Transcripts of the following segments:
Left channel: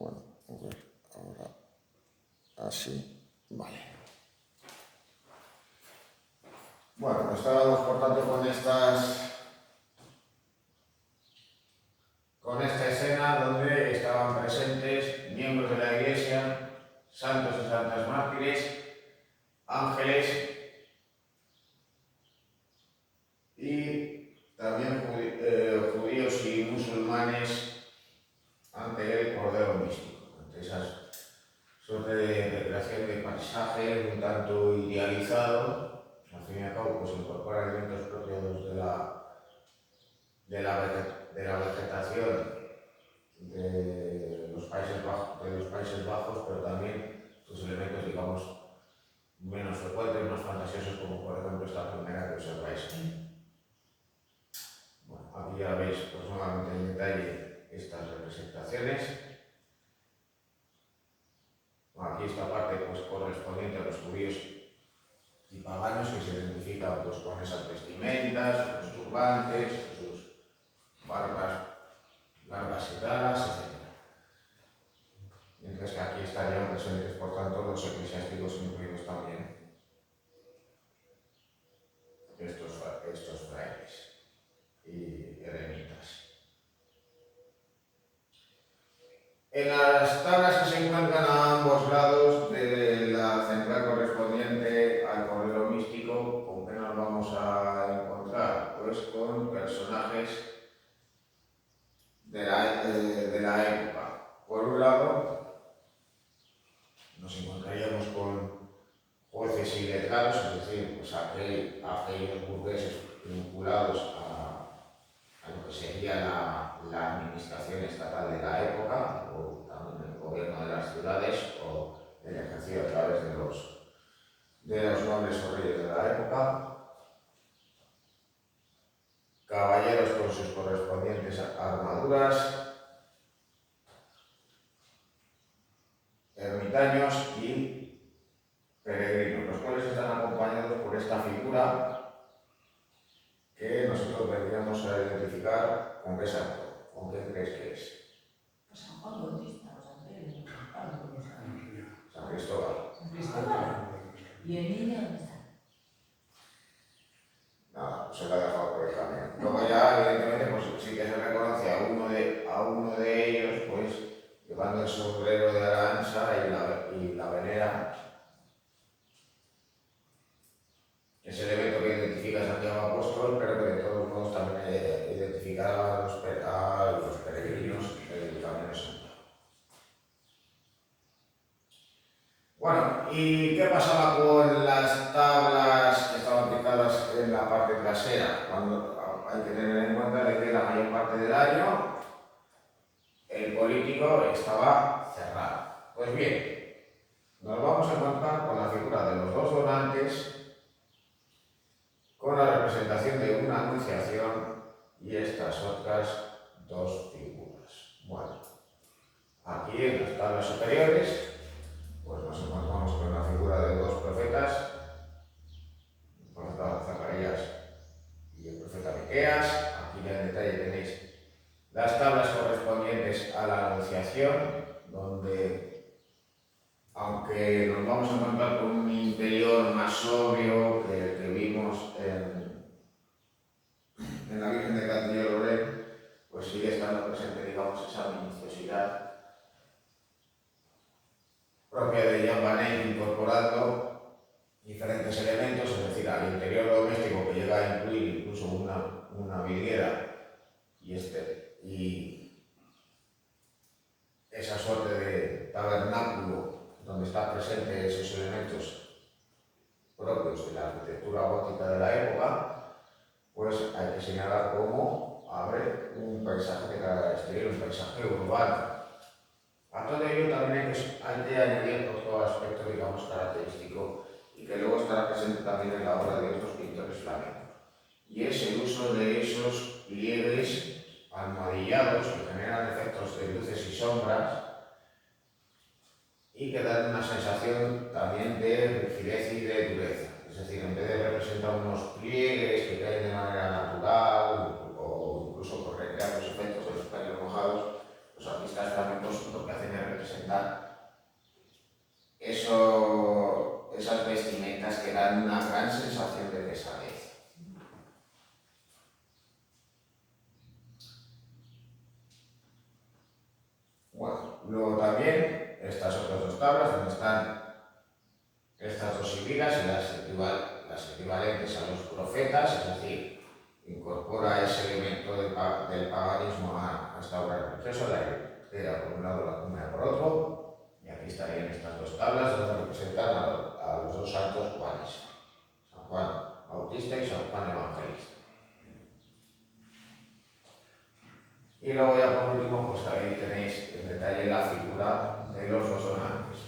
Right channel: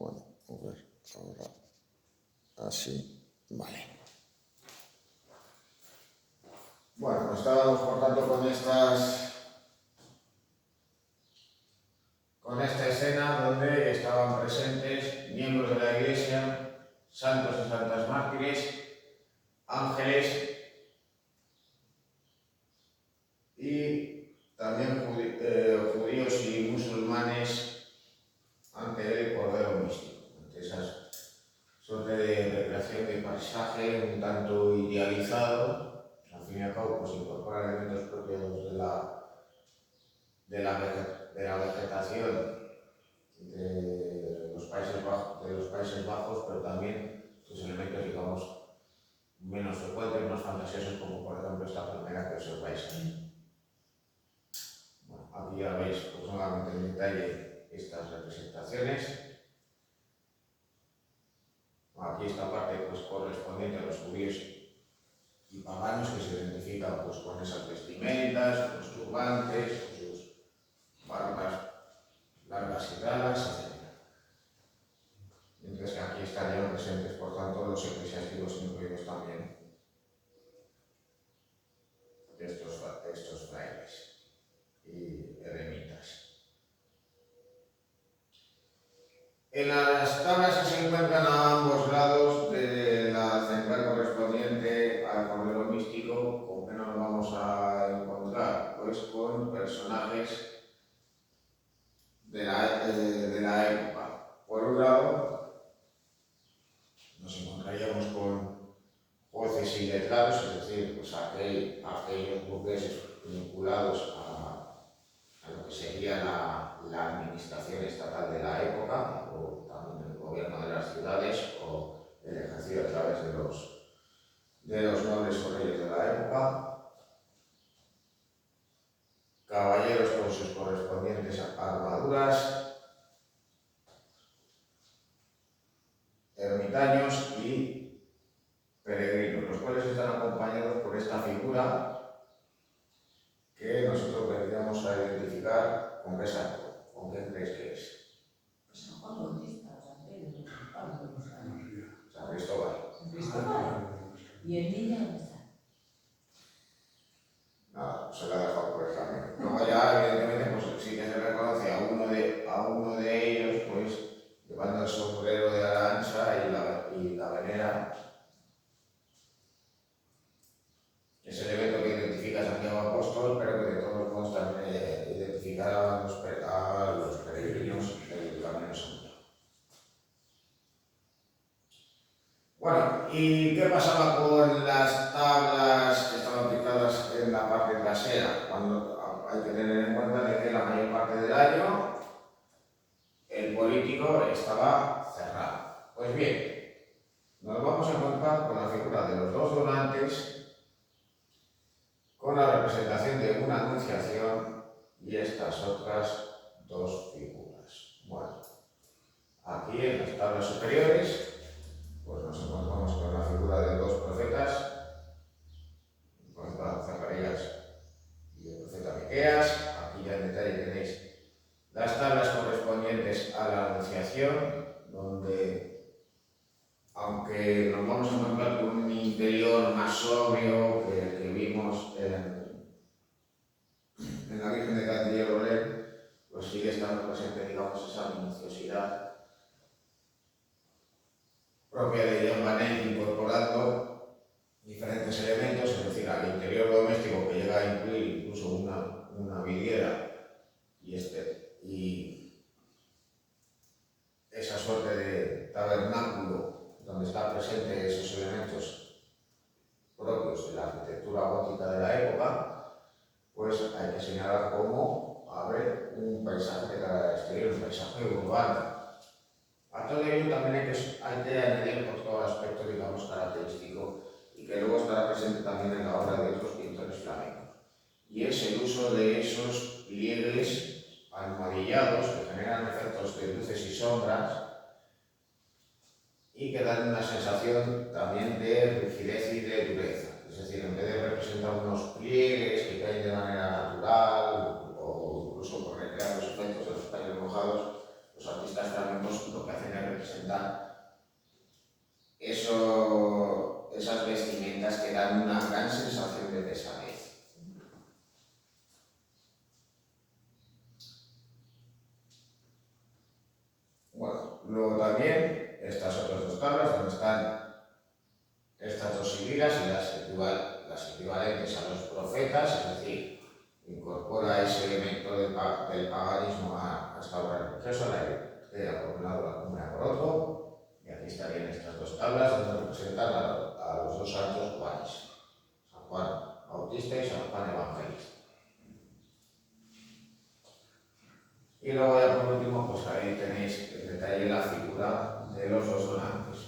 Bueno, a ver, ahora así, vale. Bueno, pues estábamos por tanto con esta escena donde estaban presentes miembros de la Iglesia, santos y santas mártires, ángeles y también judíos y musulmanes ante el Cordero Místico, ante esa suerte de recreación de paisaje un tanto idealizado. Al fin y al cabo, pues incorpora elementos propios de la vegetación de los Países Bajos, pero también sus elementos, digamos, menos frecuentes, más fantasiosos, como por ejemplo esta palmera que observáis aquí. Bueno, aquí ya veis pues nuevamente en detalle estas representaciones. Bueno, aquí esta parte pues correspondiente a los judíos y paganos que se identifican pues con esas vestimentas, los turbantes, sus barbas largas y raras, etc. Mientras que aquí estarían presentes, por tanto, los eclesiásticos incluidos también estos frailes y eremitas. En las tablas que se encuentran a ambos lados de la central correspondiente al Cordero Místico, ¿con qué nos vamos a encontrar? Pues con personajes de la época. Por un lado, nos encontraríamos con jueces y letrados, es decir, pues aquellos burgueses vinculados a lo que sería la administración estatal de la época, o también el gobierno de las ciudades, o el ejercicio a través de los nobles o reyes de la época, caballeros con sus correspondientes armaduras, ermitaños y peregrinos, los cuales están acompañados por esta figura que nosotros deberíamos identificar con qué santo, con qué crees que es. San Juan Bautista, o San Pedro, San Cristóbal. ¿Y el niño dónde está? Nada, pues se la ha dejado por el camino. Luego ya, evidentemente, pues sí que se reconoce a uno de ellos, pues, llevando el sombrero de arancha y la venera. Es el evento que identifica a Santiago Apóstol, pero que de todos modos también identificará a los peregrinos del Camino Santo. Bueno, ¿y qué pasaba con las tablas que estaban pintadas en la parte trasera? Cuando hay que tener en cuenta de que la mayor parte del año el político estaba cerrado. Pues bien, nos vamos a encontrar con la figura de los dos donantes, con la representación de una anunciación y estas otras dos figuras. Bueno, aquí en las tablas superiores pues nos encontramos con la figura de dos profetas, el profeta Zacarías y el profeta Miqueas. Aquí ya en detalle tenéis las tablas correspondientes a la anunciación, donde, aunque nos vamos a encontrar con un interior más sobrio que el que vimos en la Virgen de Castilla y Lorén, pues sigue estando presente, digamos, esa minuciosidad propia de Jan Vaneyck, incorporando diferentes elementos, es decir, al interior doméstico, que llega a incluir incluso una vidriera y esa suerte de tabernáculo donde están presentes esos elementos propios de la arquitectura gótica de la época, pues hay que señalar cómo abre un paisaje de cara exterior, un paisaje urbano. A todo ello también hay que añadir otro aspecto, digamos, característico y que luego estará presente también en la obra de otros pintores flamencos, y es el uso de esos pliegues almohadillados que generan efectos de luces y sombras y que dan una sensación también de rigidez y de dureza. Es decir, en vez de representar unos pliegues que caen de manera natural o incluso por recrear los efectos de los paños mojados, los artistas flamencos lo que hacen es representar esas vestimentas que dan una gran sensación de pesadez. Bueno, luego también estas otras dos tablas donde están estas dos sibilas y las equivalentes a los profetas, es decir, incorpora ese elemento del paganismo a esta obra religiosa, la era por un lado, la cumbia por otro, y aquí estarían estas dos tablas donde representan a los dos santos Juanes, San Juan Bautista y San Juan Evangelista. Y luego ya por último, pues ahí tenéis en detalle la figura de los dos donantes.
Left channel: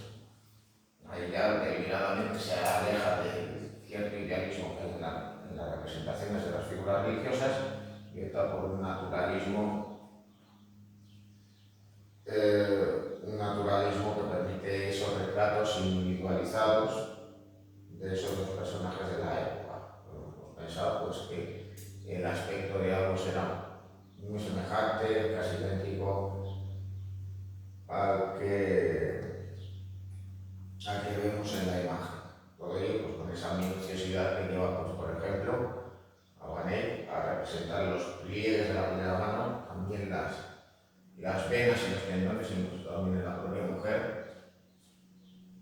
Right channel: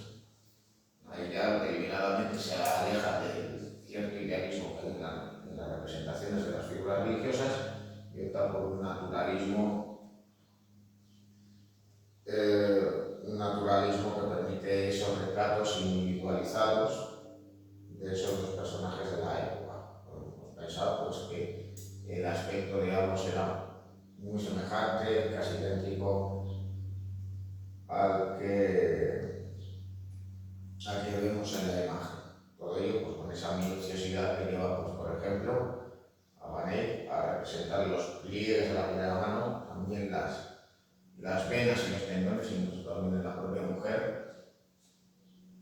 Ahí ya deliberadamente se aleja de cierto idealismo que hay en las representaciones de las figuras religiosas y opta por un naturalismo que permite esos retratos individualizados de esos dos personajes de la época. Hemos pensado pues, que el aspecto de ambos era muy semejante, casi idéntico al que vemos en la imagen. Todo ello pues, con esa minuciosidad que lleva, pues, por ejemplo, a Manet a representar los pliegues de la primera mano, también las venas y los tendones, incluso también en la propia mujer,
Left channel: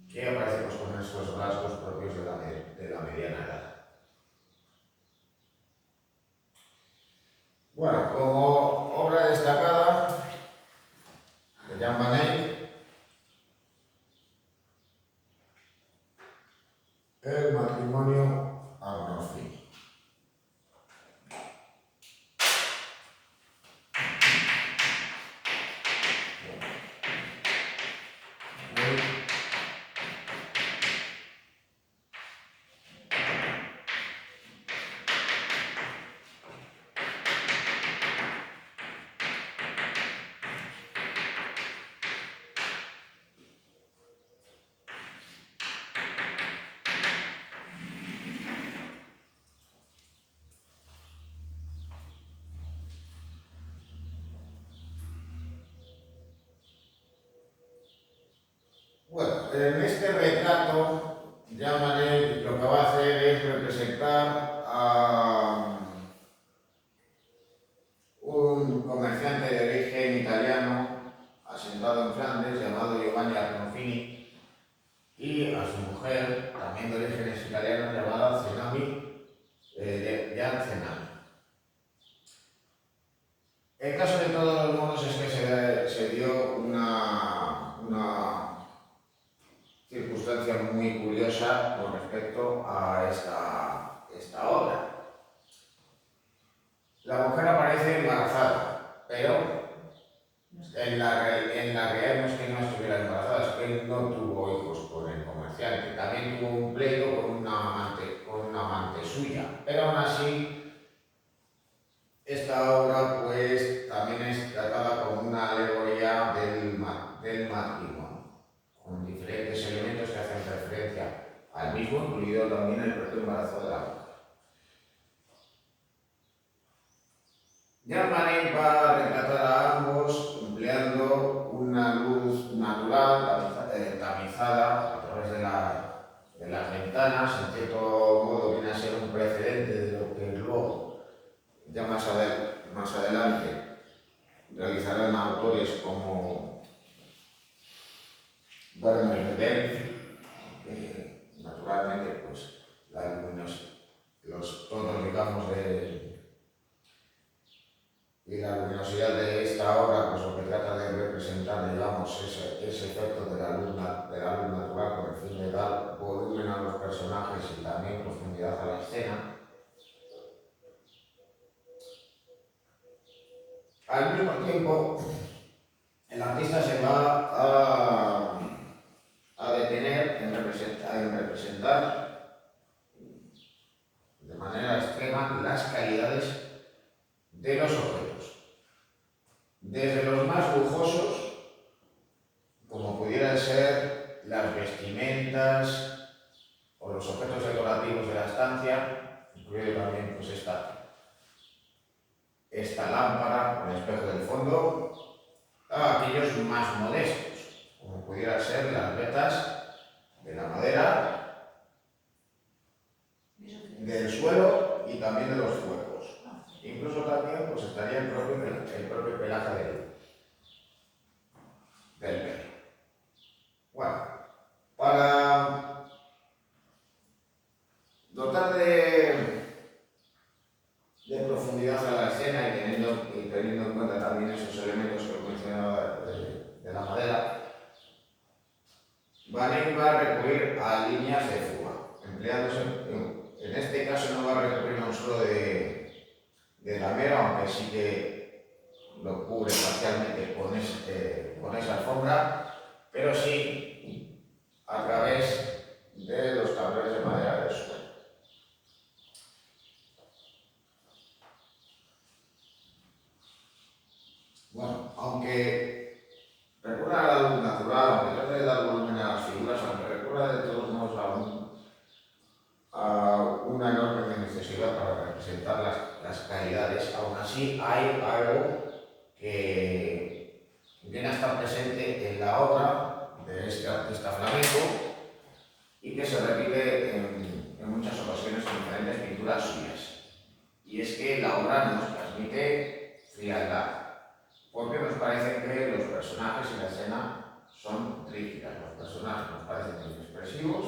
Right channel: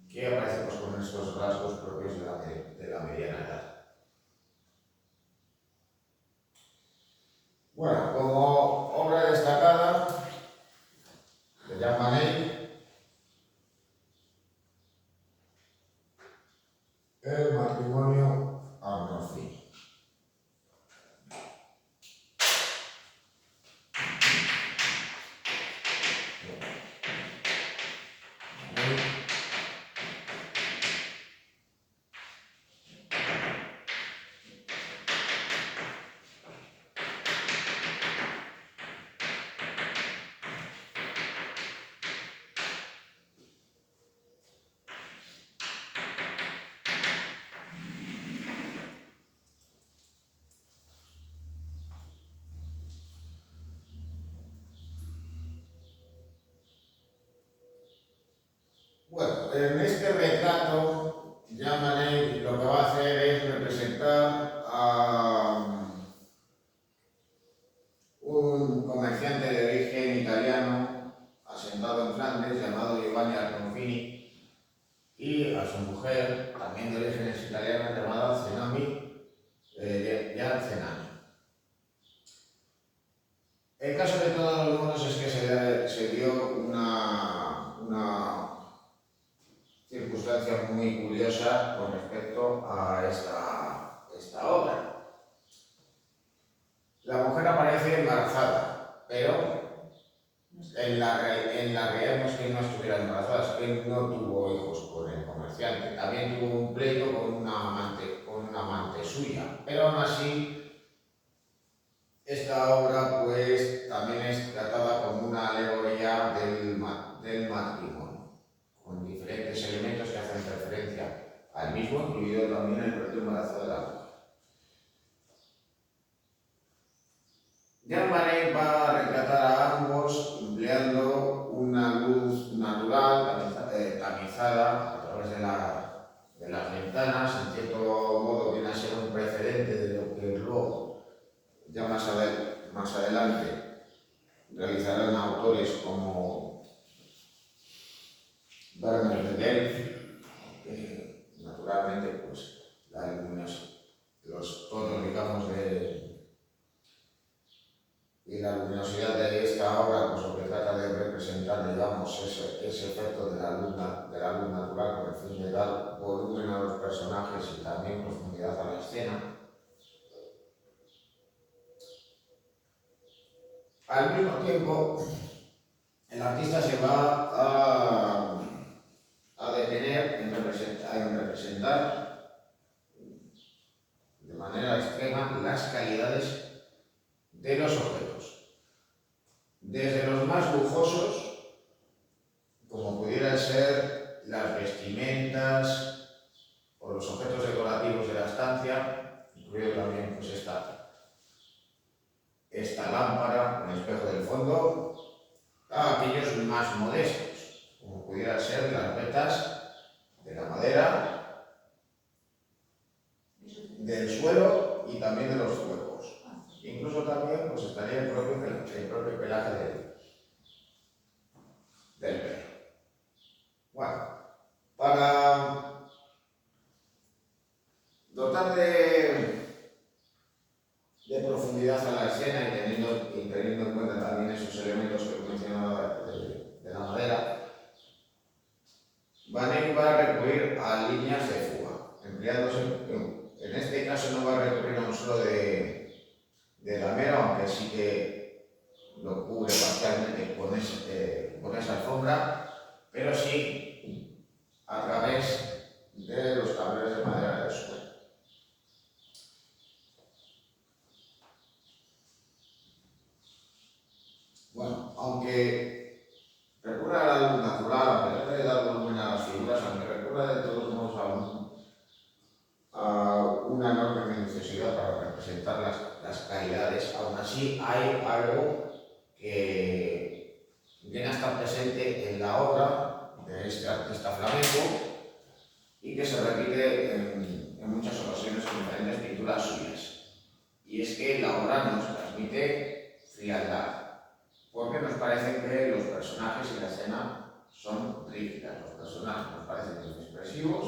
que aparece pues, con estos rasgos propios de la mediana edad. Bueno, como obra destacada de Jean Manet, el matrimonio Arnolfini. Bueno, en este retrato, Jean Manet lo que va a hacer es representar a un comerciante de origen italiano asentado en Flandes llamado Giovanni Arnolfini y a su mujer, también de orígenes italianos, llamada Gian Cenami. El caso de todos los modos es que se dio una circunstancia muy curiosa con respecto a esta obra. La mujer aparece embarazada, pero en la realidad no es que no estuviera embarazada, es que no tuvo hijos con el comerciante. También tuvo un pleito con una amante suya, pero aún así esta obra pues también es tratada como una alegoría del matrimonio, con diferentes elementos que hacen referencia al mismo, incluido también el propio embarazo de la mujer. Jean Manet va a retratar a ambos empleando una luz natural, tamizada a través de las ventanas. En cierto modo viene a ser un precedente de lo que luego, ya más adelante, realizarán autores como Vermeer de Delft, que naturalmente pues, los tonos, digamos, y la luminosidad de esta obra pues, lo que trata de representar, digamos, ese efecto de la luz natural con el fin de dar volumen a los personajes y también profundidad a la escena. Al mismo tiempo, el artista se va a detener en representar de manera extrema las calidades de los objetos, desde los más lujosos, como pudieran ser las vestimentas o los objetos decorativos de la estancia, incluido también pues, esta lámpara con espejo del fondo, a aquellos más modestos, como pudiera ser las vetas de la madera, del suelo y también de los fuegos. Incluso también pues, estaría el propio pelaje del perro. Bueno, para dotar de profundidad a la escena y teniendo en cuenta también esos elementos que he mencionado de la madera, Van Eyck va a recurrir a líneas de fuga, empleándose, en este caso no va a recurrir a un suelo de damero, aunque sí que lo cubre parcialmente con esa alfombra, pero sí a través de los tableros de madera del suelo. Bueno, aunque recurra a la luz natural, aunque trate de dar volumen a las figuras, aunque recurra de todos modos a una enorme necesidad para representar las caridades, aún así hay algo que viene a estar presente en la obra de este artista flamenco y que se repite en muchas ocasiones en diferentes pinturas suyas. Y es que la obra nos transmite frialdad, porque nos parece que los personajes y la escena son rígidas. Los personajes nos parecen inexpresivos,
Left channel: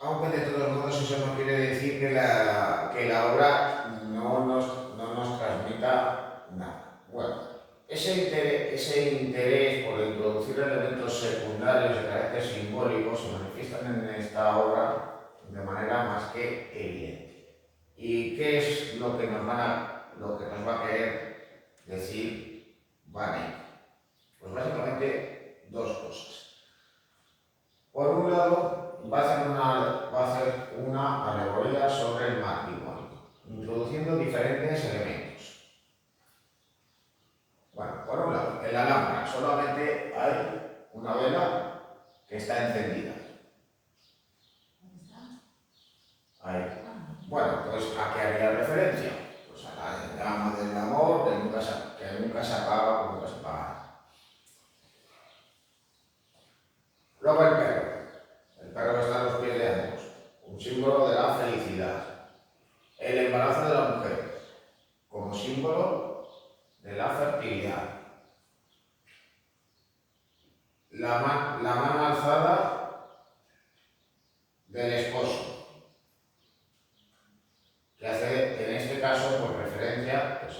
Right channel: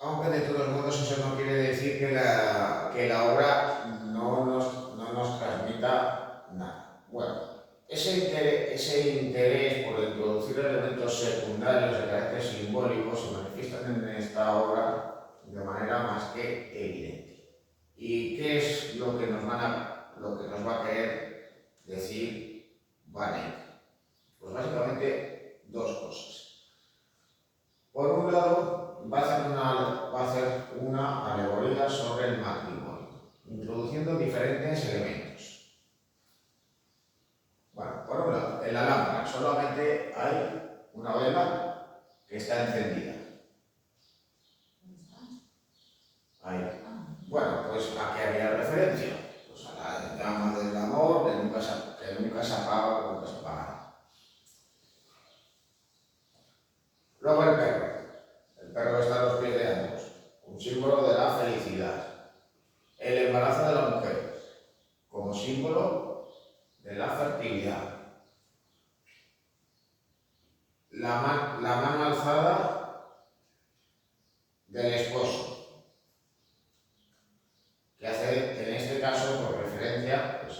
aunque de todos modos eso no quiere decir que la obra no nos transmita nada. Bueno, ese interés por introducir elementos secundarios de carácter simbólico se manifiestan en esta obra de manera más que evidente. ¿Y qué es lo que nos va a querer decir Van Eyck? Pues básicamente dos cosas. Por un lado, va a hacer una alegoría sobre el matrimonio, introduciendo diferentes elementos. Bueno, por un lado, en la lámpara solamente hay una vela que está encendida. Ahí. Bueno, pues ¿a qué haría referencia? Pues a la llama del amor que nunca se acaba, que nunca se apaga. Luego el perro. El perro está a los pies de ambos, un símbolo de la felicidad. El embarazo de la mujer, como símbolo de la fertilidad. La mano alzada del esposo, que hace en este caso pues, referencia pues,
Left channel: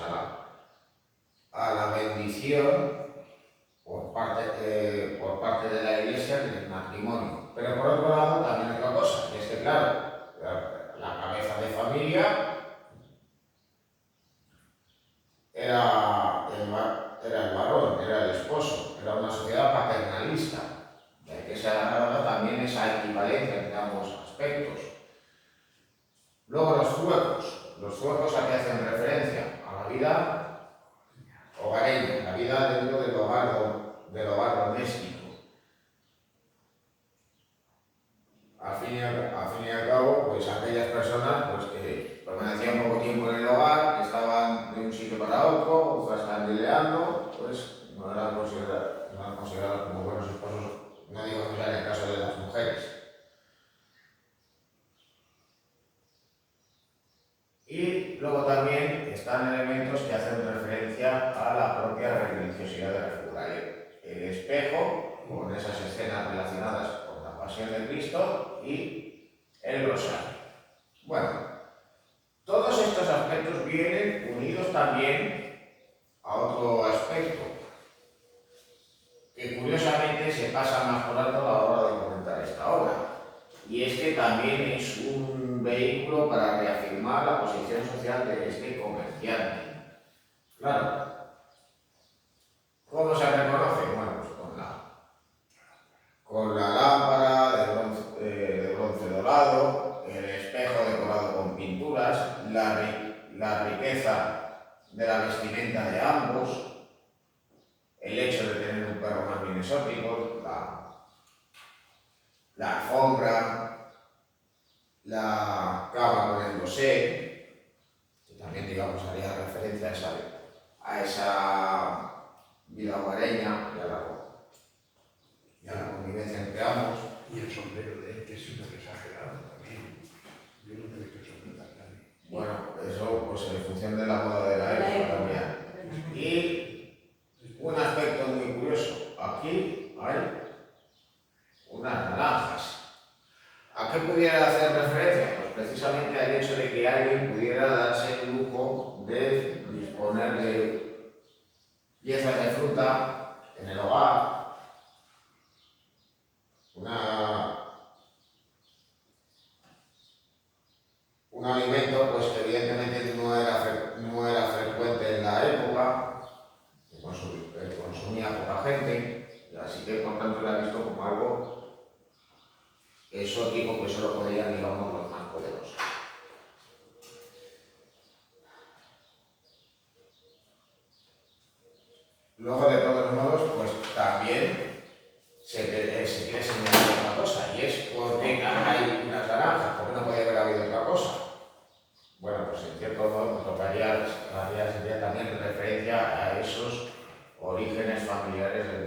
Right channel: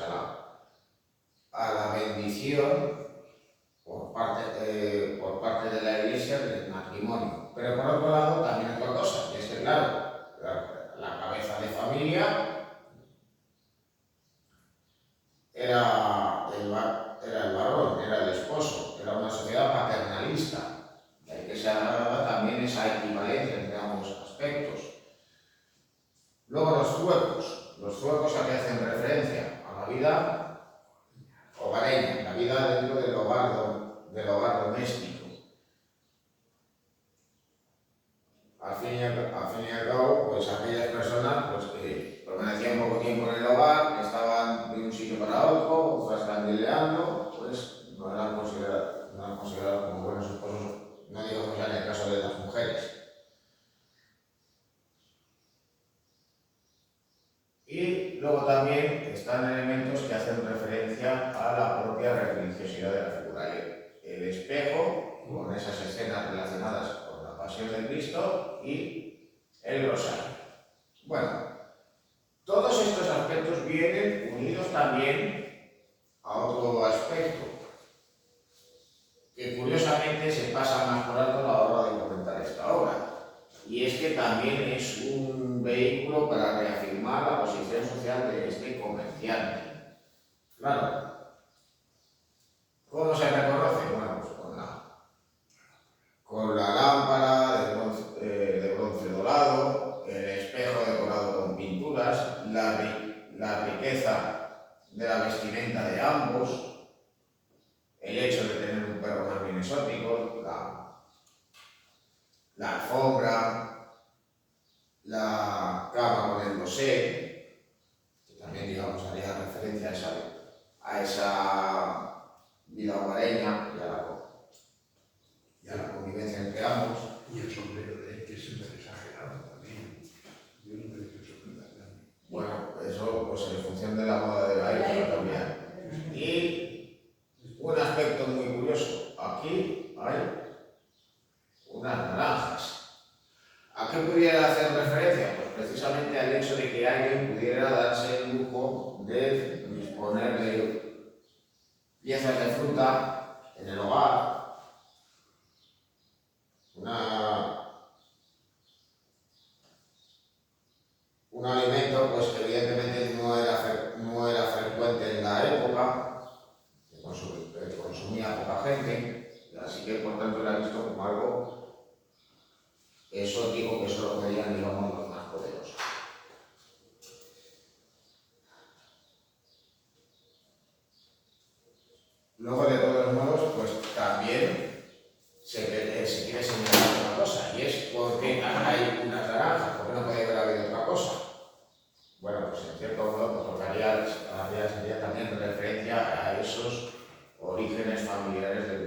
a la bendición por parte de la Iglesia del matrimonio. Pero por otro lado también otra cosa, que es que claro, la cabeza de familia era el varón, era el esposo, era una sociedad paternalista. De ahí que se agarra también esa equivalencia entre ambos aspectos. Luego los zuecos a que hacen referencia a la vida hogareña, la vida dentro del hogar doméstico. Al fin y al cabo, pues aquellas personas pues, que permanecían poco tiempo en el hogar, que estaban de un sitio para otro, otras candileando, pues no eran consideradas como buenos esposos, no digo que sea en el caso de las mujeres. Y luego también están elementos que hacen referencia a la propia religiosidad de la figura. El espejo, con esas escenas relacionadas con la pasión de Cristo, y el rosario. Bueno, todos estos aspectos vienen unidos también a otro aspecto, que curiosamente se pasa más por alto a la hora de comentar esta obra. Y es que también es un vehículo para reafirmar la posición social de este comerciante. Claro. ¿Cómo se reconoce? Bueno, pues con la lámpara de bronce dorado, el espejo decorado con pinturas, la riqueza de la vestimenta de ambos, el hecho de tener un perro más bien exótico, la alfombra, la cama con el dosel, que también digamos digamos, haría referencia a esa vida hogareña y a la convivencia entre ambos. Y el sombrero de él, que es súper exagerado también. Yo no creo que eso es verdad. Bueno, eso pues en función de la moda de la época también. Y un aspecto muy curioso, aquí hay unas naranjas. ¿A qué pudiera hacer referencia? Pues precisamente al hecho de que alguien pudiera darse el lujo de disponer de piezas de fruta en el hogar, un alimento pues que evidentemente no era frecuente en la época, que consumía poca gente, así que por tanto era visto como algo exótico que solo podían, digamos, los más poderosos. Luego, de todos modos, pues también se quiere señalar una cosa, y es por qué hay unas naranjas, por qué no puede haber habido otra cosa. Bueno, pues en cierto modo pues, sería también referencia a esos orígenes familiares del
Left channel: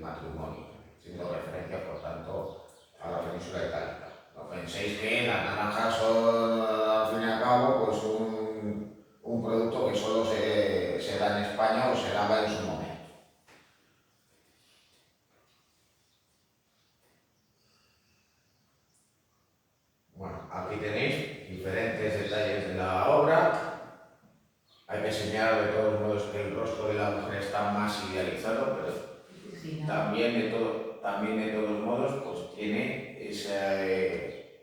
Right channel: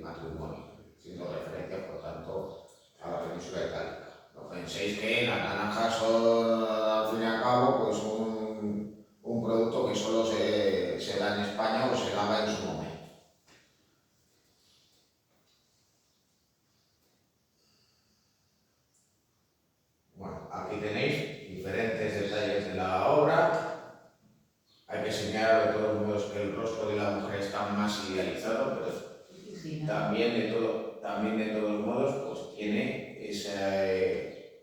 matrimonio, siendo referencia, por tanto, a la península itálica. No penséis que las naranjas son, al fin y al cabo, pues un producto que solo se da en España o se daba en su momento. Bueno, aquí tenéis diferentes detalles de la obra. Hay que señalar de todos modos que el rostro de la mujer está más idealizado, pero también de todos modos pues tiene ese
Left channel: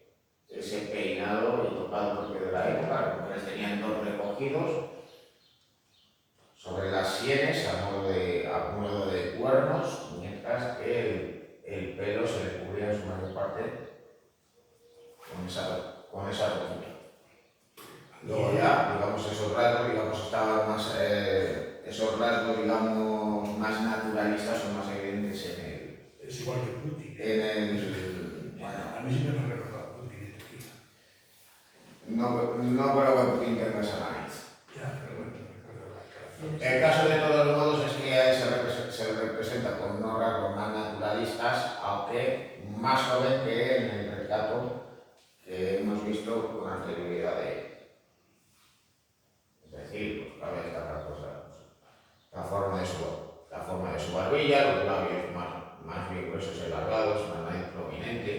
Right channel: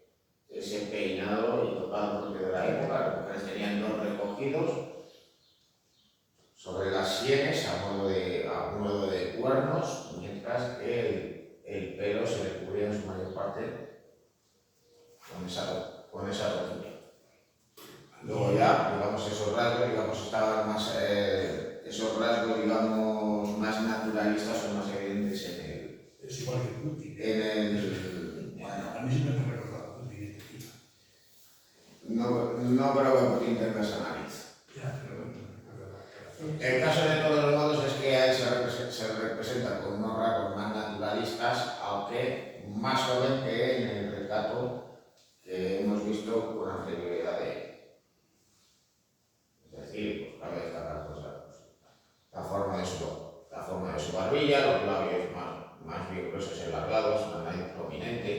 peinado y tocado propio de la época. Las mujeres tenían dos recogidos sobre las sienes a modo de cuernos, mientras que el pelo se le cubría en su mayor parte con esa rojilla. Luego ya, digamos, esos rasgos, digamos, más naturalistas o más evidentes Es igual que Putin. Bueno, A mí sí me ha recordado a Putin este tío. no creo que Putin tenga esa nariz. Ya, pero bueno, me recuerda la cara. El caso de todos los modos es que a él se representa con unos rasgos más naturalistas, aunque más joven que en el retrato que hemos visto con anterioridad de él. Es decir, pues cabe destacar pues, la forma de su barbilla, los labios más bien gruesos y alargados, una nariz prominente,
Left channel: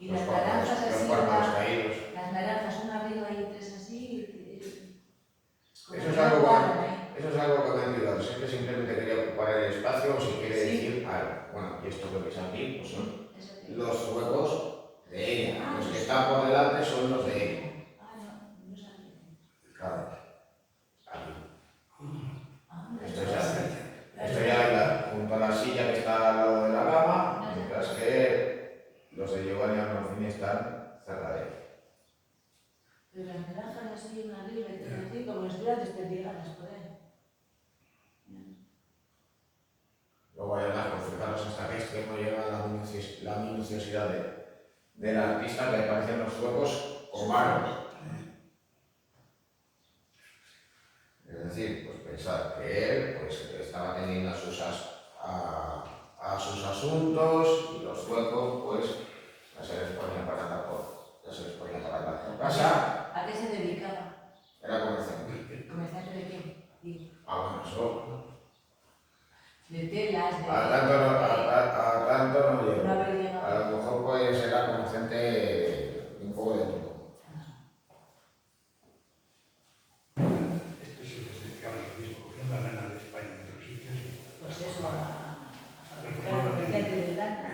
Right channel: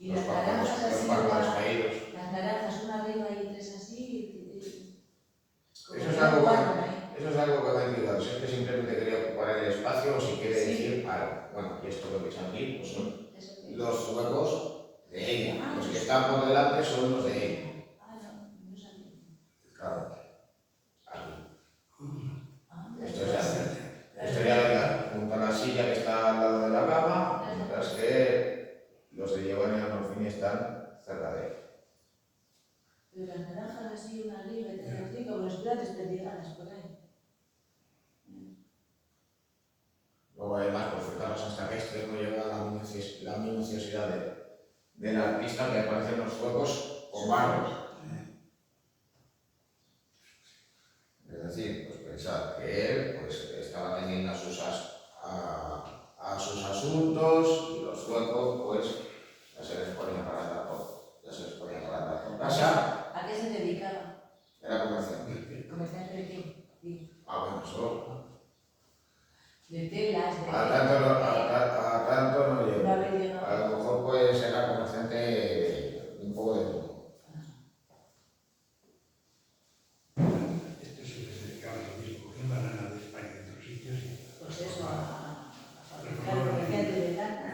Y los las naranjas así, párpados caídos. las naranjas una arriba y tres así. Eso es algo que me ha intrigado. Si es que simplemente quería ocupar el espacio o si quiere decir algo. Bueno, y esto que veis aquí pues son los huecos de ella. Los que están por delante son los de ella. No sabía. Claro. Aquí. Esto Esto ya junto a la silla que está al lado de la cama, mientras que los de Giovanni Arnolfini están cerca de él. Pero las naranjas así una arriba y tres así, como si estuvieran desperdigadas por ahí. Luego además, pues fijaros hasta que este no llega la minuciosidad del artista, que aparecen los huecos con manos. Es decir, pues pensad que él pues, estaba teniendo a sus asuntos y los huecos pues ya se les ponía para andar por casa. ¿A qué se dedicaba? Era comerciante. ¿Comerciante de qué? Sí. Bueno, eso De telas, de... a tanto no No llegó. haber llegado. A lo mejor pues era comerciante un poco de todo. Esto se les dedicaba lo mismo, cogían banana de España en otros sitios y... Pues eso, a fabricar comerciante de lana,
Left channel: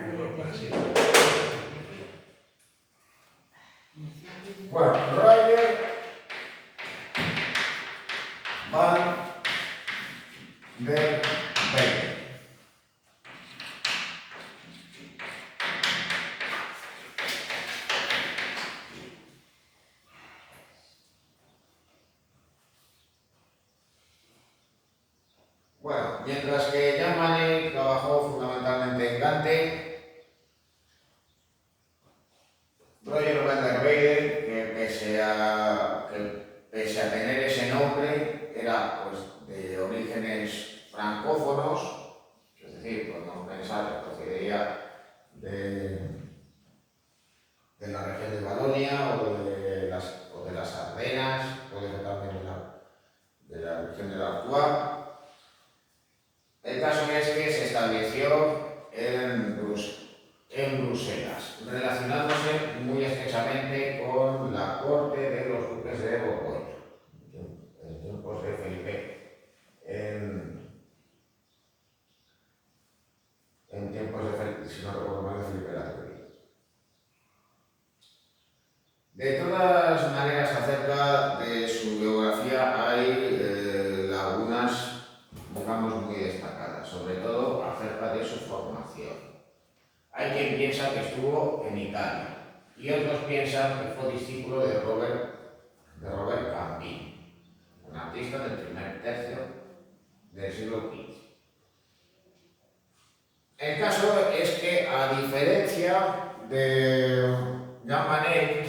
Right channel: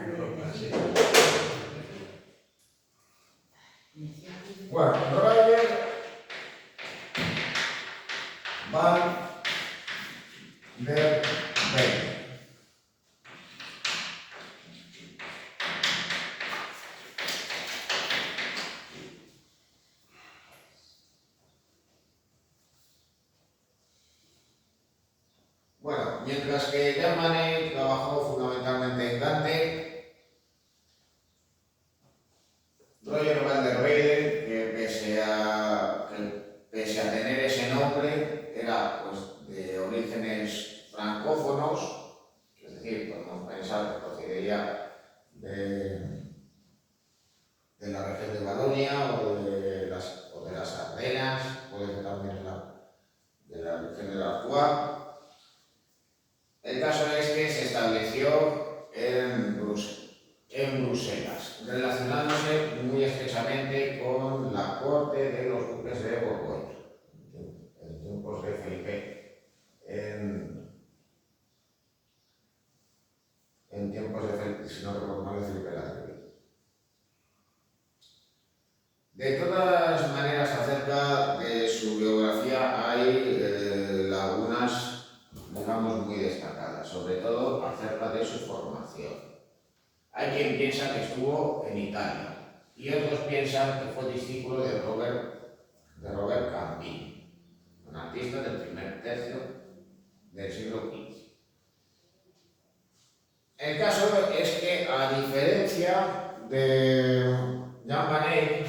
Bueno, Roger Van der Velde. Bueno, mientras que Jan Manet trabajó fundamentalmente en Gante, Roger van der Weyden, que pese a pese a tener ese nombre, era pues de orígenes francófonos, es decir, podemos pensar que procedería de la región de Valonia o de las Ardenas, puede ser también de la región de la Artois. El caso es que se estableció en Bruselas, relacionándose muy estrechamente con la corte de los duques de Borgoña, en tiempos de Felipe, en tiempos de Felipe, si no recuerdo mal, de Felipe el Grande. De todas maneras, acerca de su biografía hay lagunas, digamos, muy destacadas, sobre todo acerca de su formación. Hay quien piensa que estuvo en Italia y otros piensan que fue discípulo de Robert Campin, un artista del primer tercio del siglo XV. El caso es que, a diferencia de Jean Manet,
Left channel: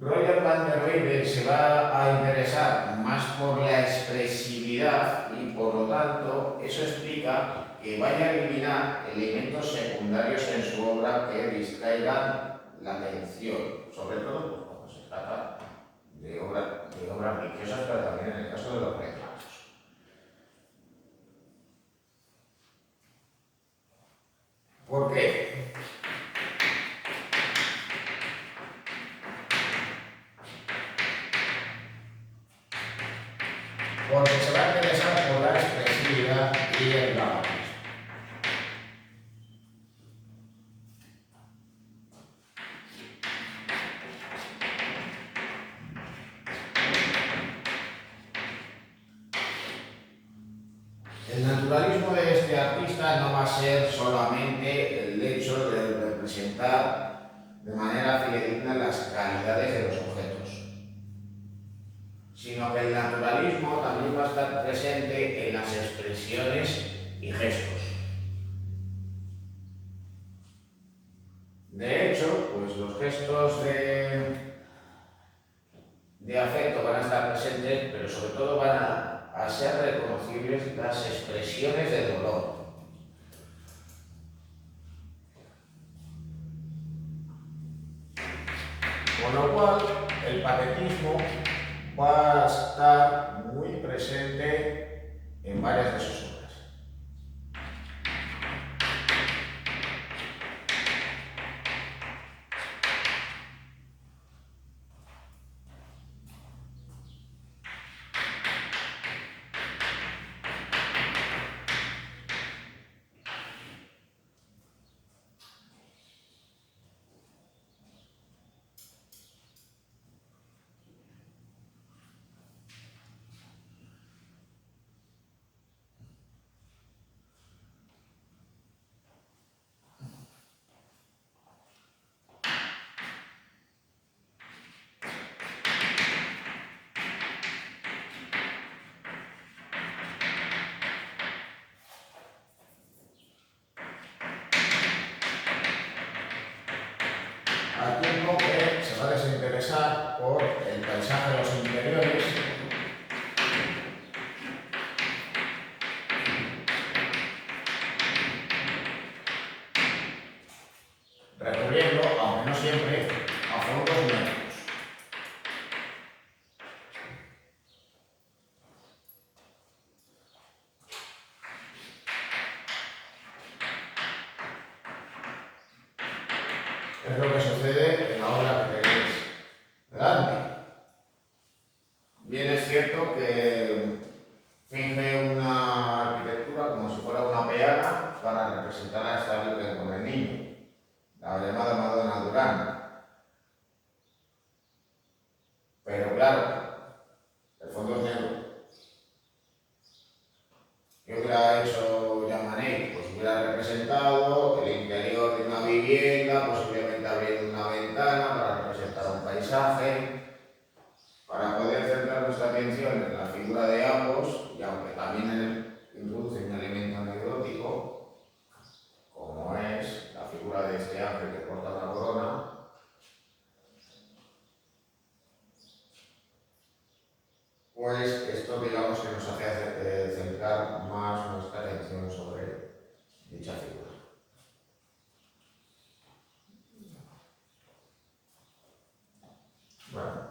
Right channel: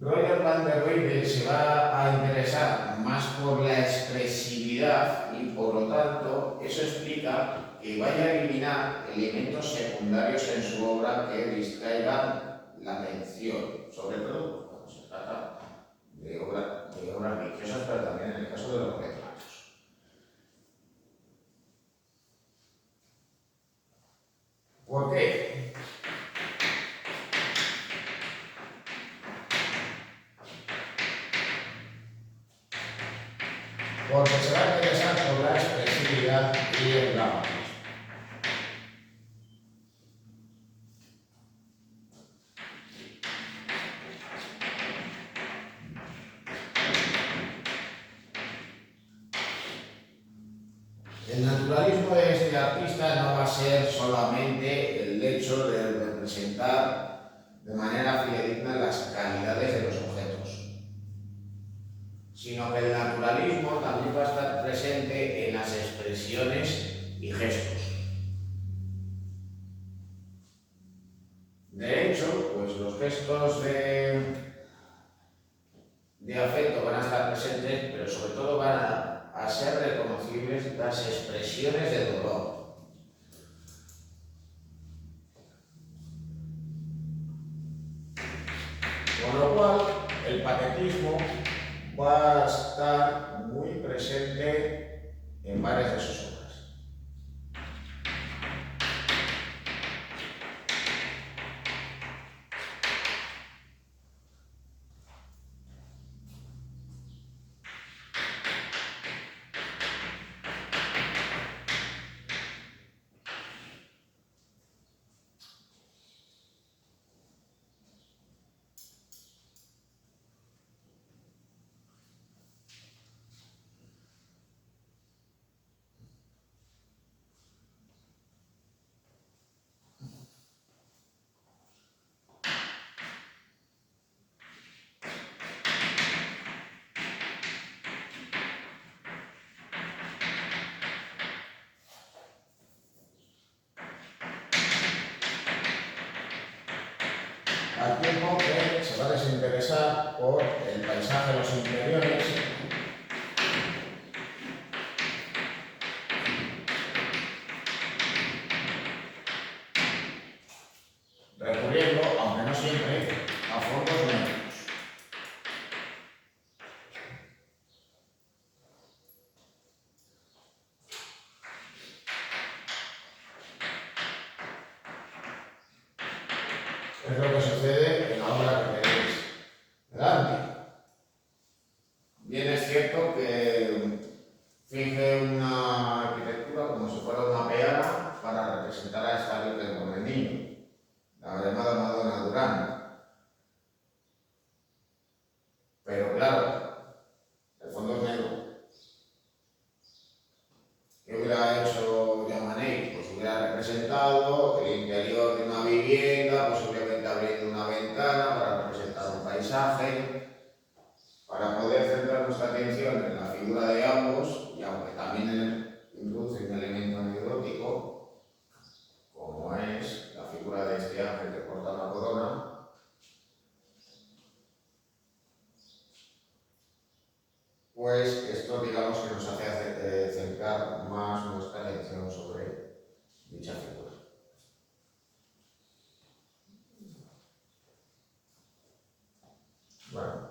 Roger van der Weyden se va a interesar más por la expresividad y, por lo tanto, eso explica que vaya a eliminar elementos secundarios en su obra que distraigan la atención, sobre todo cuando se trata de obras religiosas, pero también en el caso de los retratos. ¿Por qué? Porque se va a interesar por la expresividad y el dramatismo. El naturalismo de este artista no va a ser solamente el hecho de representar de manera fidedigna las calidades de los objetos, sino que el naturalismo también va a estar presente en las expresiones y gestos. De hecho, pues los gestos de afecto van a estar presentes, pero sobre todo van a ser reconocibles las expresiones de dolor. Con lo cual, el patetismo va a estar muy presente en varias de sus obras. Al tiempo que se va a desinteresar por el paisaje de los interiores, recurriendo, aunque no siempre, a fondos negros. Es lo que sucede en la obra que tenéis delante. Bien es cierto que finge una arquitectura como si fuera una peana para representar a esta Virgen con el niño, la llamada Madonna Durán. Pero claro, el fondo es negro. ¿Qué hubiera hecho Jean Manet? Pues hubiera representado el interior de una vivienda, posiblemente abriendo una ventana para representar un paisaje, para poder centrar nuestra atención en la figura de ambos, y aunque también introduce un elemento anecdótico, como es la figura de este ángel que porta la corona, pues esto digamos que nos hace centrar más nuestra atención sobre dicha figura. Bueno,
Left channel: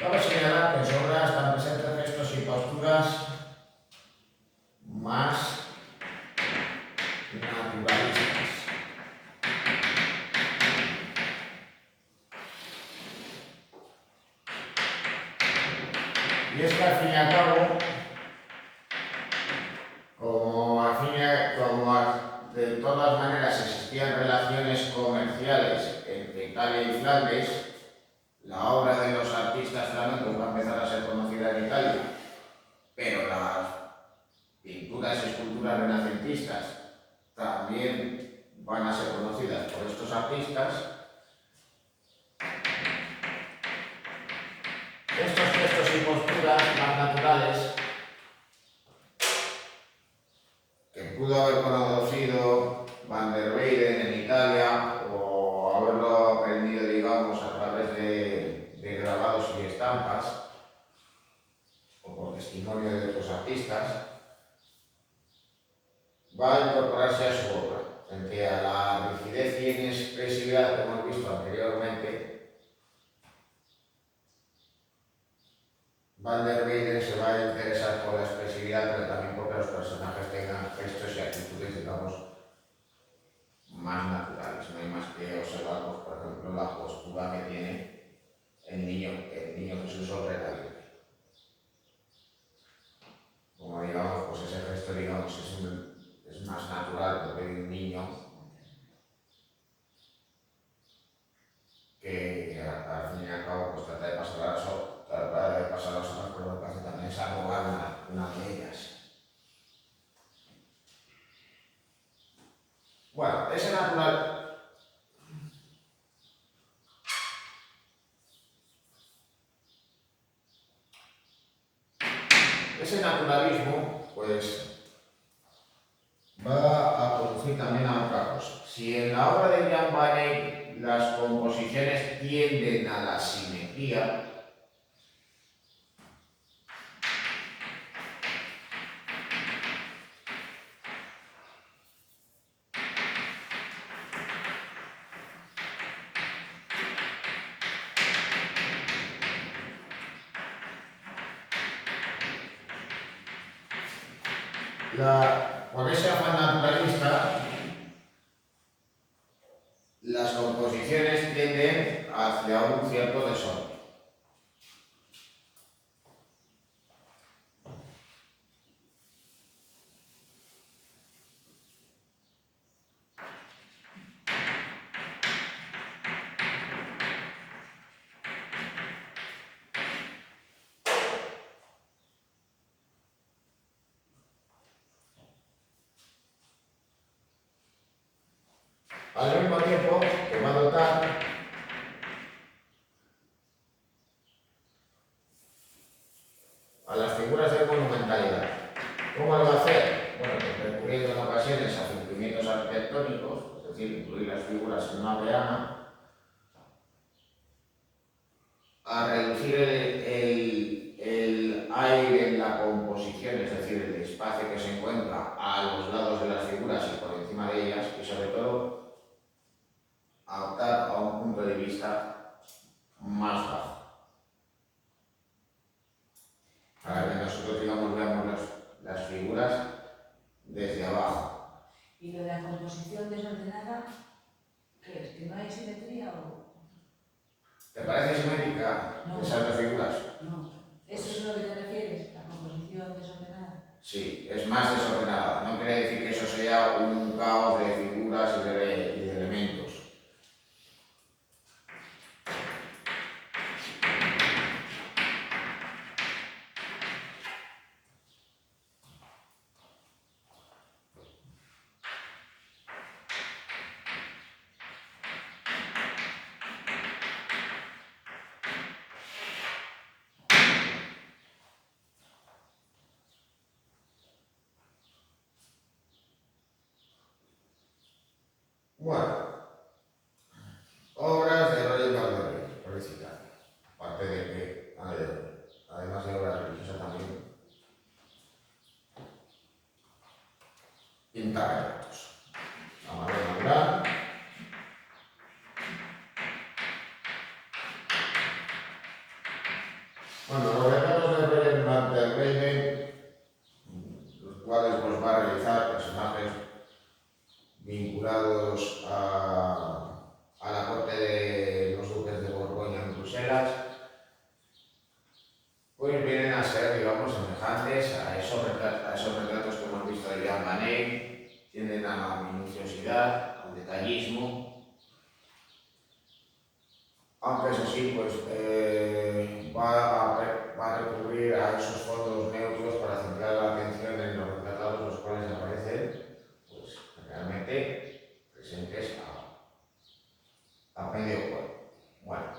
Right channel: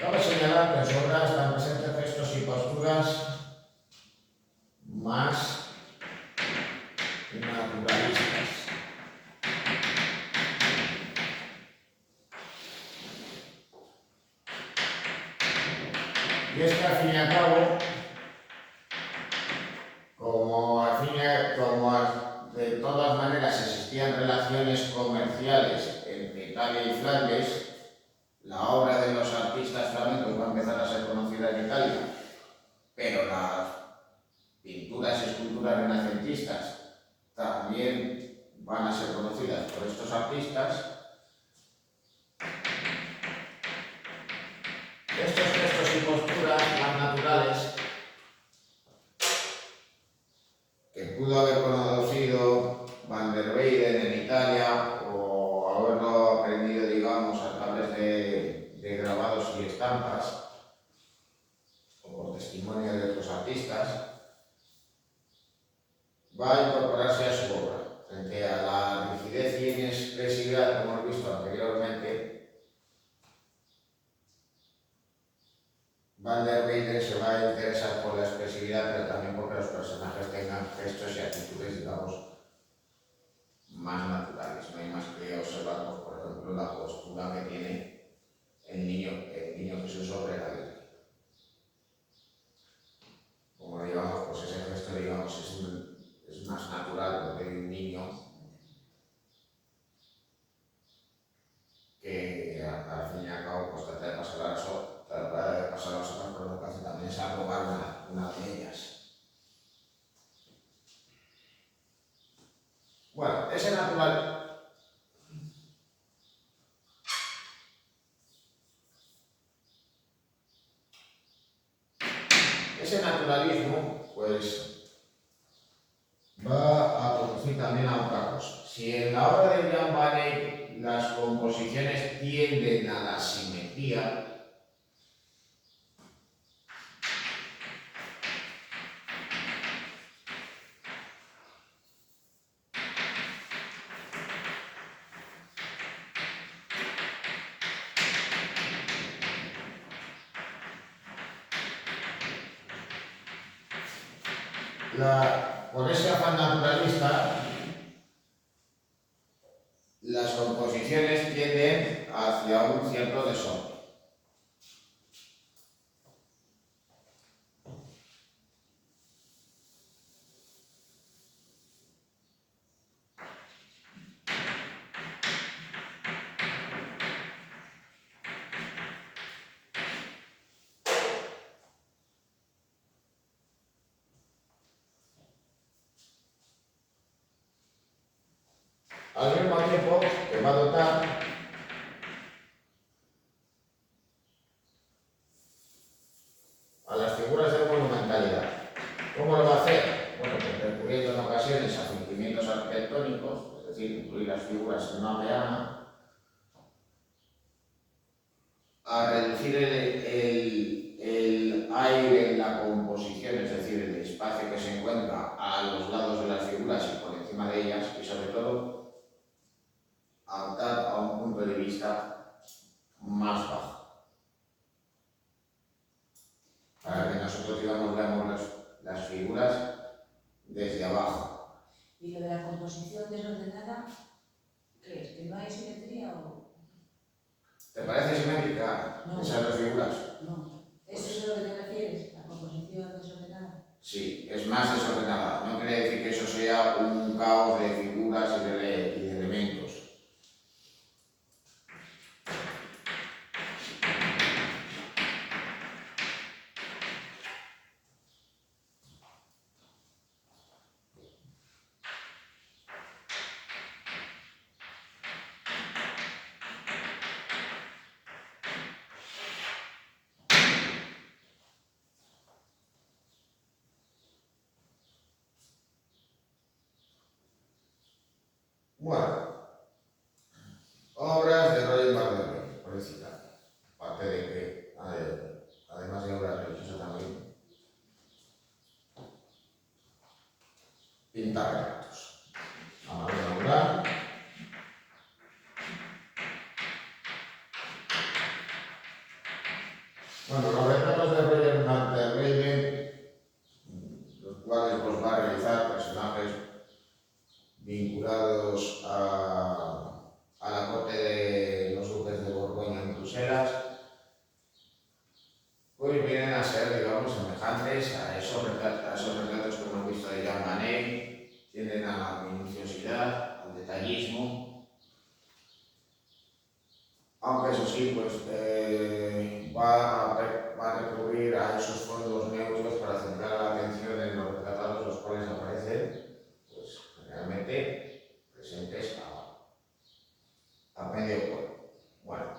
cabe señalar que en su obra están presentes gestos y posturas más naturalistas. Y es que al fin y al cabo, de todas maneras existían relaciones comerciales entre Italia y Flandes, la obra de los artistas flamencos va a empezar a ser conocida en Italia, pero las pinturas y esculturas renacentistas también van a ser conocidas por estos artistas. Estos gestos y posturas más naturales que pudo haber conocido Van der Weyden en Italia o haberlo aprendido, digamos, a través de grabados y estampas o por testimonio de otros artistas, va a incorporarse a su obra. Frente a la rigidez y inexpresividad que hemos visto anteriormente, Van der Weyden se va a interesar por la expresividad, pero también porque los personajes tengan gestos y actitudes, digamos, más naturales. No hay más que observar, pues, por ejemplo, la postura que tiene el niño Jesús sobre la Virgen. Como digamos, pues ese gesto, digamos, es más natural porque hay un niño que al fin y al cabo pues trata de pasar las horas, pero lo que hace también es arrogar una de ellas. Bueno, ese naturalismo, pues, va a conducir también a otra cosa. Si en la obra de Jan van Eyck las composiciones tienden a la simetría, por ese afán naturalista, las composiciones tienden hacia un cierto desorden. Al mismo tiempo que va a dotar a las figuras de monumentalidad. ¿Cómo lo va a hacer? Bueno, pues recurriendo en ocasiones a cumplimientos arquitectónicos, es decir, incluir las figuras en una peana, a reducir el aire en la composición, es decir, el espacio que se encuentra a los lados de las figuras y por encima de ellas, y sobre todo a optar a un punto de vista más bajo, para que nosotros, digamos, veamos las figuras desde abajo. ¿Y lo de la composición desordenada, qué es? ¿Que no hay simetría o...? ¿Te parece simétrica No. esas dos figuras? No. ¿Eso es a lo que te refieres? ¿La composición desordenada? Sí, es más desordenada. No quiere decir que eso sea un caos de figuras y de elementos. Bueno, pintar retratos. A mano manual. Bueno, los retratos de Roger Van der Weyden, los cuales los va a realizar personajes vinculados a la corte de los duques de Borgoña en Bruselas, pues vienen a ser, digamos, semejantes a esos retratos que hemos visto de Jean Manet. Tienden a la minuciosidad, al detallismo, aunque eso sí, pues va a recurrir a esos fondos neutros para centrar la atención en los retratados, los cuales aparecen pues realmente presentes a medio cuerpo. Bueno,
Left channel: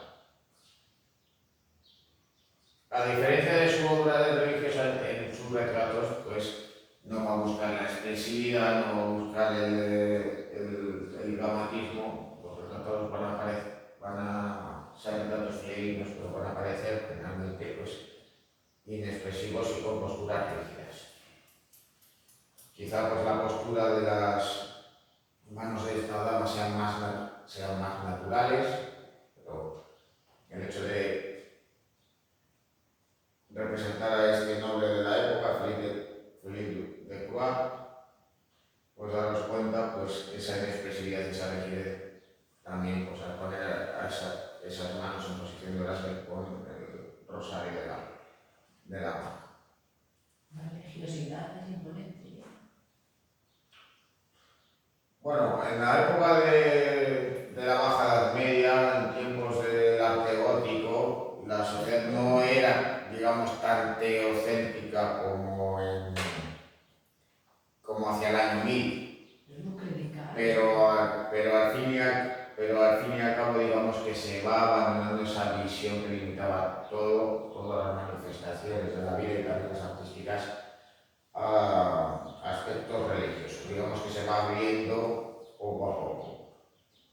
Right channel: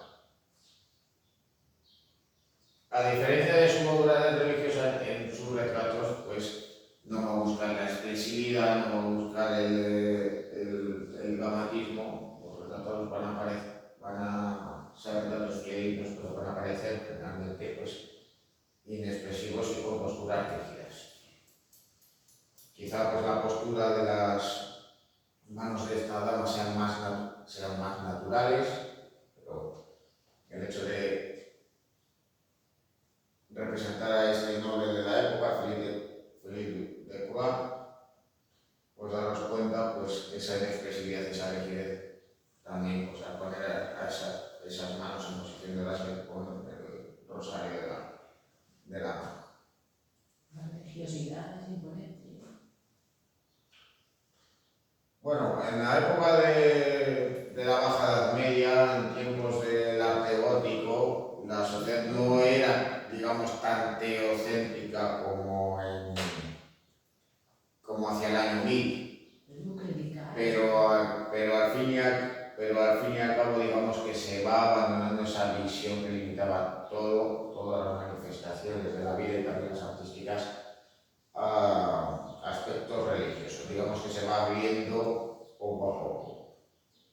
a diferencia de su obra religiosa, en sus retratos pues no va a buscar la expresividad, no va a buscar el dramatismo. Los retratados van a ser retratos fidedignos, pero van a parecer generalmente pues inexpresivos y con posturas rígidas. Quizá pues la postura de las manos de esta dama sean más naturales, pero el hecho de representar a este noble de la época, Philippe de Croix, pues daros cuenta pues esa inexpresividad, esa rigidez, también pues al poner a esas manos en posición de oración con el rosario de la mano. La religiosidad es imponente. Bueno, en la época de la Baja Edad Media, en tiempos del arte gótico, la sociedad no era, digamos, tan teocéntrica como hacia el año 1000, pero al fin y al cabo, digamos que se va abandonando esa visión que limitaba todas las manifestaciones de la vida y también las artísticas a aspectos religiosos. Digamos que se va abriendo poco a poco.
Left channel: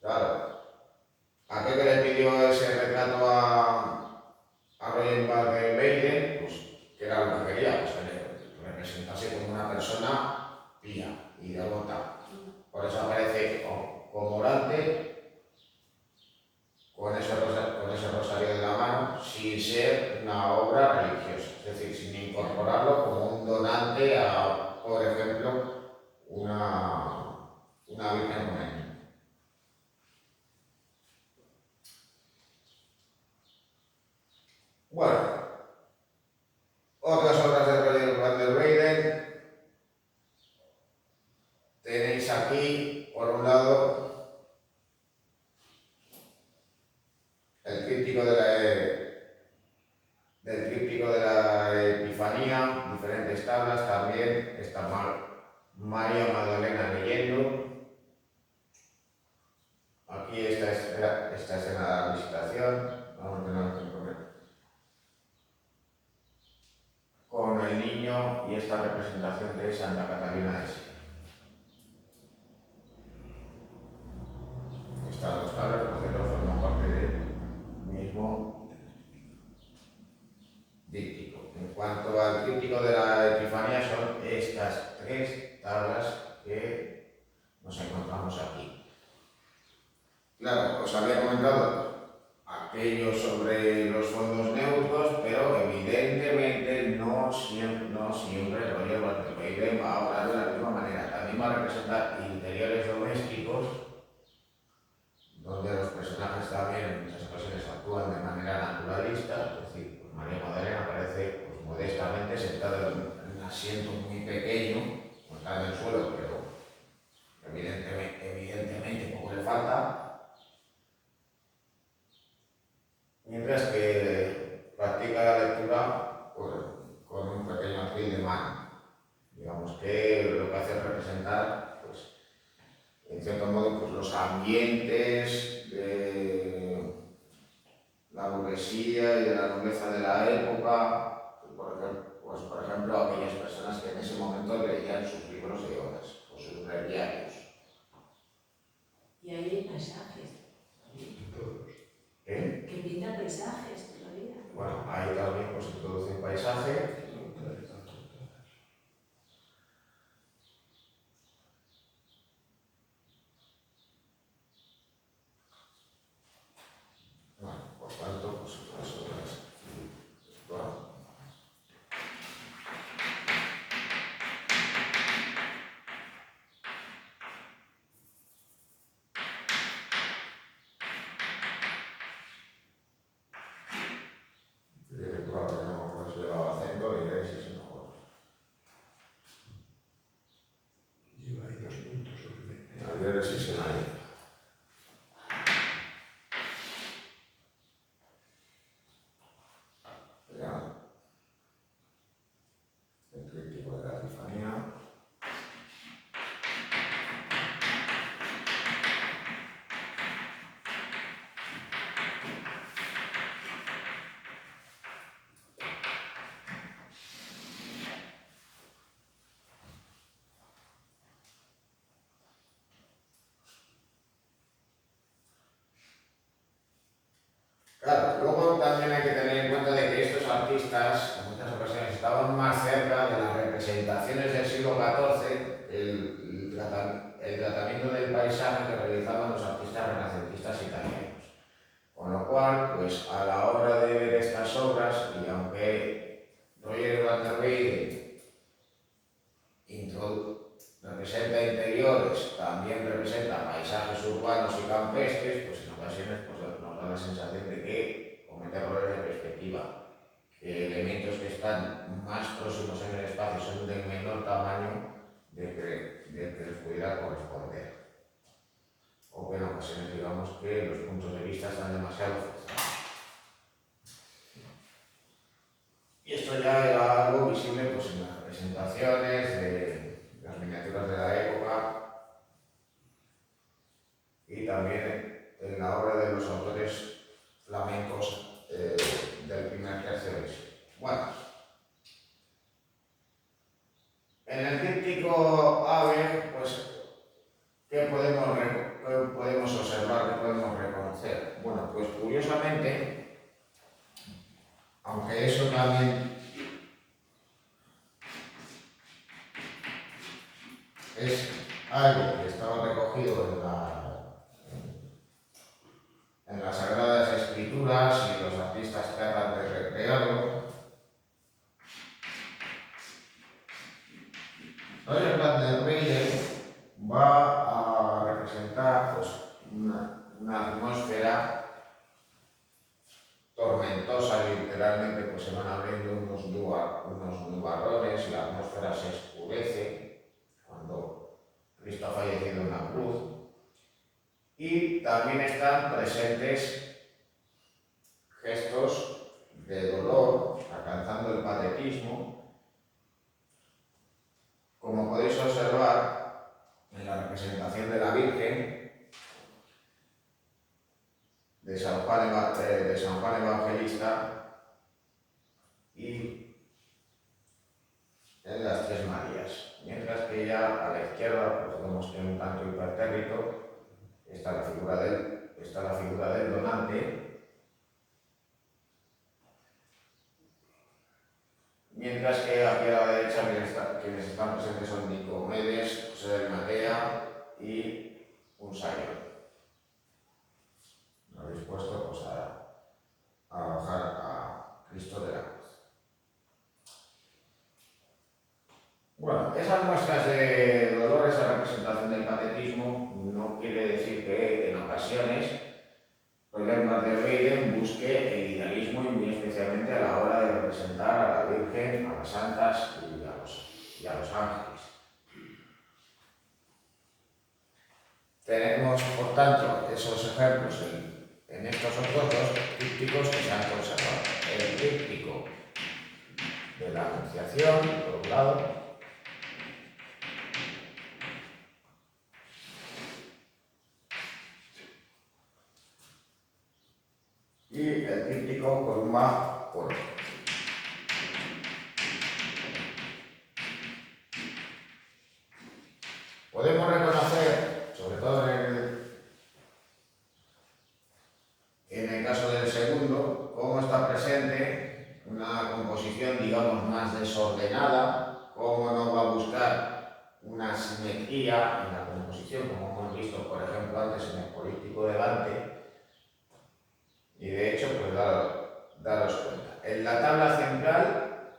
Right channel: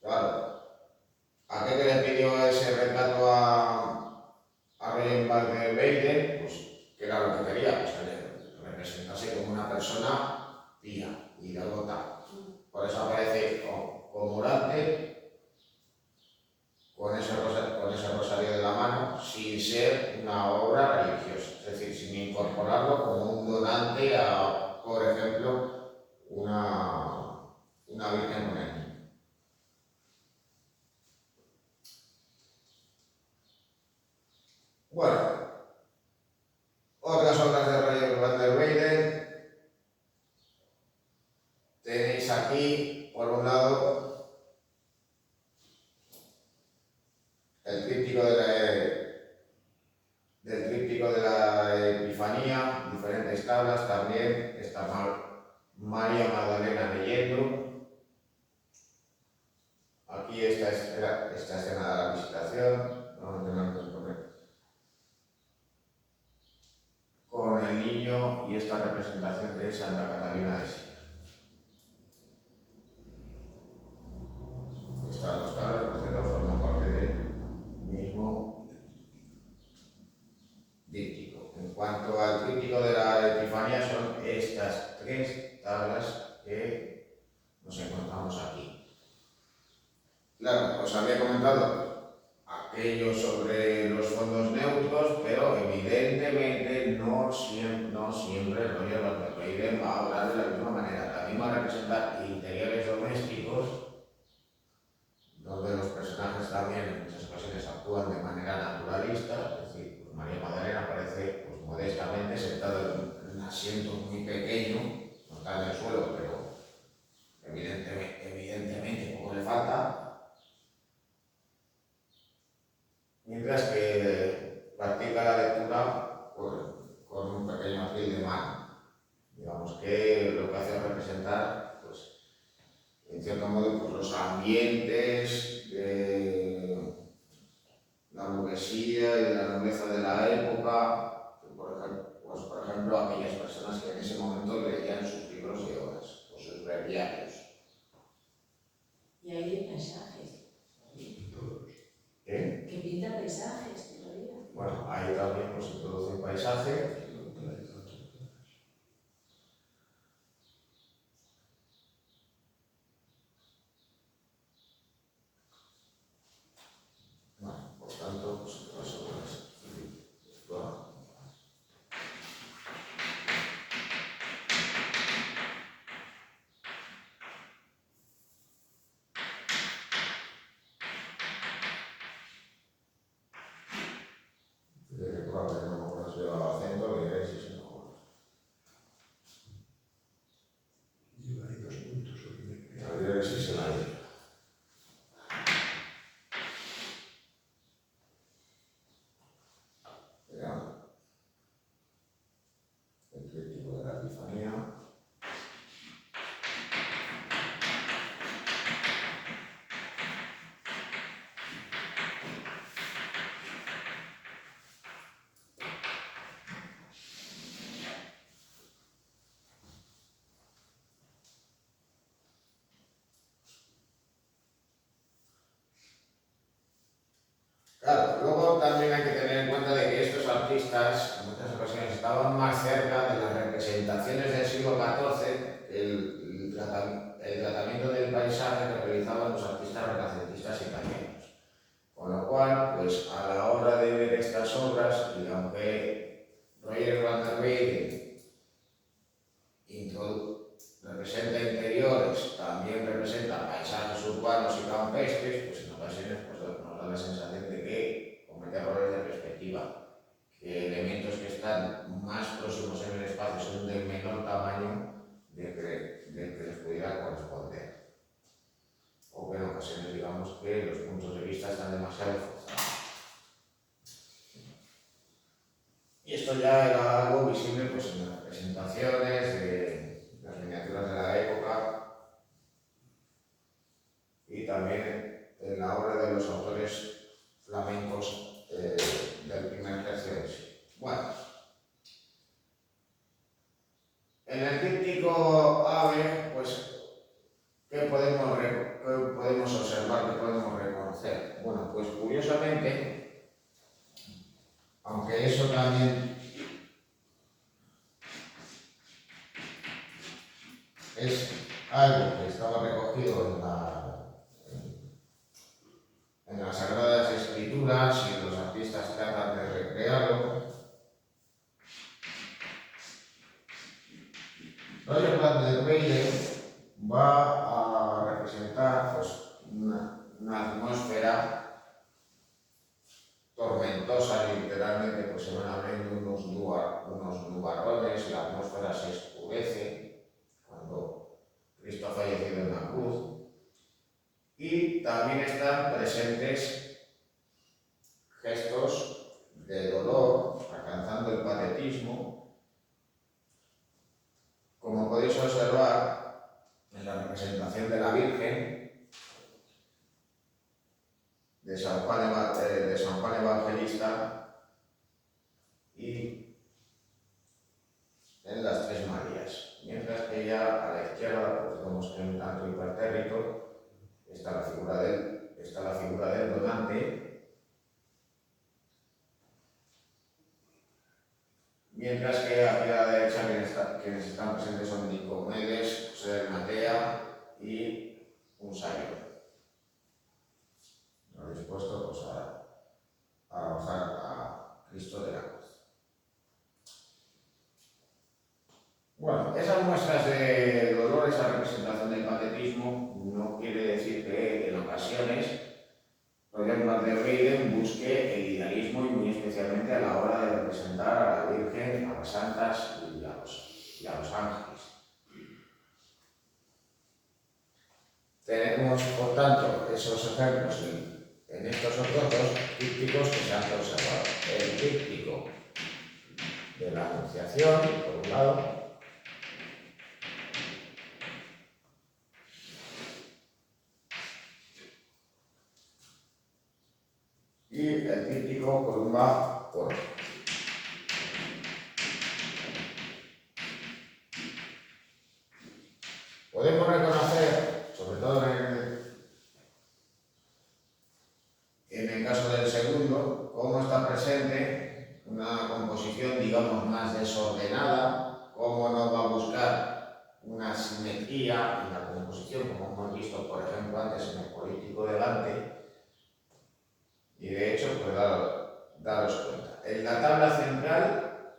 Claro, aquel que le pidió ese retrato a Roger Van der Weyden, pues que era lo que quería, pues que le representase como una persona pía y devota. Por eso aparece como orante, con ese rosario de la mano, sin ser una obra religiosa, es decir, sin incorporarlo como un donante a, por ejemplo, una virgen con el niño. Bueno, otras obras de Roger Van der Weyden tenéis aquí, por un lado, el tríptico del tríptico de la Epifanía, diferentes tablas también, está María Magdalena leyendo. Aquí esta escena de la visitación, con el niño y esta representación de Santa Catalina de Siena. Estas dos tablas, por cierto, forman parte del mismo díptico. En cuanto al tríptico de la Epifanía, son estas tres tablas que nos encontramos aquí. Claro, os había comentado aquello sobre los fondos neutros, pero evidentemente no siempre Roger Van der Weyden va a hablar de la misma manera. También va a representar interiores domésticos, donde los personajes también en muchas ocasiones actúan de manera naturalista, es decir, pues María Magdalena aparece pues, modestamente sentada en un asiento muy pequeño, no está en el suelo, pero evidentemente poco le falta. Mientras que practica la lectura con un pequeño alfil de mano. Digamos que lo que hace es representar, pues, en cierto modo, pues, los ambientes de la burguesía y de la nobleza de la época, por ejemplo, aquellas personas que en ese momento leían sus libros de horas o sus breviarios. Y ahí hay paisajes. Que pinta paisajes todavía. Bueno, ahí también pues, se introduce un paisaje. dióresis en la lírica. El tríptico de la Epifanía. Claro, luego también hay que tener en cuenta de que estos artistas en muchas ocasiones estaban más cerca de las representaciones del siglo XIV, el tratamiento del paisaje que realizaban los artistas renacentistas italianos. Con lo cual, pues a la hora de ver estas obras, y aunque Roger van der Weyden representa interiores, también representa paisajes urbanos y campestres, pues en ocasiones pues, nos da la sensación de que comete errores de perspectiva, que elementos que están más próximos en el espacio son de menor tamaño del que les pudiera corresponder. O que en ocasiones digamos que los puntos de vista están demasiado forzados. Y esto ya era algo visible pues, en las representaciones de las miniaturas de la época y también en la obra de los autores flamencos del primer tercio del siglo. Bueno, en el tríptico Ave, pues, ¿qué podemos observar, qué podemos reconocer? Bueno, pues curiosamente, aunque eso también es algo que estaba recogido en las Sagradas Escrituras y los artistas tratan de recrearlo, Roger van der Weyden va a representar pues, una atmósfera tormentosa, literalmente pues se van abriendo unos nubarrones, la atmósfera se oscurece cuando Cristo ha fallecido en la cruz, y también están presentes gestos de dolor, alcanzando el patetismo, como podéis observar en la representación de la Virgen de San Juan Evangelista y en las Tres Marías, mientras que ya a la izquierda pues vemos que un tanto hipertérrito está la figura del donante, mientras que aquí a la derecha quienes están presentes son Nicomedes, José de Arimatea y un Simon. Lo dispuesto pues, a bajar a Cristo de la cruz. Bueno, esas muestras de dolor, esa representación del patetismo, no quiere decir que en ocasiones Roger van der Weyden busque el idealismo y muy especialmente a la hora de representar a la Virgen, a las santas y a los ángeles. Tenemos, por tanto, esos ejemplos en estos otros dos trípticos que se han conservado. El tríptico de la Anunciación, por un lado, y el tríptico columna por otro. Podemos reconocer, sobre todo en el caso del segundo, cómo está presente una composición, digamos, más desordenada, cómo no va a buscar una simetría en la composición, como hemos visto, por ejemplo, antes en el políptico de Dante. Y de hecho, pues daros cuenta. En la tabla central,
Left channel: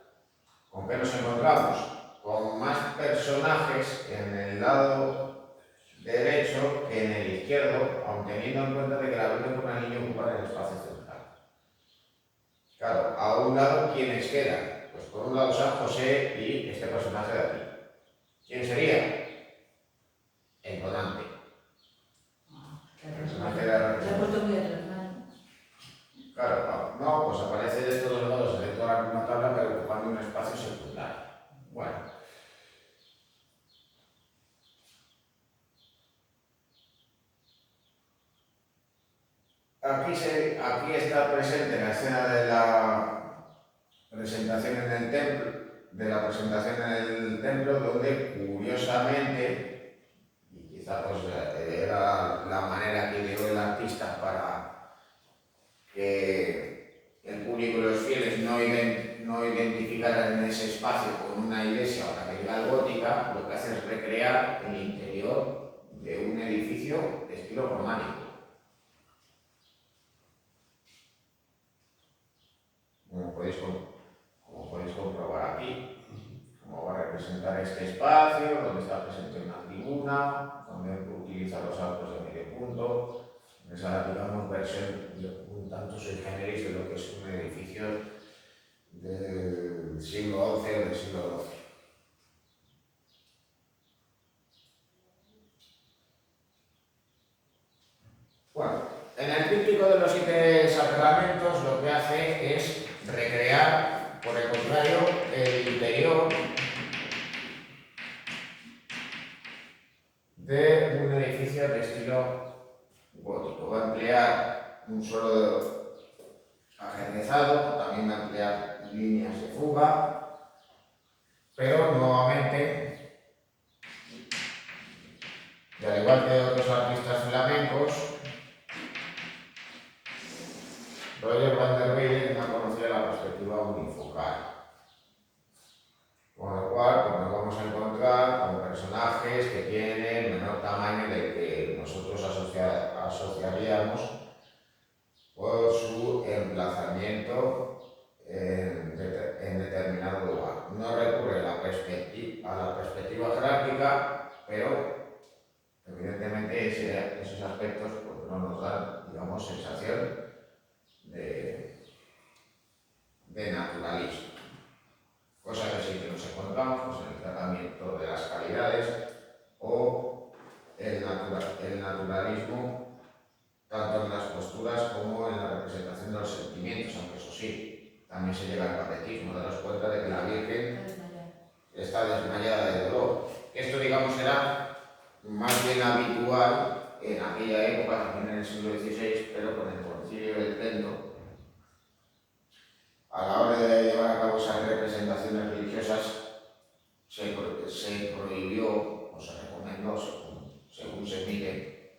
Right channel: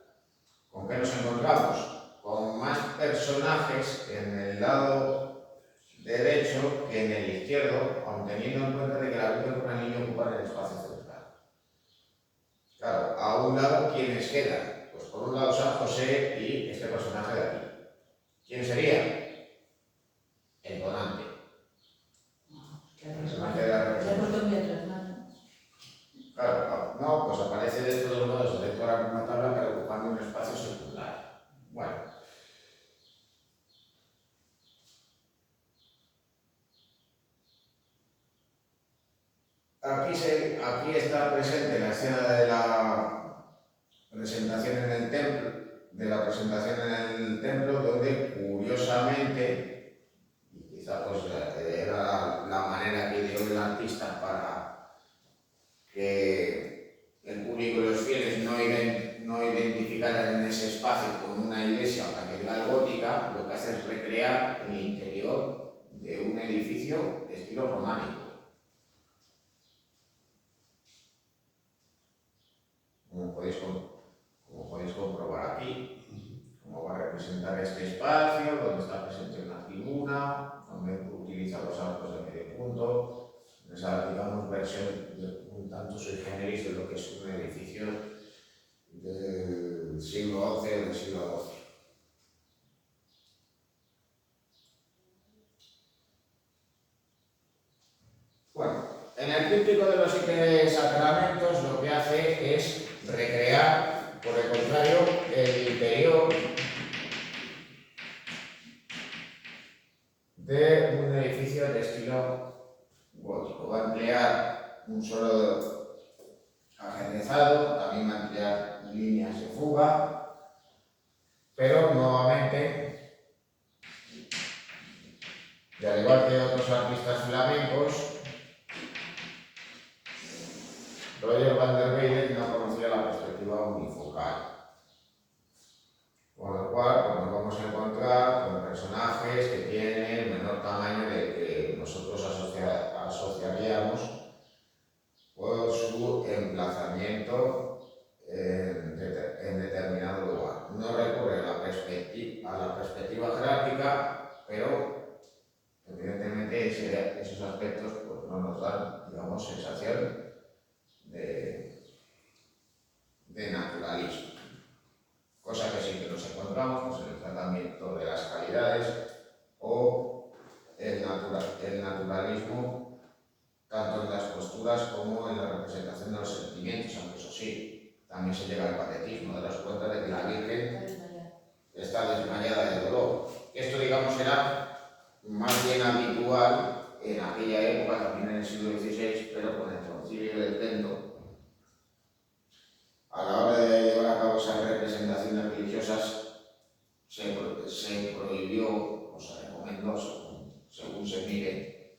¿con qué nos encontramos? Con más personajes en el lado derecho que en el izquierdo, aun teniendo en cuenta de que la Virgen con el niño ocupan el espacio central. Claro, a un lado, ¿quiénes quedan? Pues por un lado San José y este personaje de aquí. ¿Quién sería? El donante. aquí está presente la escena de la presentación en el templo, donde curiosamente, y quizá pues era la manera que dio el artista para que el público y los fieles no identificaran en ese espacio con una iglesia o catedral gótica, lo que hace es recrear el interior de un edificio de estilo románico. Como podéis comprobar aquí, como va a representar este espacio, donde está presente una tribuna, donde utiliza los arcos de medio punto, esa, digamos, versión un tanto sui generis de lo que es un edificio del siglo XI o del siglo XII. Bueno, en el tríptico de los 7 sacramentos lo que hace es recrear, por el contrario, el interior de un edificio de estilo gótico. Va a emplear un suelo ajedrezado, también va a emplear líneas de fuga, pero nuevamente, y al igual que otros artistas flamencos, Roger van der Weyden no conocía la perspectiva unifocal, con lo cual pues, nos vamos a encontrar con personajes que tienen el menor tamaño del que nosotros asociaríamos por su emplazamiento en determinado lugar. No recurre a la perspectiva jerárquica, pero evidentemente esos aspectos pues, no nos dan, digamos, sensación de naturalismo. Cosa que sí que nos encontramos pues, en el tratamiento de las calidades o el naturalismo, tanto en las posturas como en la representación de los sentimientos, aunque eso sí, también se llega al patetismo, daros cuenta de que la Virgen está desmayada de dolor. Esto, digamos, era más bien habitual en aquella época, también en el siglo XVI, pero con el Concilio de Trento, a la hora de llevar a cabo esas representaciones religiosas, se prohibió o se recomendó, según se mire,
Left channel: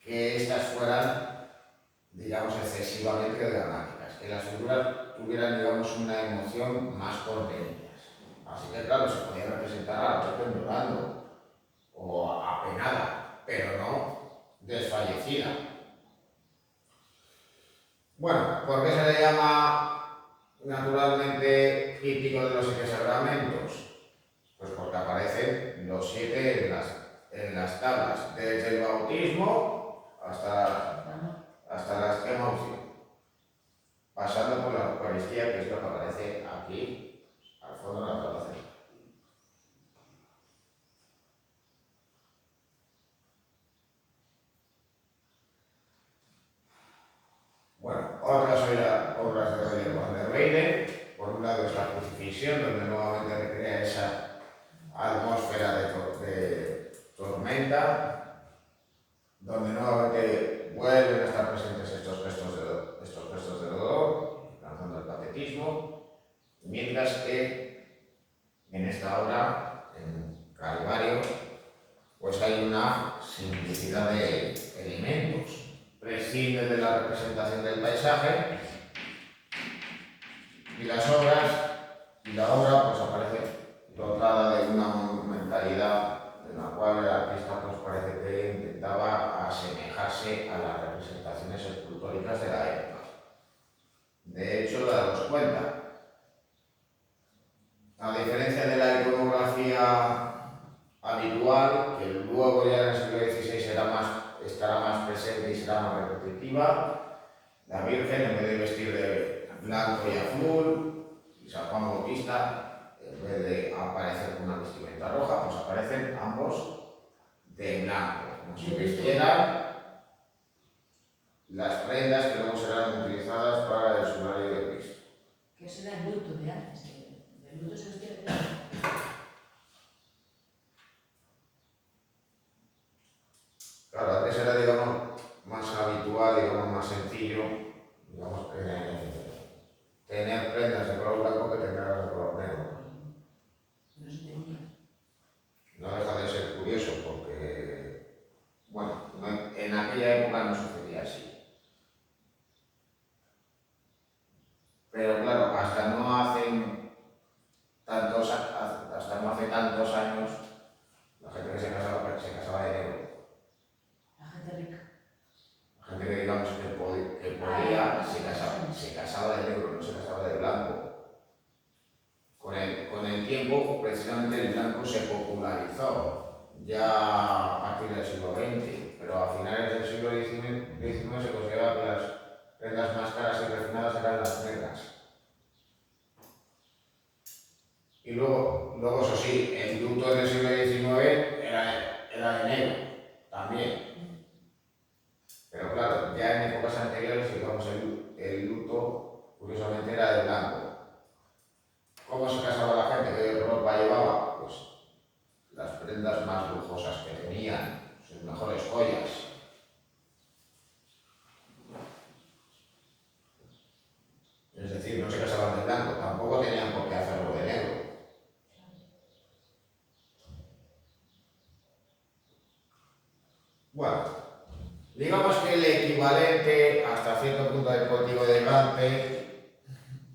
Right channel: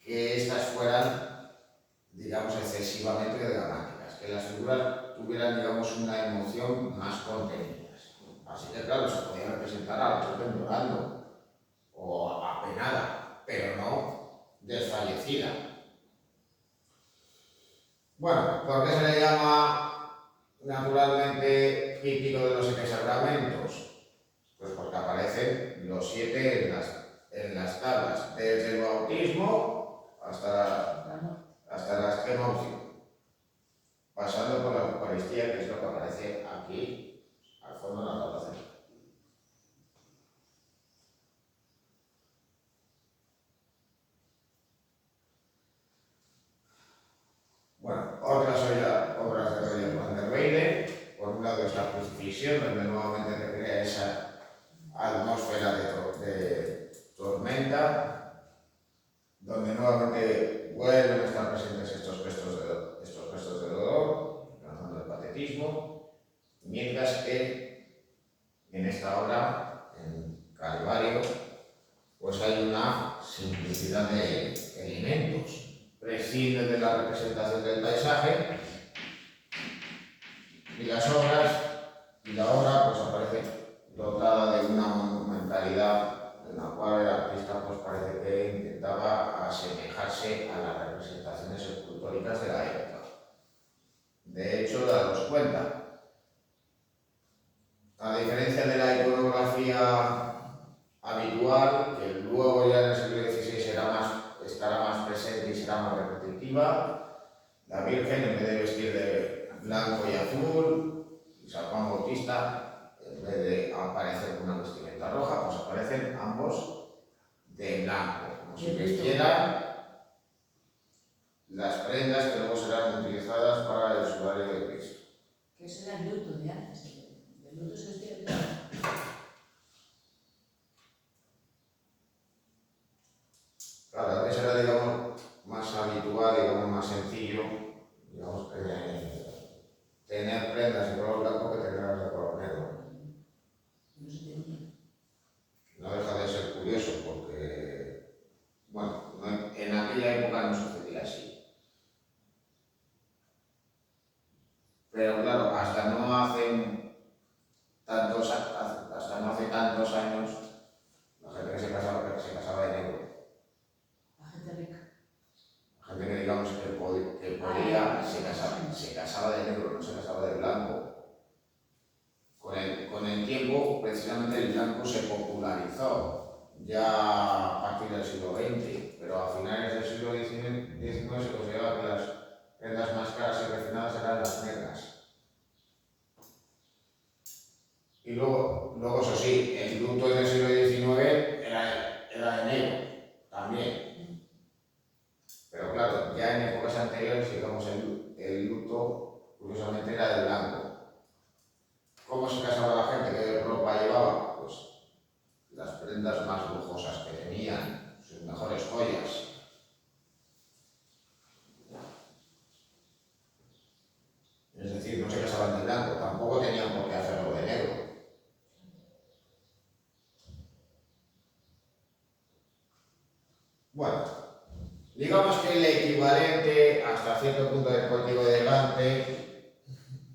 que estas fueran, digamos, excesivamente dramáticas, que las figuras tuvieran, digamos, una emoción más contenida. Así que, claro, se podía representar a la Virgen llorando o apenada, pero no desfallecida. Bueno, ¿por qué se le llama naturalmente tríptico de los 7 sacramentos? Pues porque aparecen los 7 en las tablas, desde el bautismo hasta la extrema unción, pasando por la Eucaristía, que es lo que aparece aquí al fondo de la tabla central. Bueno, otras obras de Roger van der Weyden, por un lado es la crucifixión, donde nuevamente recrea esa atmósfera de tormenta, donde nuevamente vuelven a estar presentes estos gestos de dolor, lanzando el patetismo, mientras que en esta obra, en Calvario, pues hay una simplicidad de elementos. Prescinde de la representación del paisaje y la obra pues aparece dotada de una monumentalidad en la cual el artista pues parece que intentaba asemejarse a las representaciones escultóricas de la época. De hecho, daros cuenta, a diferencia de la iconografía habitual, que luego ya en el siglo XVI estará más presente y será más repetitiva, la Virgen, en vez de vestir de blanco y azul, y San Juan Bautista, en vez de aparecer con una vestimenta roja, pues aparecen ambos de blanco, como si vistieran las prendas que luego serán utilizadas para el sudario de Cristo. Que ese era el luto de antes, el luto se vestía de blanco. Claro, antes era, digamos, más habitual, digamos, más sencillo, digamos, tener prendas de color blanco que tenerlas de color negro. No se tenía. No deja de ser curioso porque, bueno, en aquella época no sucedía así. Pero claro, hasta no hace tantos años, la gente que se casaba de negro. La gente rica. La gente que digamos que podía, se casaba de negro, no se casaba de blanco. Con el tiempo, precisamente el blanco se popularizó, ya a partir del siglo XX, pero a finales del siglo XIX se consideraba que las prendas más caras y refinadas eran las negras. Y luego eso sí, el luto del siglo XIX era de negro también. Pero claro, ya en épocas anteriores, digamos, el luto curiosamente era de blanco. ¿Cómo se casaba la gente? ¿Qué ropa llevaba? Pues las prendas más lujosas que tenían, sus mejores joyas. Es decir, no se casaban de blanco, tampoco tenían por qué hacerlo de negro. Bueno, digamos que el equivalente hasta cierto punto del código de Dante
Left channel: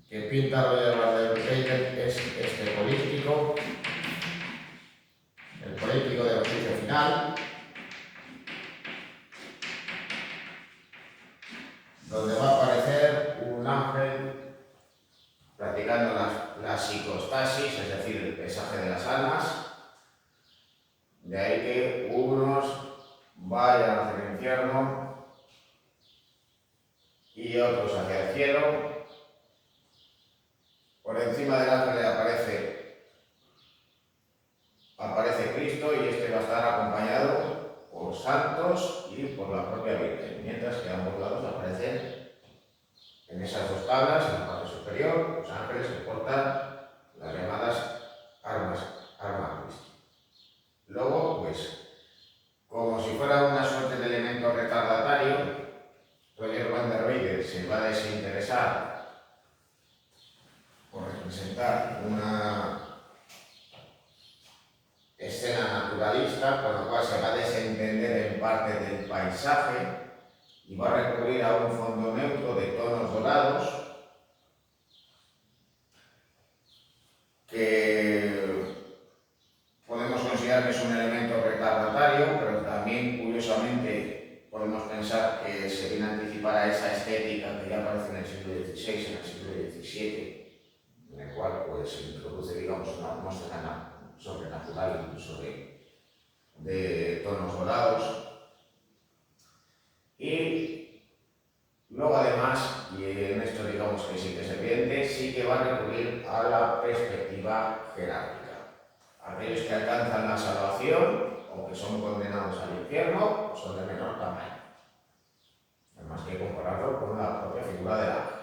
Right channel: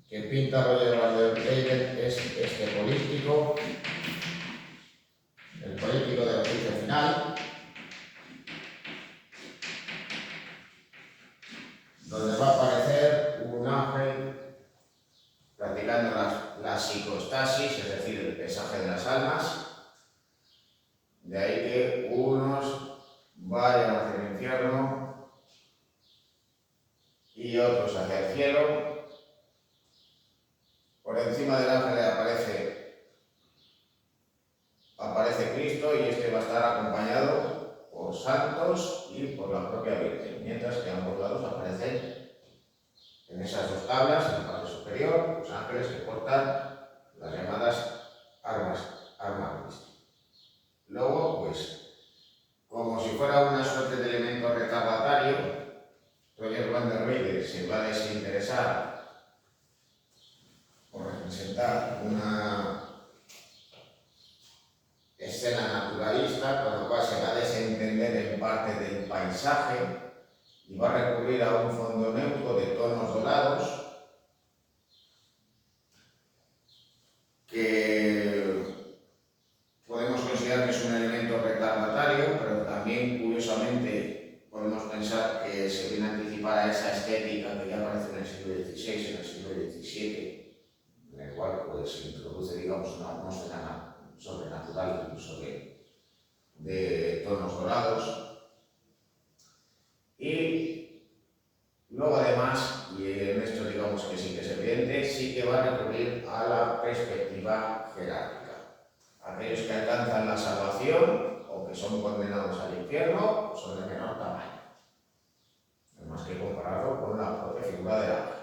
que pinta Roger Van der Weyden es este políptico, el políptico del juicio final, donde va a aparecer un ángel practicando la psicostasis, es decir, el pesaje de las almas. De ahí que unos vayan hacia el infierno y otros hacia el cielo. Por encima del ángel aparece Cristo y este va a estar acompañado por santos y por la propia Virgen, mientras que a ambos lados aparecen en esas dos tablas, en la parte superior, los ángeles que portan las llamadas armas Christi. Luego, pues, como si fuera una suerte de elemento retardatario, Roger Van der Weyden se va a desinteresar por representar una escena naturalista, con lo cual se va a desentender en parte del paisaje y va a recurrir a un fondo neutro de tonos dorados que podemos considerar que es un elemento retardatario, pero también curiosamente podemos pensar que se viene a anticipar a esa estética que ya aparece en el siglo XVI, en el siglo XVII, en el cual pues, se introduce, digamos, una atmósfera sobrenatural, incluso de tonos dorados. Y luego además, y en esto digamos que sí que se evidente, sí que va a recurrir a la perspectiva jerárquica. Aquellos que alcanzan la salvación o que son condenados al infierno son de menor tamaño. No hay más que compararlo con la propia figura del ángel.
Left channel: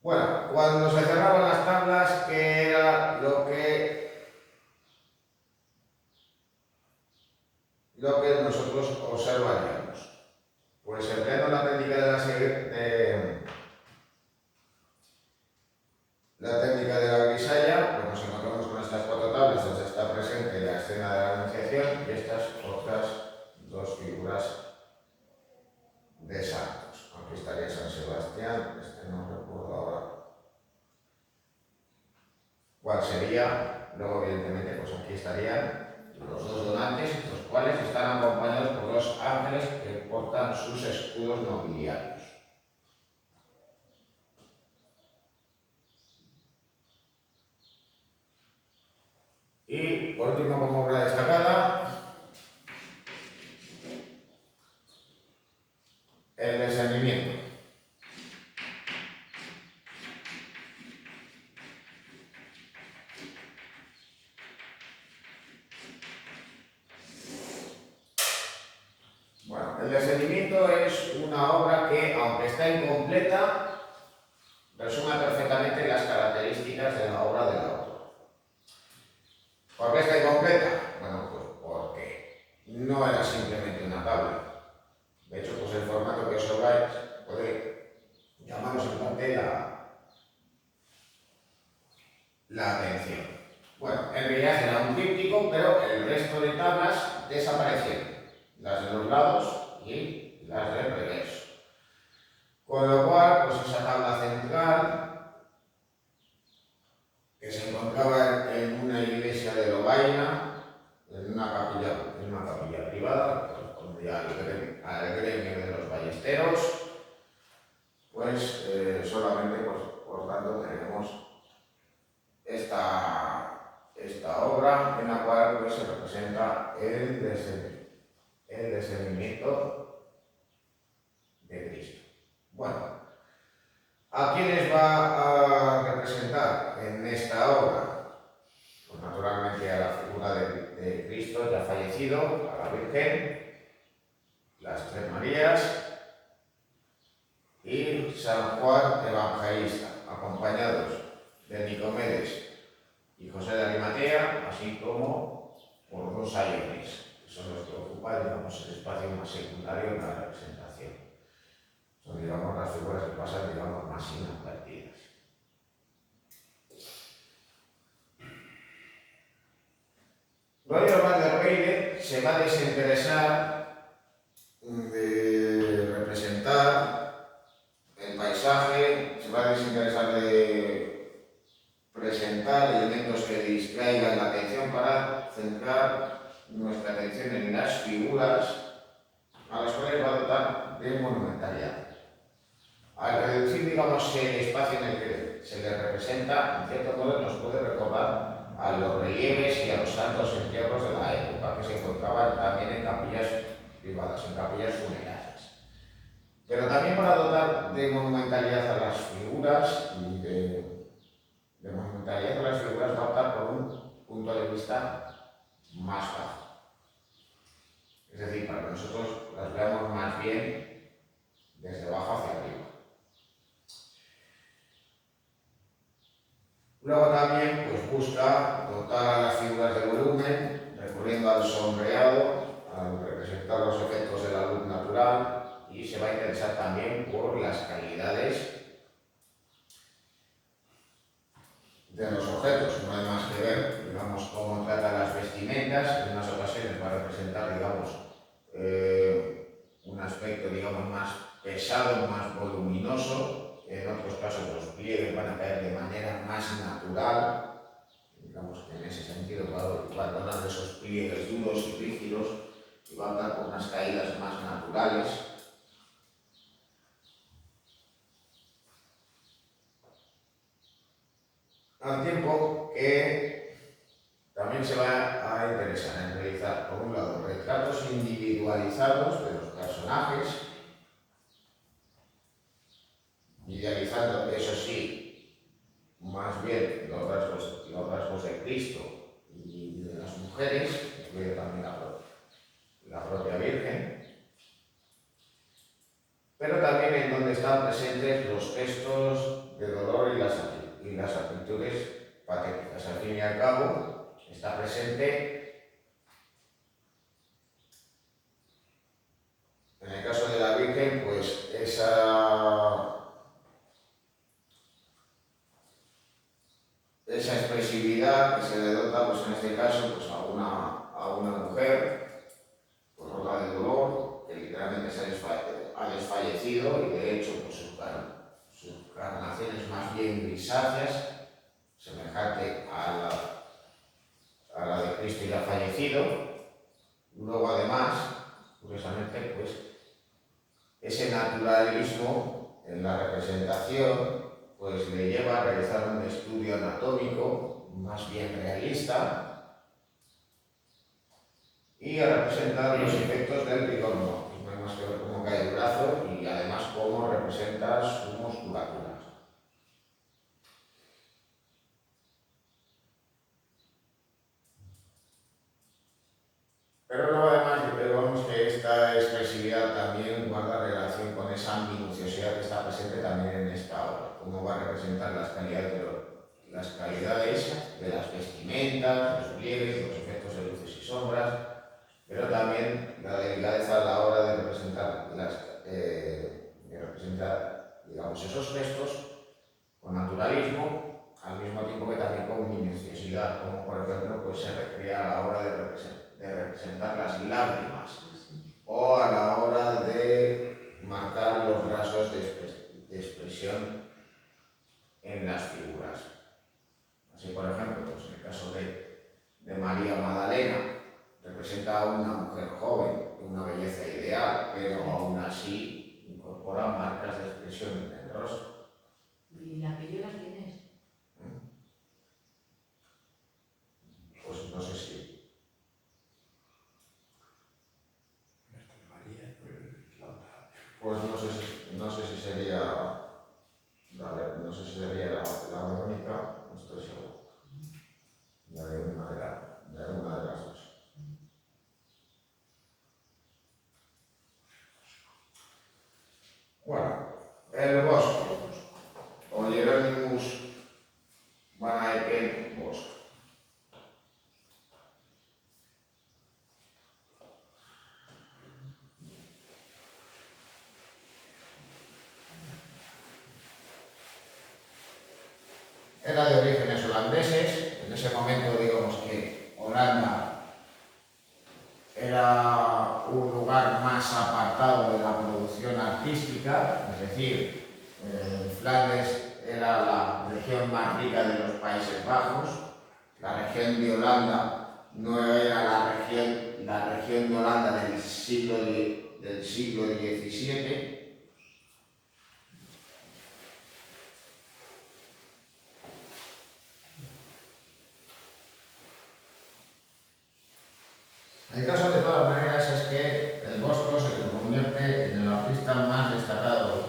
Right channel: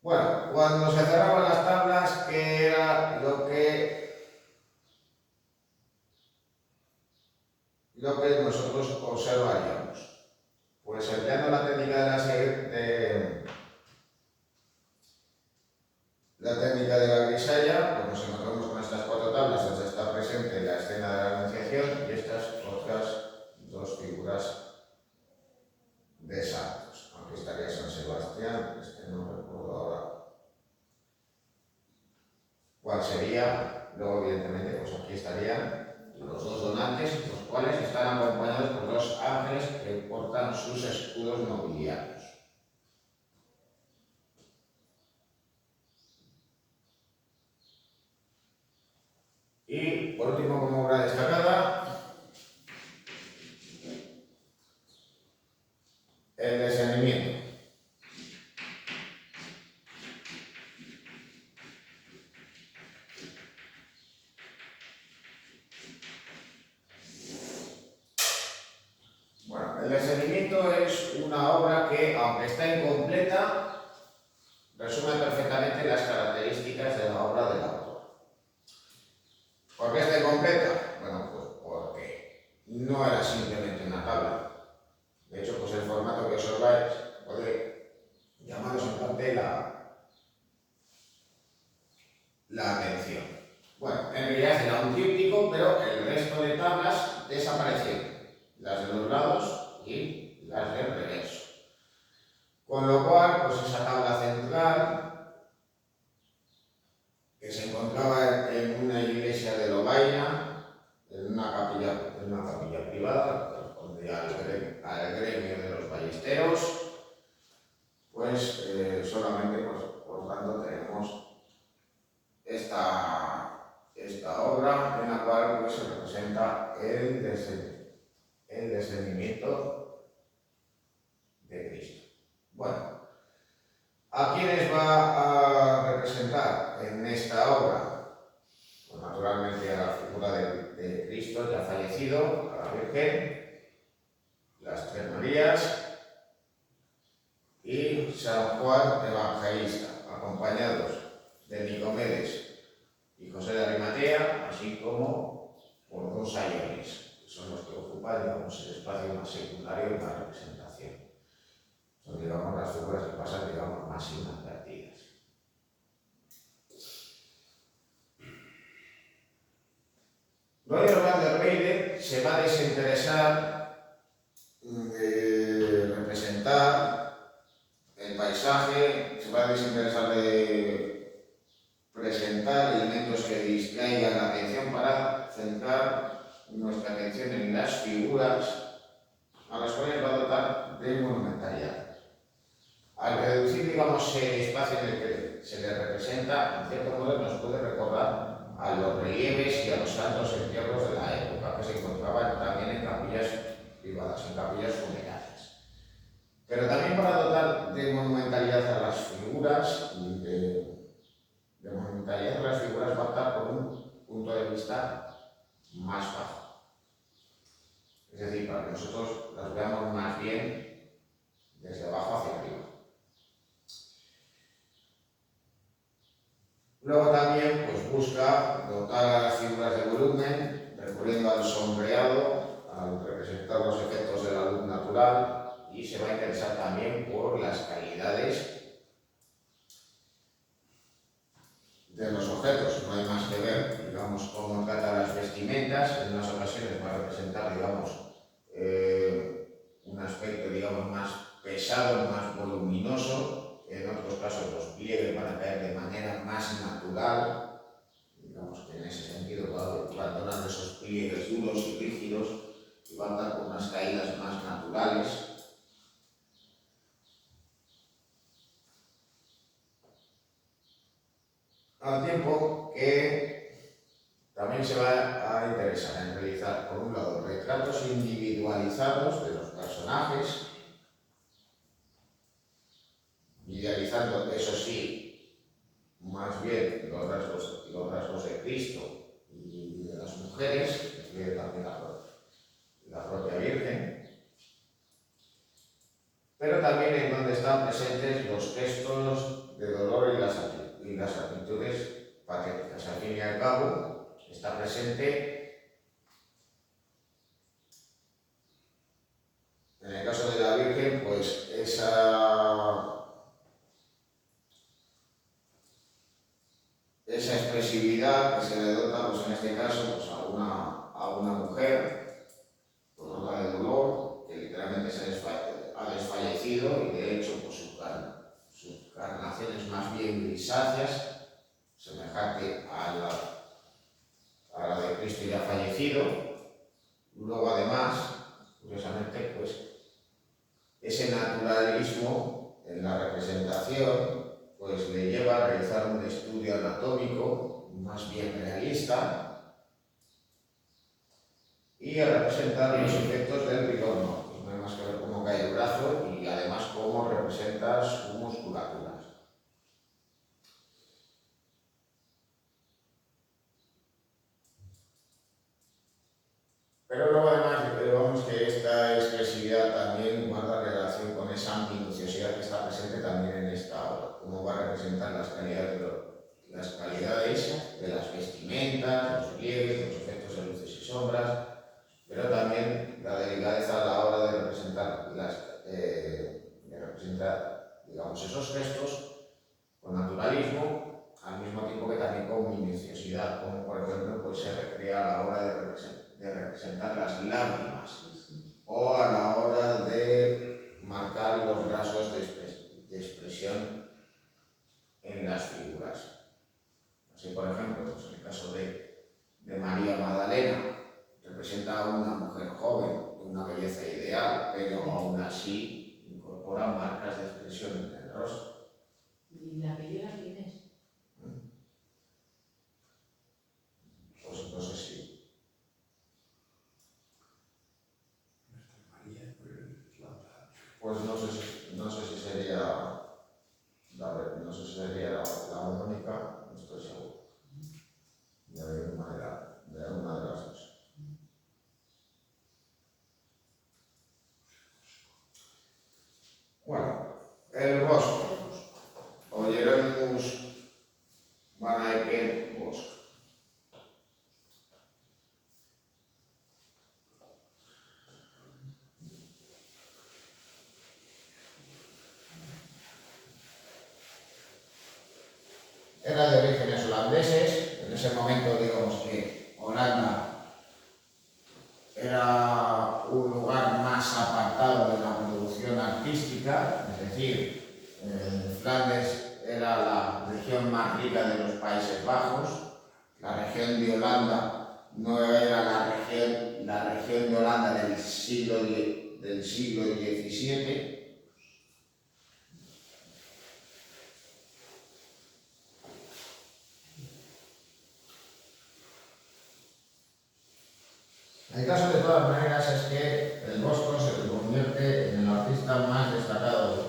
Bueno, cuando se cerraban las tablas, ¿qué era lo que nosotros observaríamos? Pues empleando la técnica de la grisalla, pues nos encontramos con estas cuatro tablas donde está presente la escena de la Anunciación y estas otras dos figuras de santos. Aquí estaría San Sebastián, no recuerdo ahora cuál sería. Luego, evidentemente, pues aquí estarían los dos donantes, los cuales están acompañados por dos ángeles que portan sus escudos nobiliarios. Y por último, como obra destacada, el discernimiento. Bueno, el discernimiento es una obra que, aunque está incompleta, resume perfectamente las características de la obra del autor. ¿Por qué está incompleta? Bueno, pues porque no pero el resto de tablas desaparecieron, las de los lados y las del reverso. Con lo cual, pues esa tabla central, que se encontraba en una iglesia de Lovaina, en una capilla privada, correspondía al gremio de los ballesteros, pues solamente, pues, por lo tanto, tenemos esta obra en la cual pues, se representa el descendimiento de Cristo. Bueno, ¿a quiénes va a representar en esta obra? Pues naturalmente a la figura de Cristo ya fallecido, a la Virgen, las tres Marías y San Juan Evangelista, acompañados de Nicomedes y José de Arimatea, así como por dos sayones, que son los que ocupan, digamos, el espacio más secundario en la representación. Son, digamos, las figuras que pasan, digamos, más inadvertidas. Roy Orban de Reide se va a desinteresar de representar el paisaje, se va a desinteresar de presentar elementos que distraigan la atención para centrar nuestra atención en las figuras a las cuales va a dotar de monumentalidad. Al reducir, digamos, el espacio en el que se le representa, en cierto modo nos puede recordar a los relieves y a los santos entierros de la época, que se encontraban también en capillas privadas, en capillas funerarias. Pero también para dotar de monumentalidad a las figuras y de monumentalidad a las figuras va a optar por un punto de vista más bajo. Es decir, para que nosotros las veamos más bien desde abajo hacia arriba. Luego también pues, busca dotar a las figuras de volumen, recurriendo al sombreado, al representar los efectos de la luz natural, y se va a interesar también por las calidades de los objetos. No hay más que ver, digamos, cómo trata las vestimentas. En unas ocasiones va a representar, digamos, un aspecto, digamos, más pesado, más voluminoso. En otros casos los pliegues van a caer de manera más natural. Digamos que en ese sentido va a abandonar esos pliegues duros y rígidos y va a dar con unas caídas más naturales. Al tiempo que también se va a interesar en realizar, por un lado, retratos individualizados de los personajes, idealizando, eso sí, más bien los rasgos de Cristo y de las mujeres, incluye también la propia Virgen, pero también en donde están presentes los gestos de dolor y las actitudes patéticas. Al fin y al cabo, está presente, en el caso de la Virgen, pues esa expresividad que se le dota, pues en este caso, pues a una mujer por obra de dolor, que literalmente ha desfallecido y de hecho pues, sus carnaciones más bien grisáceas, semejante a la de Cristo ya fallecido. Luego además, curiosamente, pues ese naturalismo en la representación pues le lleva a realizar un estudio anatómico más bien realista y a representar los efectos del rigor mortis. No hay más que ver cómo cae el brazo y además cómo representa su musculatura. Pero luego además vemos que esta expresividad también guarda relación con esa minuciosidad que está presente también en esta obra, cómo va a representar las calidades de las vestimentas, los pliegues, los efectos de luces y sombras, pero también la delicadeza a la hora de representar, digamos, esos gestos con naturalismo, al mismo tiempo que también con minuciosidad, como por ejemplo pues, se recrea a la hora de utilizar las lágrimas Sí, sí. o a la hora de marcar los rasgos de expresión en las figuras. Así, por ejemplo, pues en el caso de María Magdalena, representa a una mujer joven, de una belleza ideal, pero aún así incorpora marcas de expresión en el rostro. ¿Y la que llevas quién es? Pues no sé si. Nuestra María, pues la otra. Pues no sé si sería no sé si sería la Verónica, no estoy seguro. De alguna de las dos. Bueno, el Bosco, o Hieronymus van Eyck Bosco. Era de orígenes holandeses. En ese momento, digamos que Holanda era un lugar más apartado de la producción artística, es decir, Flandes era la región más rica de los Países Bajos, la región de Holanda no era la región de Holanda del siglo XVII. El caso de todas maneras es que el Bosco se convierte en el artista más destacado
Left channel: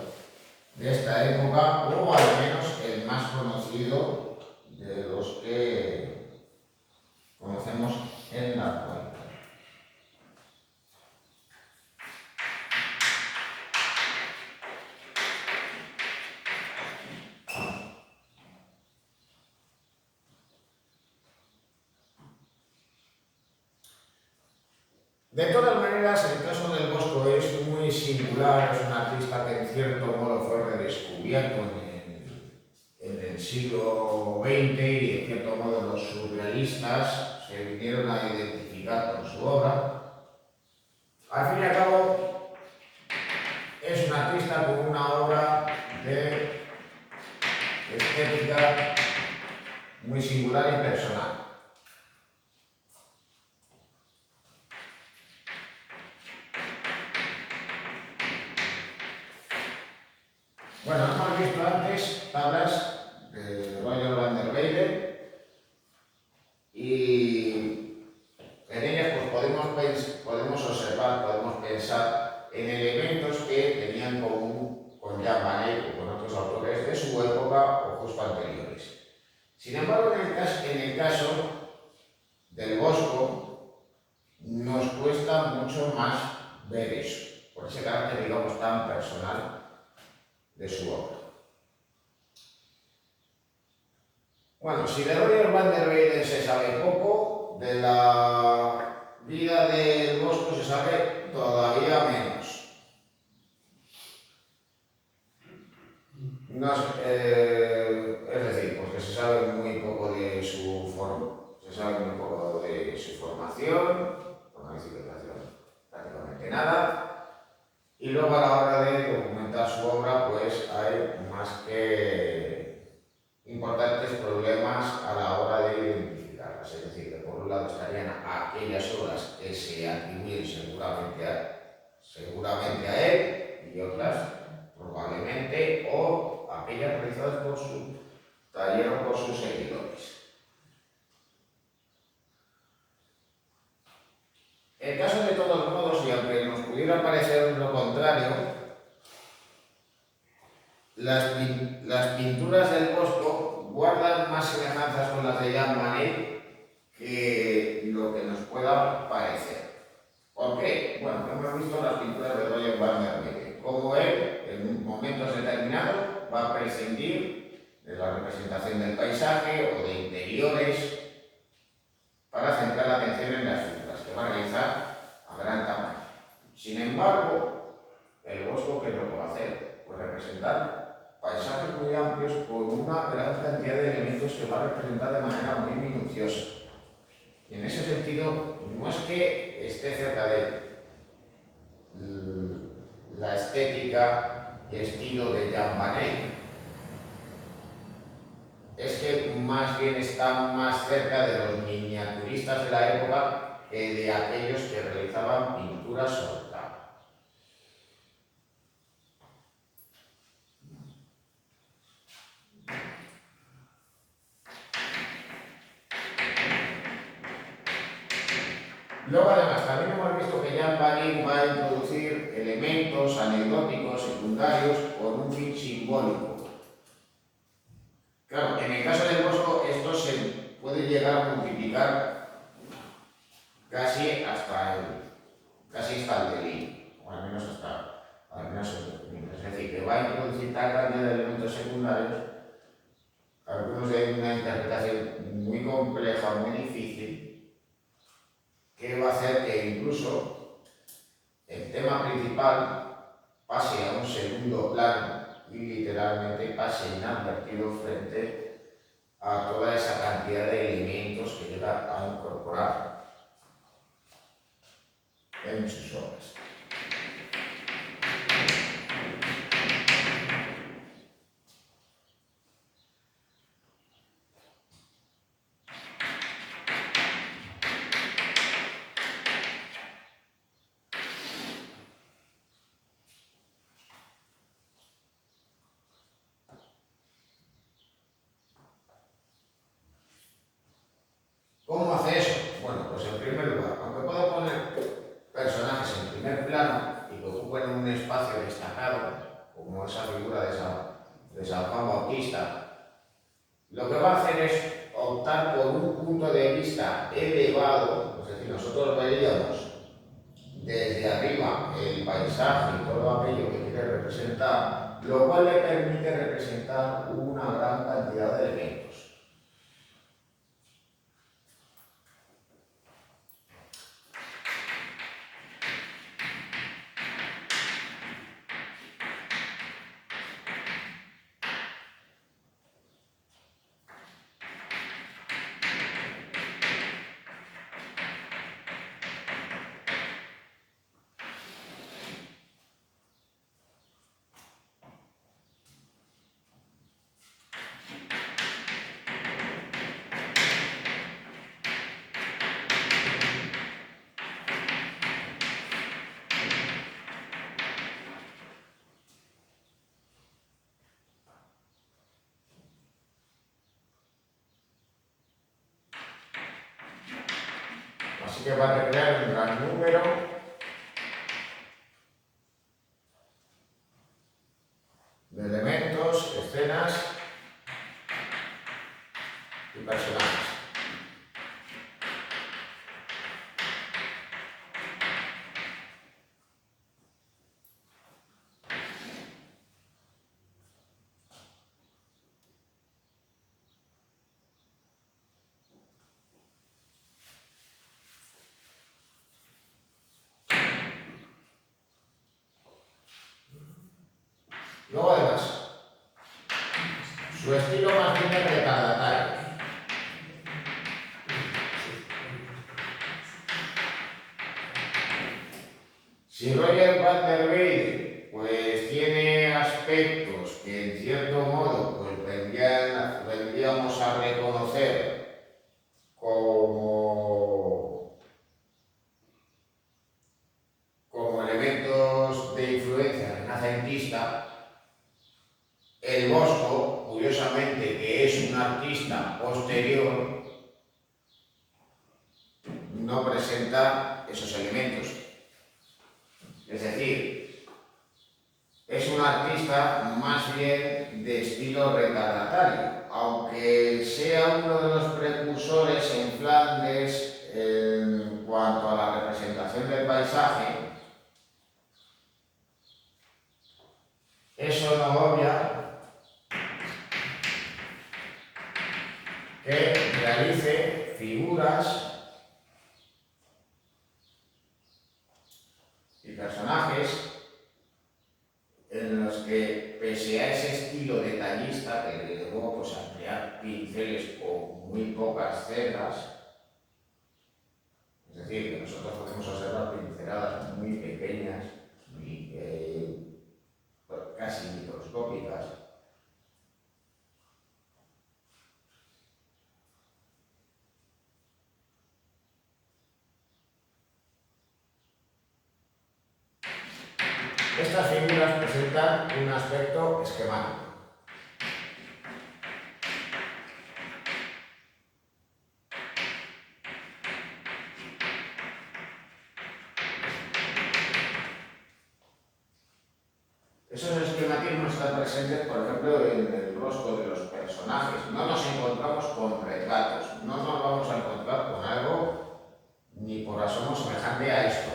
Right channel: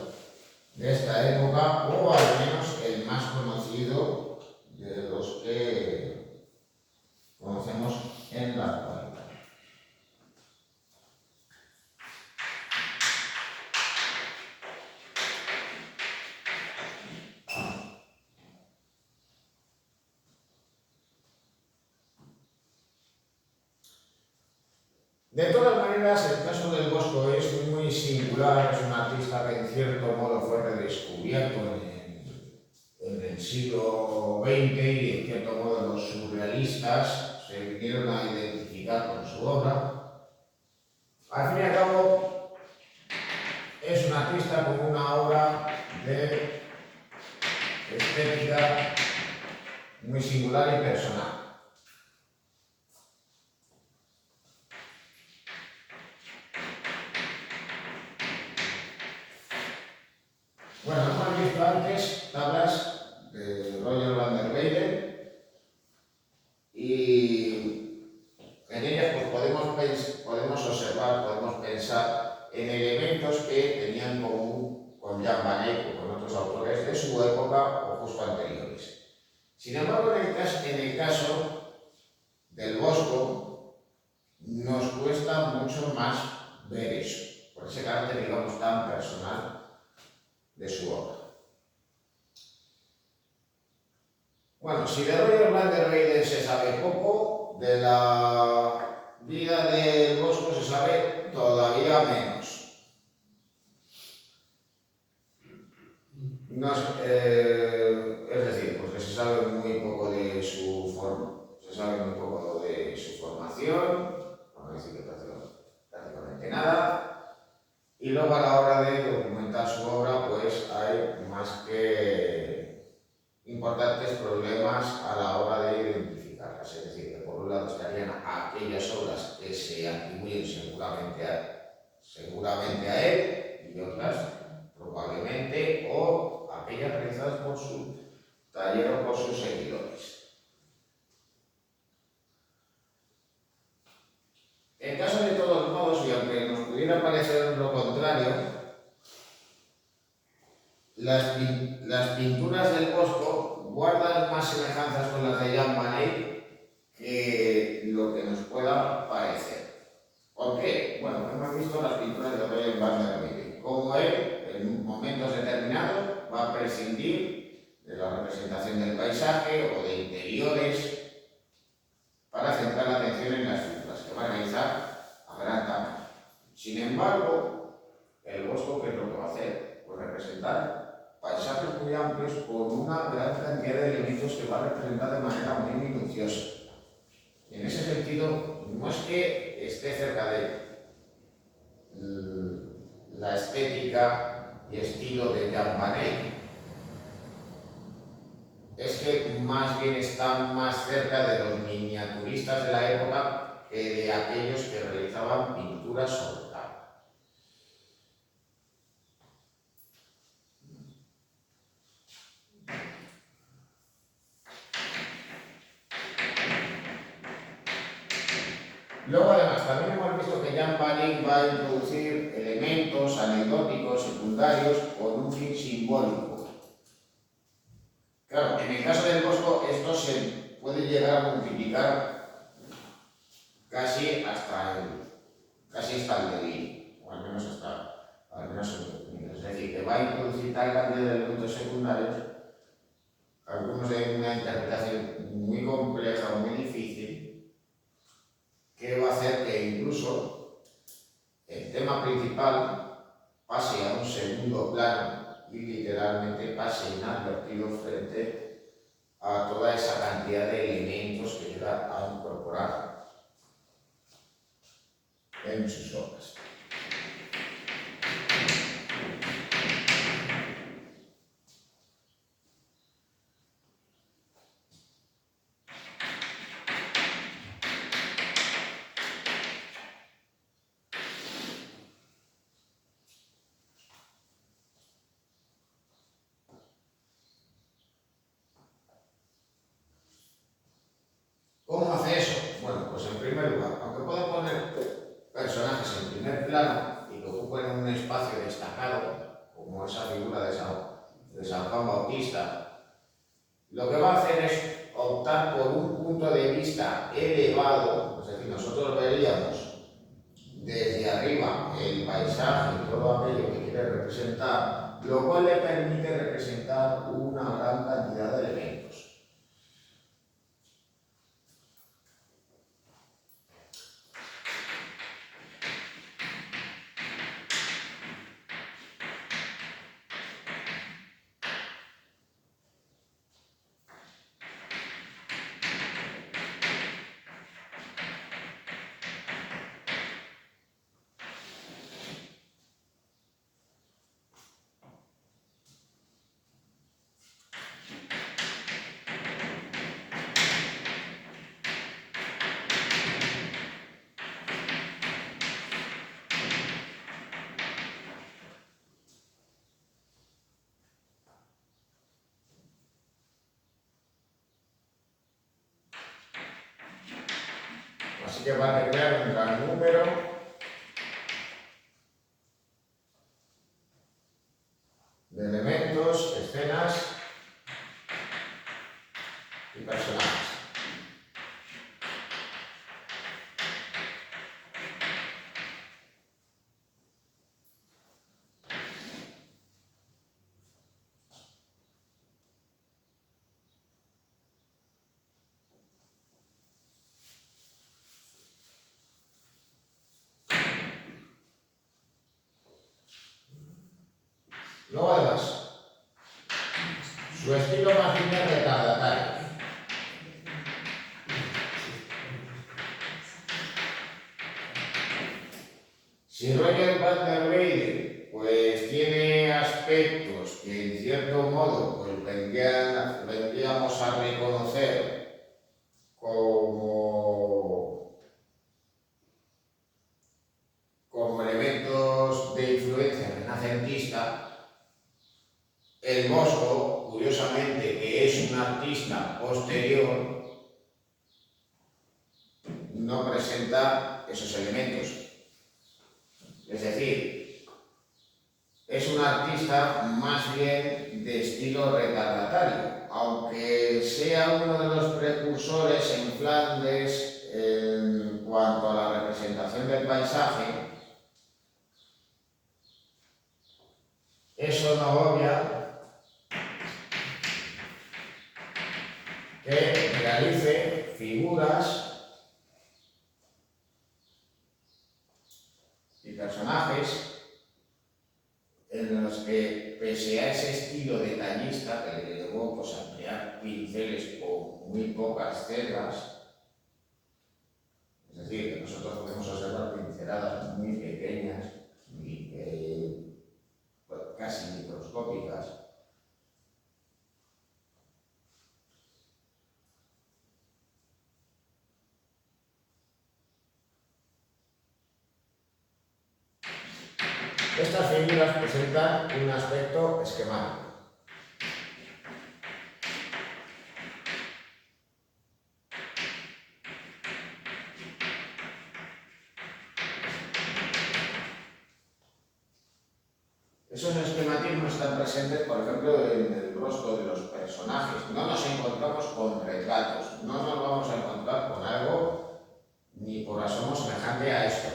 de esta época, o al menos el más conocido de los que conocemos en la actualidad. De todas maneras, el caso del Bosco es muy singular, es un artista que en cierto modo fue redescubierto en el siglo XX y en cierto modo los surrealistas se vinieron a identificar con su obra. Al fin y al cabo, es un artista con una obra de estética muy singular y personal. Bueno, hemos visto antes tablas de Roger van der Weyden y en ellas pues, podemos observar, podemos pensar en elementos que tenían en común con Jan van Eyck o con otros autores de su época o justo anteriores. Sin embargo, en el caso del Bosco nos cuesta mucho más ver eso, por ese carácter, digamos, tan personal de su obra. Bueno, si de Roger van der Weyden se sabe poco, de la vida del Bosco se sabe todavía menos. Es decir, porque se sabe muy poco de su formación, no decir que prácticamente nada. Y luego a la hora de documentar su obra, pues hay más que importantes problemas a la hora de identificarlas. Es decir, que por un lado estarían aquellas obras que se atribuyen seguramente a él y otras probablemente, o aquellas realizadas por su taller o por sus seguidores. En caso de todos modos, y aunque nos pudiera parecer lo contrario, las pinturas del Bosco guardan más semejanzas con las de Jan van Eyck que lo que nos pueda parecer. ¿Por qué? Bueno, hemos visto las pinturas de Roger van der Weyden, cómo él, en momentos determinados, va a prescindir de la representación del paisaje o de interiores para centrar la atención en las figuras que va a realizar a gran tamaño. Sin embargo, el Bosco, ¿qué es lo que va a hacer? Pues representar paisajes muy amplios con una gran cantidad de elementos que va a representar de manera muy minuciosa. Y en ese sentido, no es que esté cerca de la estética y estilo de Jan van Eyck, es que más bien está más cerca de los miniaturistas de la época que de aquellos que realizaban pinturas sobre tabla. Luego, además, también hemos visto que Jan van Eyck va a introducir elementos anecdóticos secundarios con un fin simbólico. Claro, en el caso del Bosco, esto se puede llegar a multiplicar casi hasta el delito, o al menos el dominio. Es decir, que va a introducir tal cantidad de elementos secundarios, algunos de una interpretación muy compleja, muy difícil, que va a hacer que incluso el tema principal pase a un segundo plano y literalmente pase inadvertido frente a toda esa cantidad de elementos que llega a incorporar en sus obras. ¿Cómo hace eso? Bueno, pues en primer lugar, aunque puedo poner personajes en primer plano y que ocupen un espacio destacado, como esa figura de San Juan Bautista, lo que va a hacer es optar por un punto de vista elevado, es decir, nosotros veríamos desde arriba el paisaje y todo aquello que quiere representar, lo cual le permite representar una gran cantidad de elementos. Así que van a crear un gran número de elementos, escenas y personajes. Luego, además, su estilo más bien es retardatario. Si Roger van der Weyden pues tiene aspectos que en cierto modo pues vendríamos a reconocer como elementos de influencia renacentista, el Bosco, curiosamente, que es un artista posterior, no presenta esos elementos. Es decir, es un artista más bien de estilo retardatario, aunque sea uno de los precursores en Flandes en cuanto a la representación del paisaje. Eso no obvia que realice figuras y personajes en los que, pese a ese estilo detallista que le llevó pues, a emplear pinceles con muy pocas cerdas, es decir, nosotros podemos observar pinceladas muy pequeñas, casi microscópicas. Estas figuras presentan un aspecto esquemático. Esos esquematismos están presentes, por ejemplo, en el rostro de los personajes. No nos encontramos con retratos, no nos vamos a encontrar con algo ni por asomo semejante a esto.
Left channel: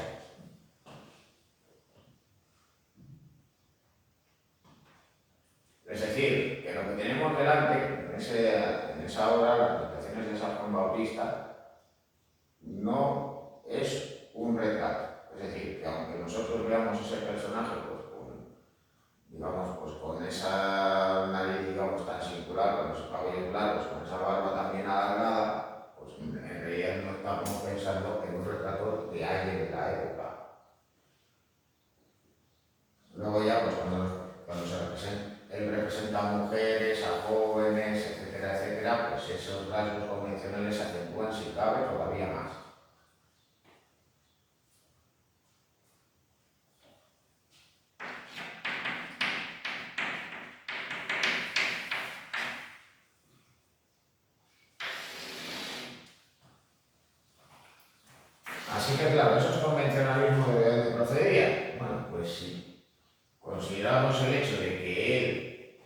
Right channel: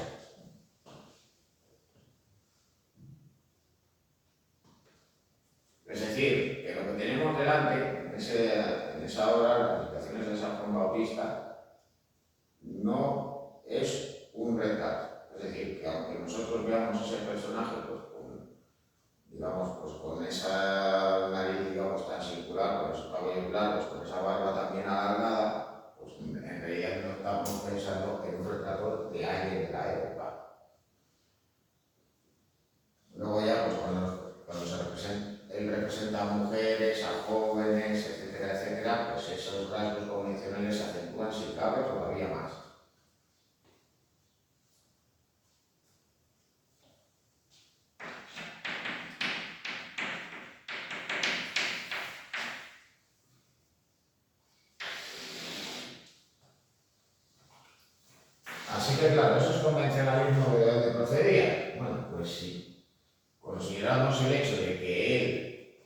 Es decir, que lo que tenemos delante en esa obra, las meditaciones de San Juan Bautista, no es un retrato. Es decir, que aunque nosotros veamos ese personaje con esa nariz, digamos, tan singular, con esos cabellos largos, con esa barba también alargada, pues en realidad no estamos pensando en un retrato de alguien de la época. Luego ya, pues cuando él representa a mujeres, a jóvenes, etcétera, etcétera, pues esos rasgos convencionales se acentúan, si cabe, todavía más. Así que claro, ¿eso es convencionalismo de dónde procedía? Bueno, pues si consideramos el hecho de que él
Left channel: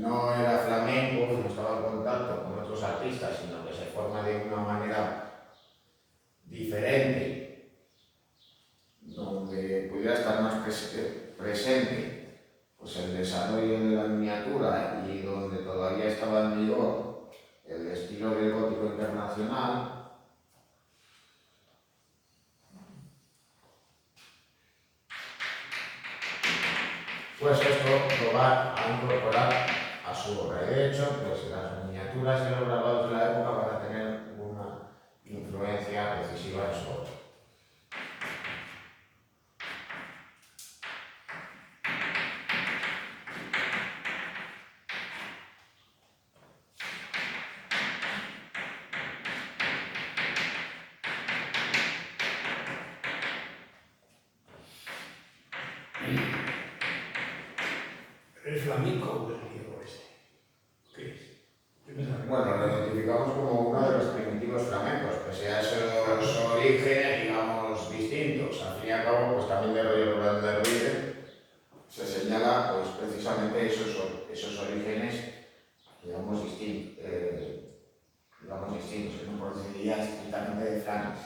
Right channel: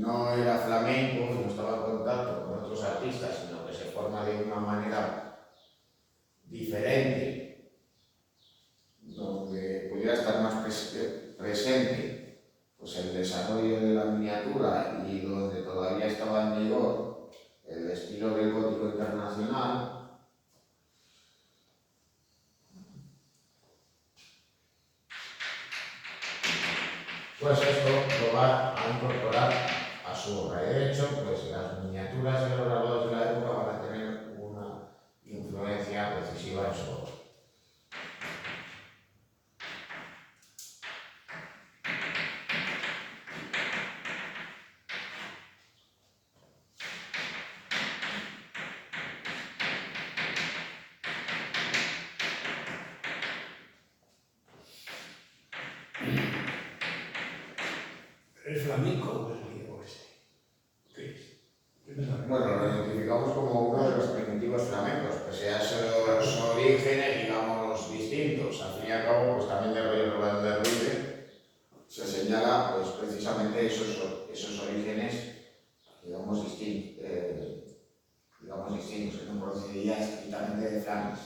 no era flamenco, no estaba en contacto con otros artistas, sino que se forma de una manera diferente, donde pudiera estar más presente pues el desarrollo de la miniatura y donde todavía estaba en vigor el estilo del gótico internacional, pues esto lo va a incorporar a su obra. De hecho, pues las miniaturas de los grabados de la época van a tener una influencia decisiva en su obra. ¿Es flamenco o es griego este? ¿Qué es? Yo pensaba que- Bueno, lo identificamos como uno de los primitivos flamencos, pese a esos orígenes, digamos, distintos. Al fin y al cabo, pues también de Río Rolando de Ruiz se señala, pues precisamente esos orígenes, digamos, distintos, que no procedían estrictamente de Flandes.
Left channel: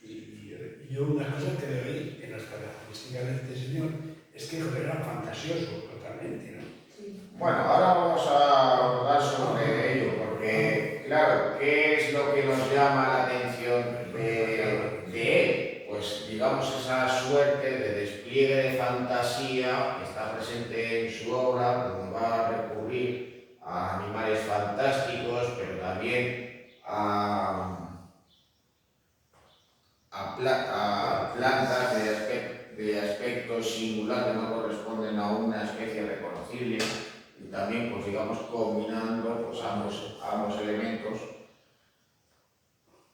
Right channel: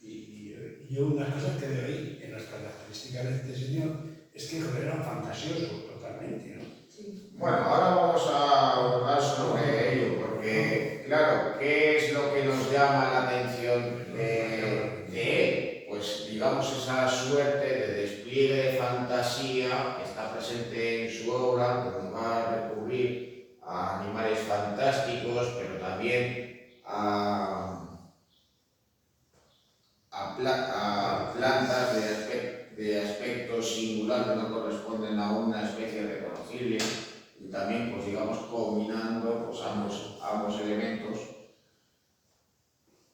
Y yo una cosa que veo ahí en las características de este señor es que era fantasioso totalmente, ¿no? Sí. Bueno, ahora vamos a abordar sobre ello, porque, claro, ¿qué es lo que nos llama la atención de él? Pues, digamos, esa suerte de despliegue de fantasía que está presente en su obra, donde va a recurrir a animales fantásticos, pero también a plantas de aspecto singular que no corresponden a una especie reconocible, y también, pues digamos, combinando pues, ambos elementos,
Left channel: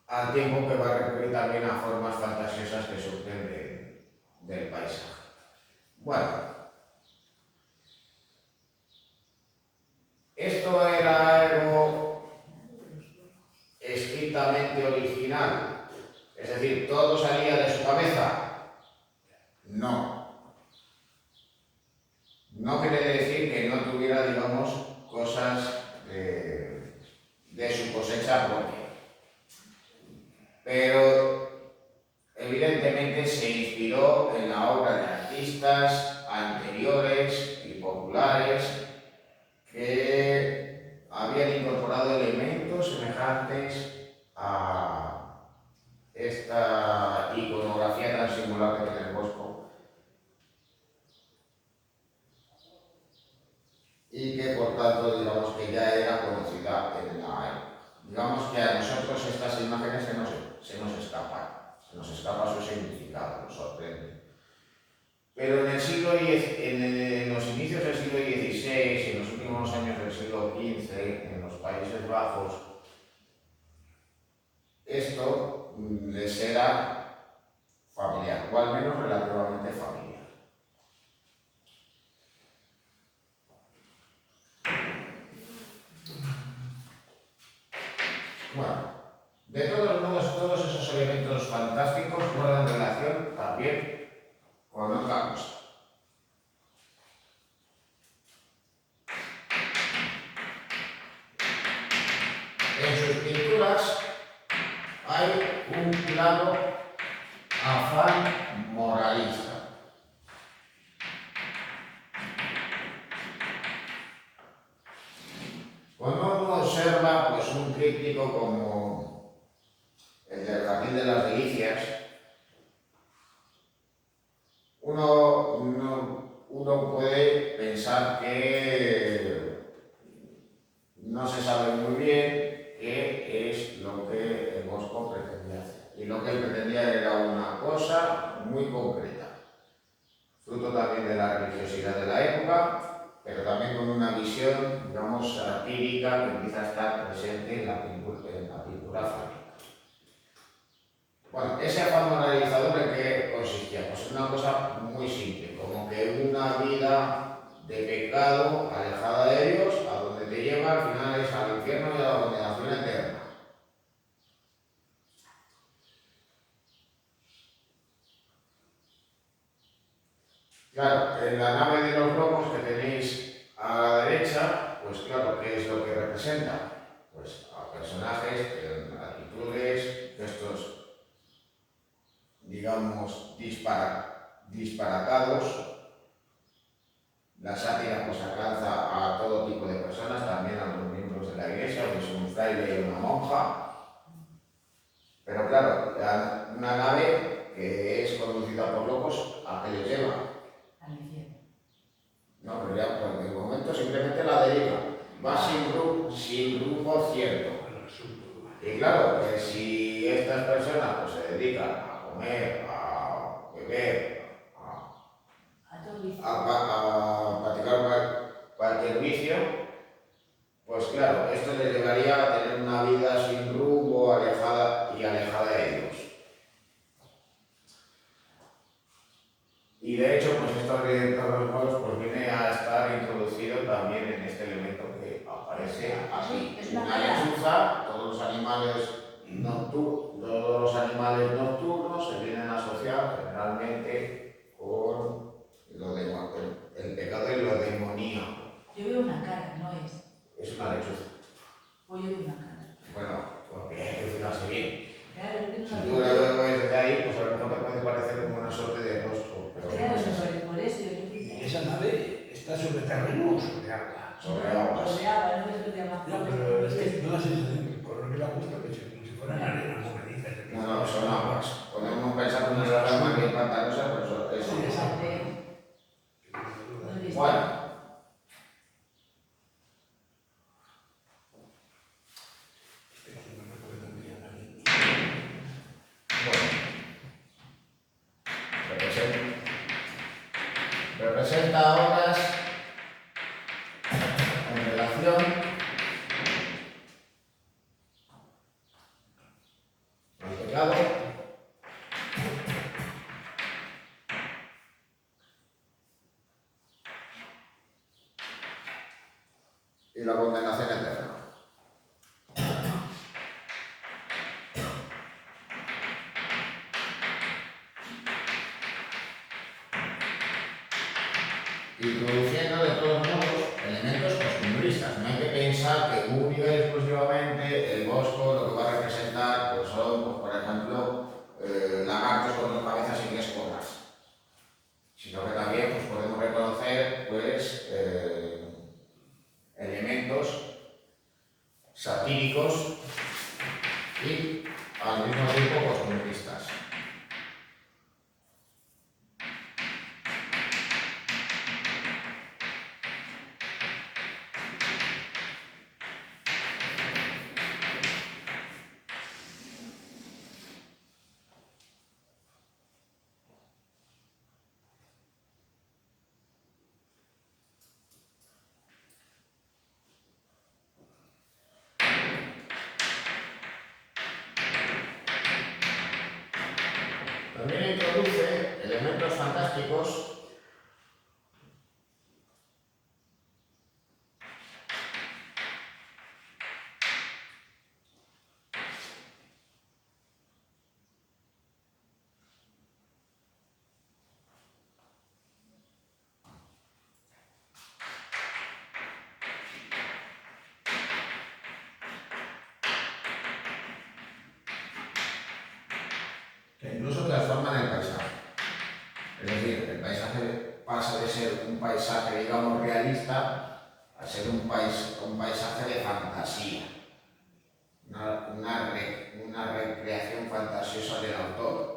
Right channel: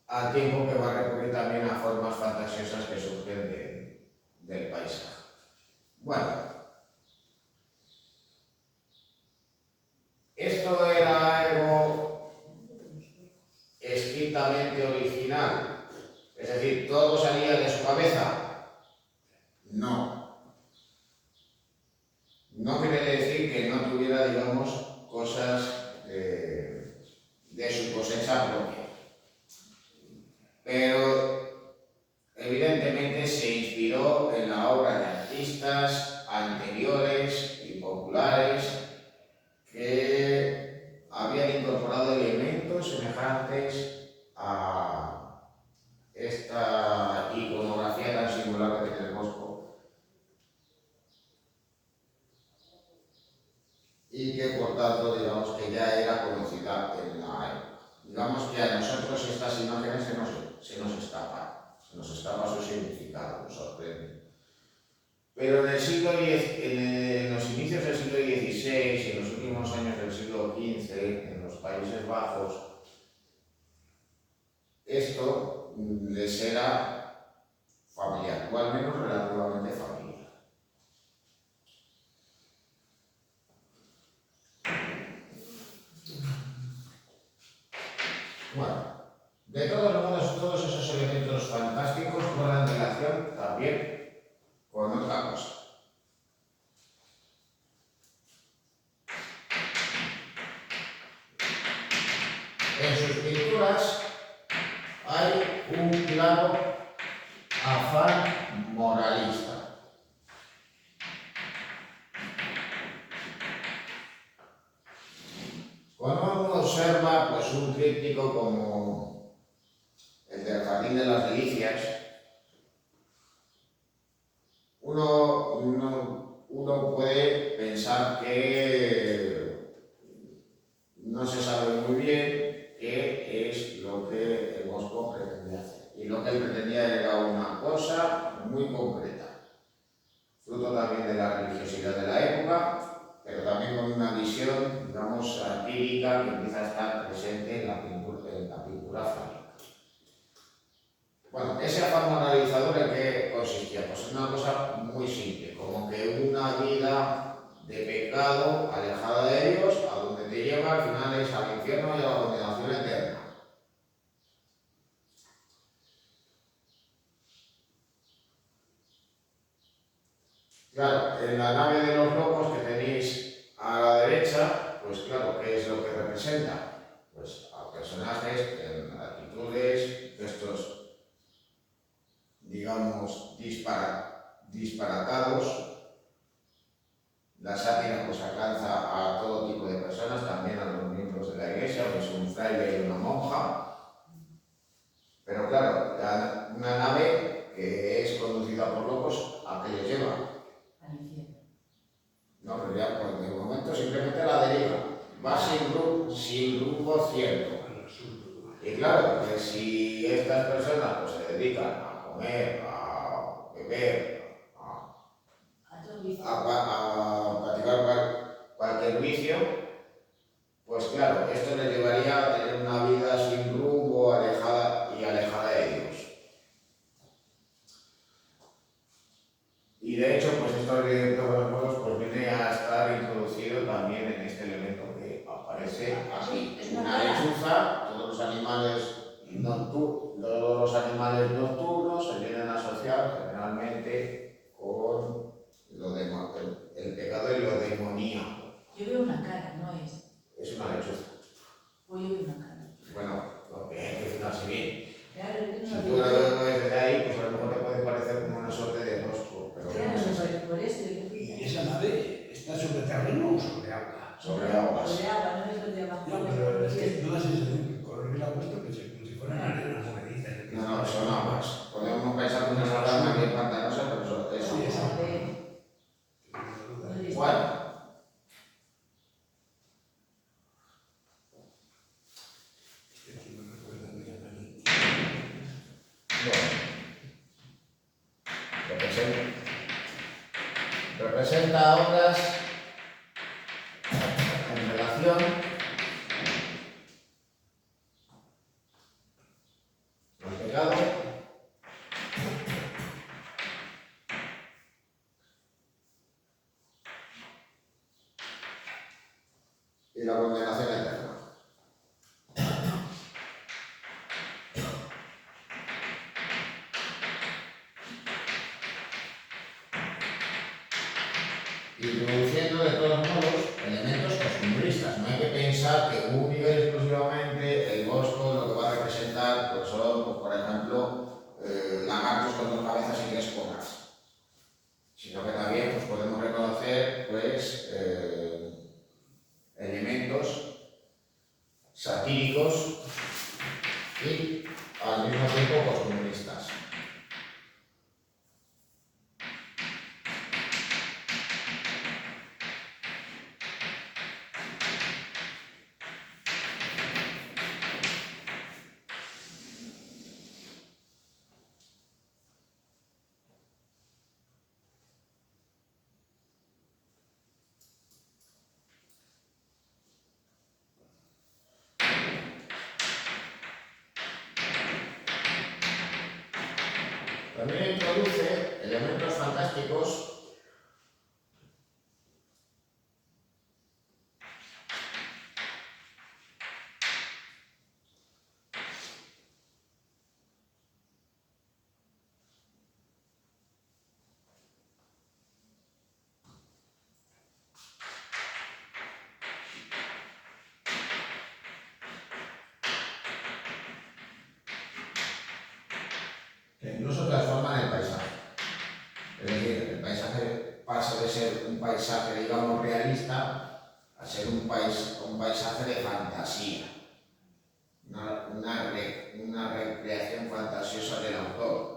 al tiempo que va a recurrir también a formas fantasiosas que surgen del paisaje. Bueno, esto era algo estrictamente original, es decir, todo salía de su cabeza. No. No quiere decir que no tuviera, digamos, cosas de su cosecha propia. Pero evidentemente se inspiró en la obra de artistas anteriores y populares que habían incorporado elementos semejantes a esta iconografía tan singular que tiene el Bosco, y que por tanto digamos que ya era conocida en la época. Digamos que a nosotros estas imágenes se nos escapan. se nos escapa su significado, nos sorprende. Pero en los inicios del siglo XVI y en los últimos años del siglo XV, en los Países Bajos, esto les era familiar, o al menos relativamente familiar. Bueno, de todos modos, todos esos elementos fantásticos guardan relación también con otra cosa. En sus pinturas hay un claro afán moralista. Cuando uno observa pues, un tríptico como el del Jardín de las Delicias, uno puede pensar que no se sabe muy bien qué es lo que el Bosco pretendía hacer. Y lo que él pretendía era una cosa muy concreta, fruto también de la religiosidad de la época, pero también con una visión, digamos, satírica que empieza a estar presente en la pintura flamenca. Bueno, ese afán moralizador ¿en qué consistía? Pues en una cosa muy simple, como que una vida de pecado alejada de Dios, a donde te lleva al final es al infierno y a la condenación eterna. Claro, en la nave de los locos que tenéis a la derecha, pues claro, ¿qué es lo que representa? Pues a personajes en actitudes, gestos, digamos, disparatados. La sátira pues alcanza a todo tipo de personas, también a los miembros de la iglesia, pues un fraile y una monja. Pero claro, una nave que es conducida por locos, ¿a qué les lleva? Al infierno. No, pero ya por el momento simplemente la deriva. Va sin rumbo cierto. Y claro, que si estas personas pues, se dedican a comer, a beber, a practicar cualquier vicio, pues claro, esto le llevaría a tener una vida sin rumbo, alejada de Dios. Y de hecho, pues esto de todos los modos pues viene a estar introducido también en este elemento que aparece aquí. Una lechuza, todos los animales nocturnos se vienen a asociar generalmente con el pecado y lo demoníaco. Yo veo una cara, no es. Es una lechuza. Pues yo veo una cara. Bueno, porque hay que fijarse bien. Claro, Si tú lo ves desde ahí, pues a lo mejor te puede parecer como una suerte de rostro, pero claro, no es así. por eso yo ¿Y esa nave está sobre terreno o sobre agua? Sobre aguas. Sobre agua, no es sobre agua. No, pero es que no da sensación que el color que le ha puesto que como si fueran arenas movedizas. No, son aguas. Podemos pensar que una rama bien pantanosa, pero es Sí, exacto. Bueno. Representa obras en relación al pecado y la condenación eterna. Introduciendo de todos modos elementos costumbristas. No hay que pensar que única y exclusivamente el Bosco lo que va a representar pues son, pues, por ejemplo, lagartos con dos cabezas y tres colas, sino que también pues, podemos reconocer pues, elementos satíricos y al mismo tiempo costumbristas. También introduce elementos fantásticos que incluso transforman el paisaje. Es decir, el paisaje pasa de ser un paisaje, digamos, realista a ser un paisaje de fantasía, una recreación fantasiosa del autor.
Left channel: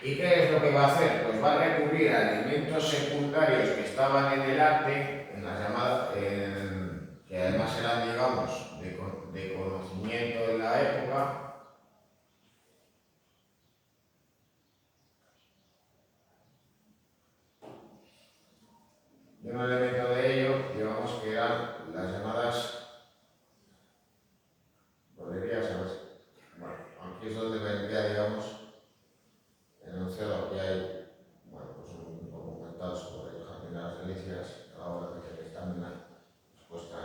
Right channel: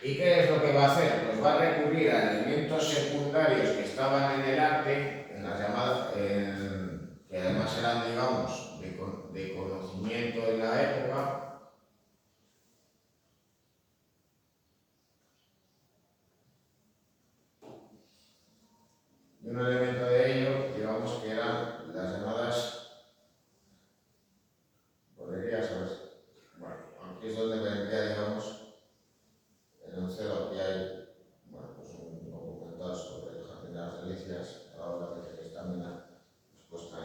¿Y qué es lo que va a hacer? Pues va a recurrir a elementos secundarios que estaban en el arte, en las llamadas, que además eran, digamos, de conocimiento de la época, y un elemento de ello, digamos, que eran las llamadas bolerías, ¿sabes? Bueno, aquí es donde vendría, digamos, enunciado. Aquí hay, bueno, pues un documental sobre el Jardín de las Delicias, a la hora de que están en la puesta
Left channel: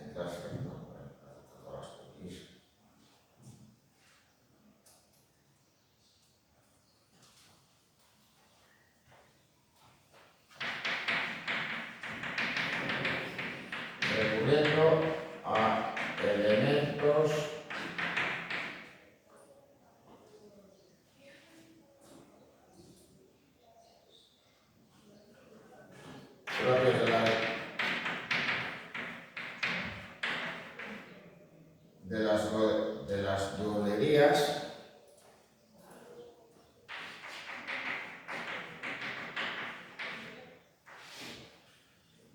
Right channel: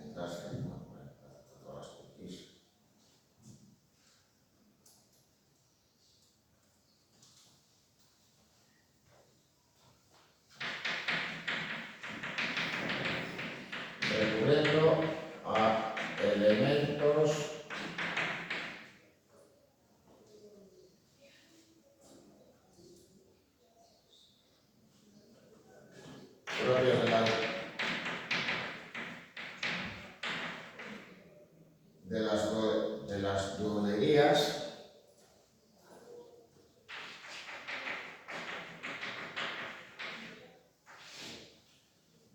en clase, ¿no? Bueno, para todas las cookies. Recurriendo a elementos propios de las duolerías.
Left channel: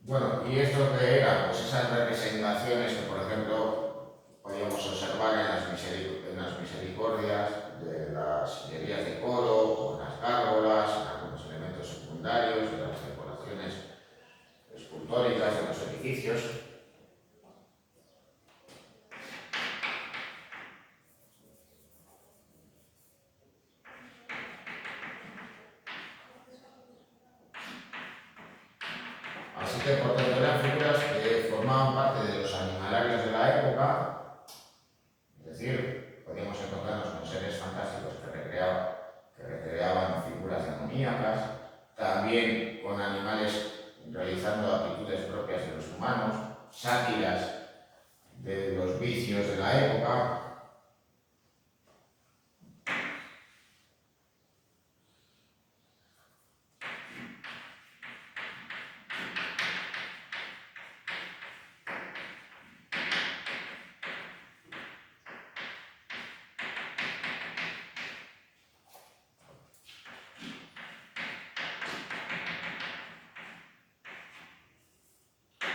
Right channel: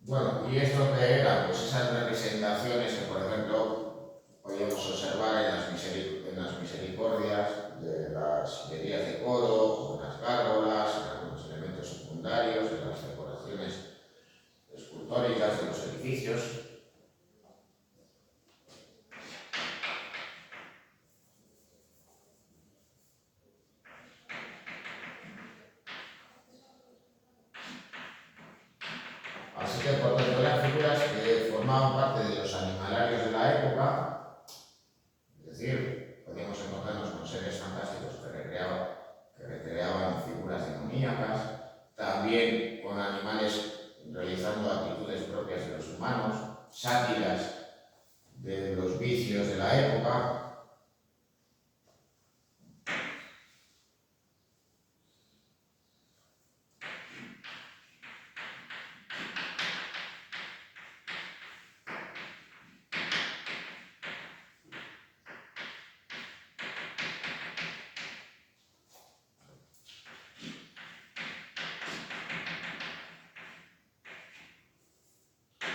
Bueno, y esto que era, pues esas representaciones que, por ejemplo, podíamos observar en las misericordias de las sillerías de coro, o en las gárgolas, en algunos elementos secundarios de las decoraciones escultóricas de los edificios. Así que, por tanto, eran figuras que formaban parte de los animalarios de la época, es decir, podíamos encontrarnos con seres fantásticos que recreaban figuras demoníacas, también con animales realizando actitudes propias de los humanos, sátiras de los vicios de la época.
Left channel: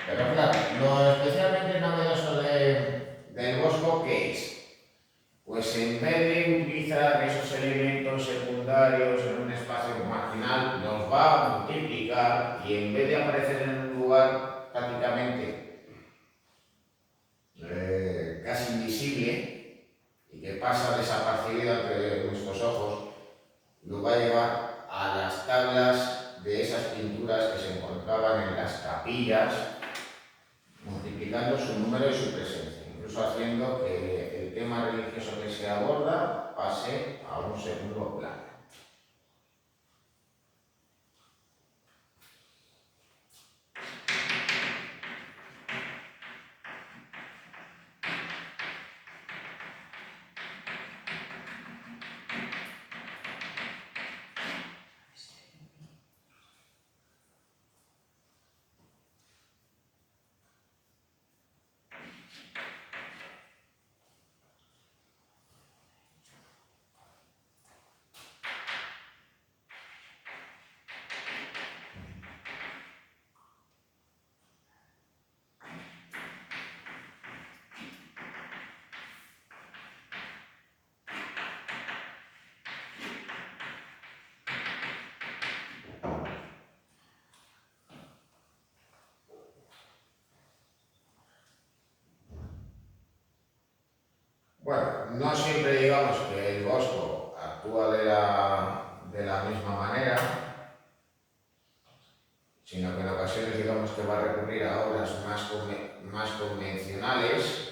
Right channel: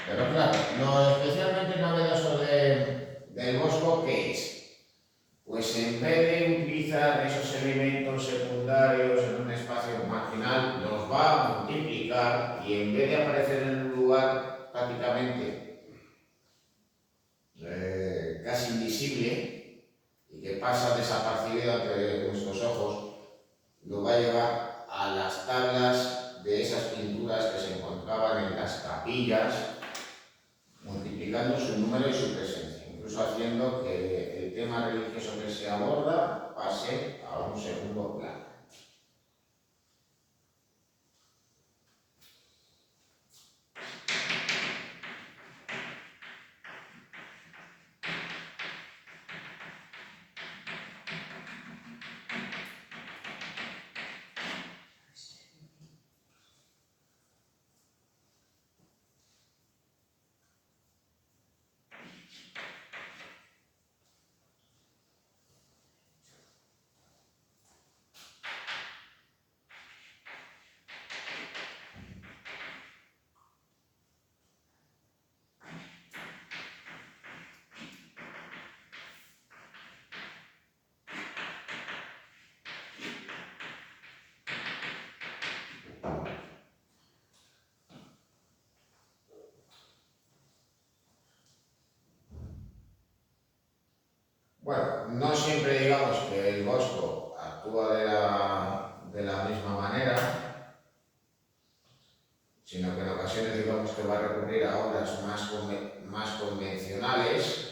Pero claro, lo especialmente novedoso del Bosco, ¿qué es? Pues en vez de utilizar esos elementos secundarios en un espacio marginal, los va a multiplicar y en vez de aparecer en un lugar prácticamente casi invisible y que pasa desapercibido ante nuestros ojos, lo va a llevar a las tablas de esas pinturas que se encontraban en las capillas, multiplicando su número y su presencia, incluso haciendo que el tema religioso que se aborda pase a un segundo plano. no siempre digamos que el Bosco actúa de la misma manera, sino que en ocasiones digamos que va a recurrir a obras más convencionales,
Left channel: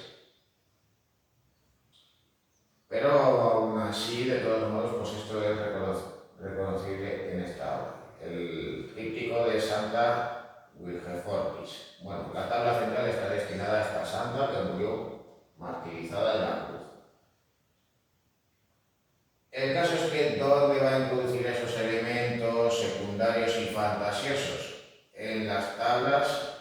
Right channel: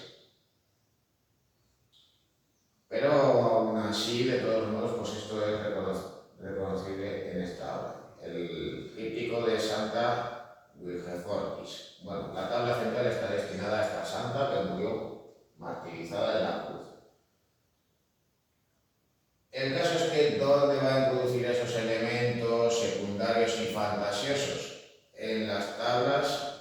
pero aún así, de todos modos, pues esto es reconocible en esta obra. El tríptico de Santa Wilgefortis. Bueno, la tabla central está destinada a esta santa que murió martirizada en la cruz. El caso es que ¿dónde va a introducir esos elementos secundarios y fantasiosos? En las tablas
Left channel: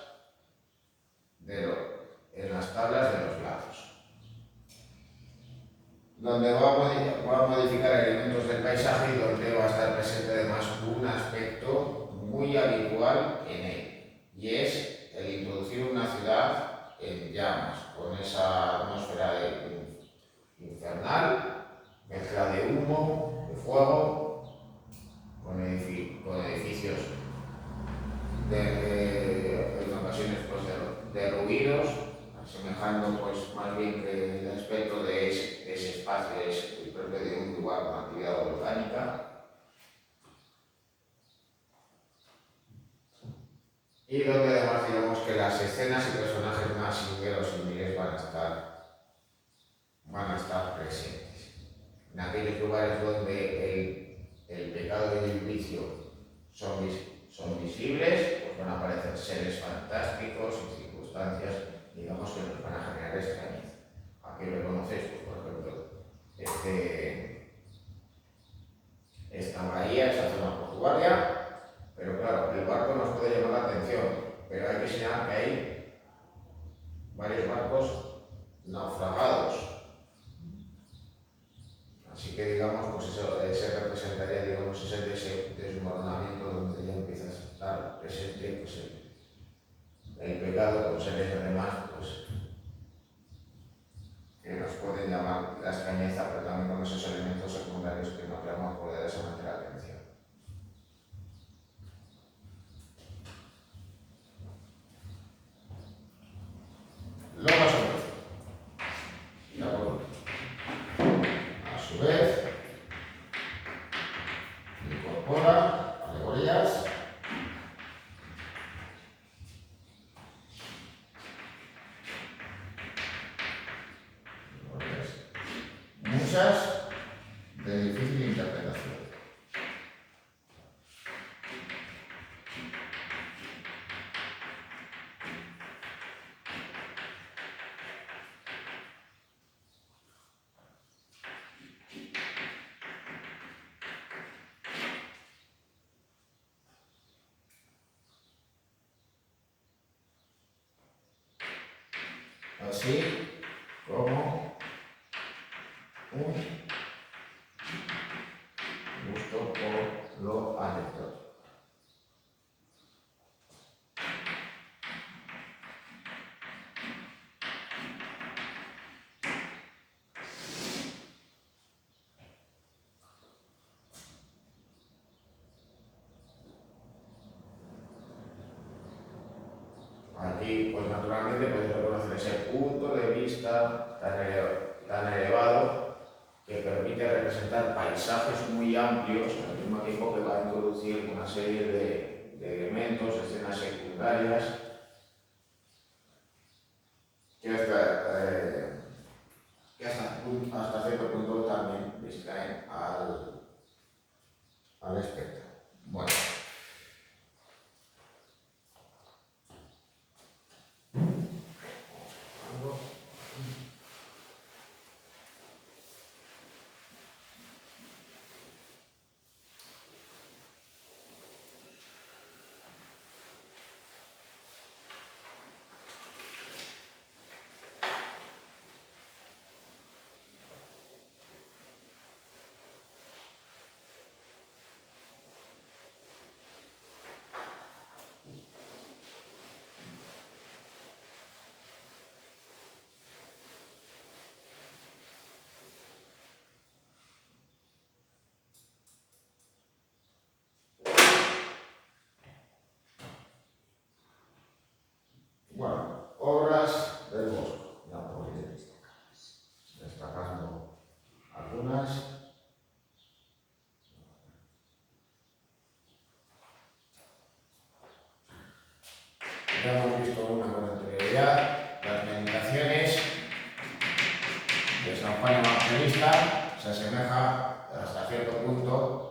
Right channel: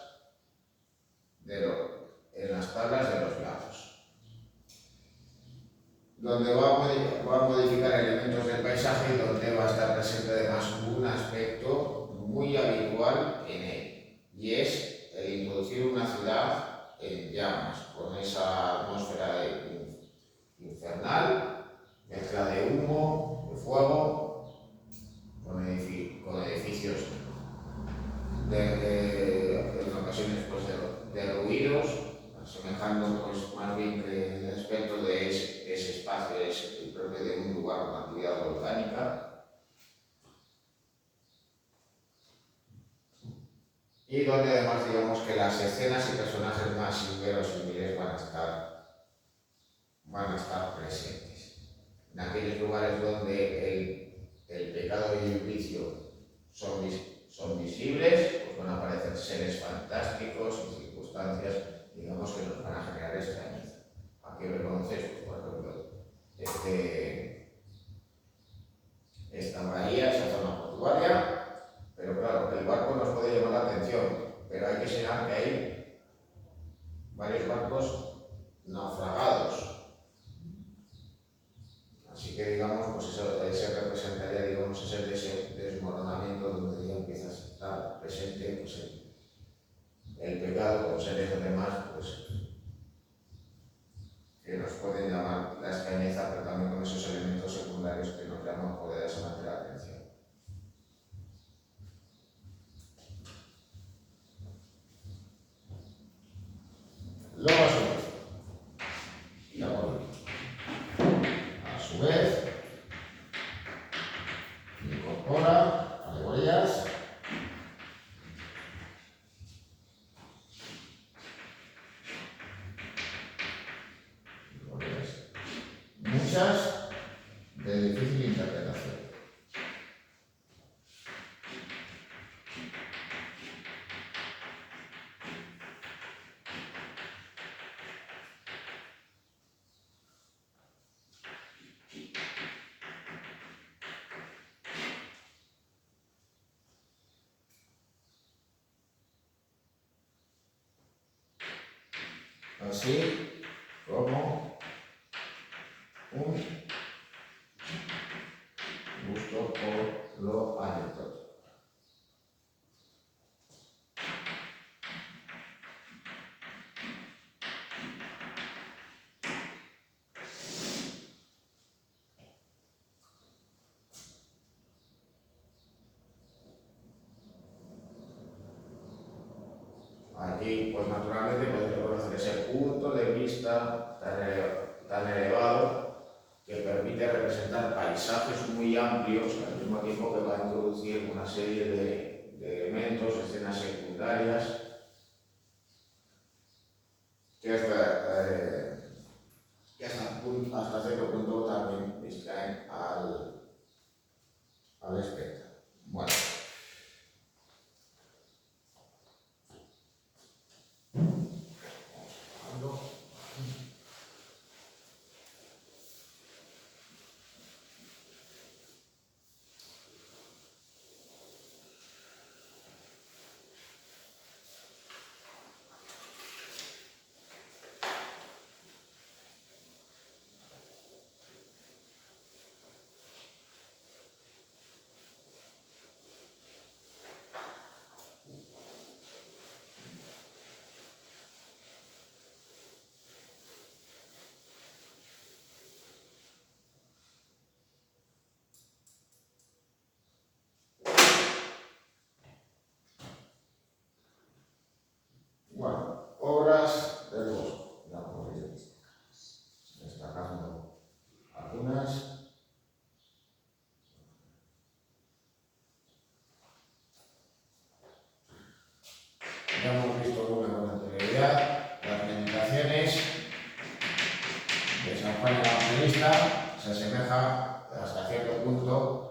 de los lados, donde va a modificar elementos del paisaje y donde va a estar presente además un aspecto muy habitual en él, y es el introducir una ciudad en llamas, con esa atmósfera infernal, mezcla de humo, de fuego, con edificios en ocasiones pues, derruidos, asemejando pues, más bien que el aspecto de ese espacio es el propio de un lugar con actividad volcánica. Y donde además digamos que las escenas y personajes más inverosímiles van a estar presentes. En aquellos lugares donde el pecado y el vicio son visibles, pues van a aparecer seres fantásticos y circunstancias, digamos, que nos van a generar extrañeza. Aquí reconocéis, pues, por ejemplo, esta bahía, esa zona portuaria, pero claro, el barco nos puede llamar la atención, pero hay que señalar que hay varios barcos naufragados. Así que digamos, pues eso se representaría, digamos, ese desmoronamiento donde ya empieza a estar presente pues, el pecado con seres además, pues, que nos pueden llamar la extrañeza, pero también con esos elementos secundarios que nos llaman poderosamente la atención. Luego a su vez, incorpora alegorías muchas de difícil interpretación. Así como un gusto por lo anecdótico. Aquí, pues naturalmente, podéis reconocer ese punto de vista tan elevado que permite representar paisajes muy amplios, al mismo tiempo que va a introducir una serie de elementos, escenas secundarias, que hasta cierto punto también distraen al espectador. Bueno. se asemeja hasta cierto punto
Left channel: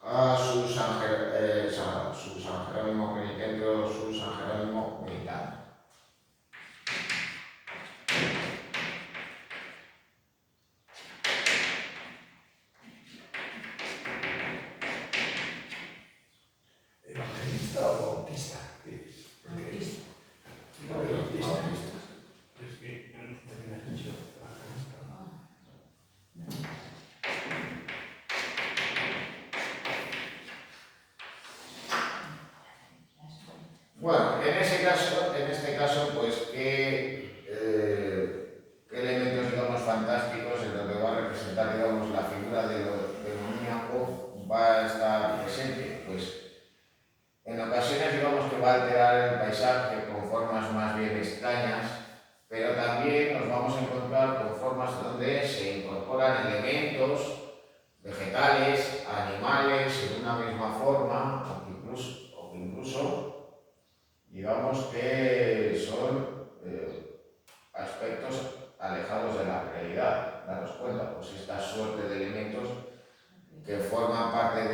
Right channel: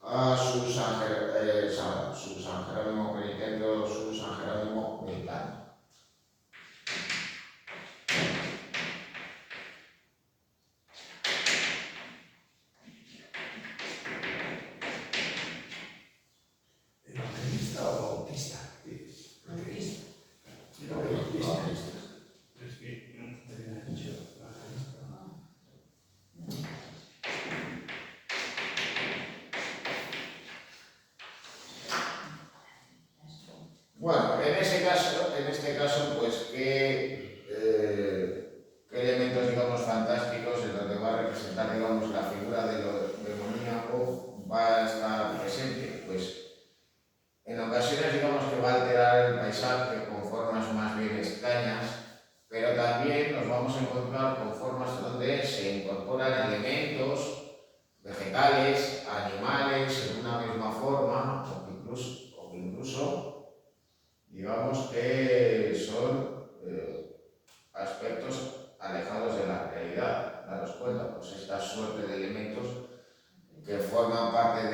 a su su San Jerónimo penitente o su San Jerónimo militante. ¿Evangelista o bautista? Bautista. No, bautista. Es que no te había dicho evangelista. Bueno, en este caso, pues, ¿qué elementos, digamos, fantásticos en donde va a representar, digamos, la figura de lo demoníaco va a estar presente? Pues, en ocasiones, digamos, que va a alterar el paisaje con formas más bien extrañas, pero también nos vamos a encontrar con formas donde se incorporan elementos vegetales, animales, en una misma forma, o que incluso digamos que son aspectos alejados de la realidad. Daros cuenta, pues esta suerte de elementos que forman parte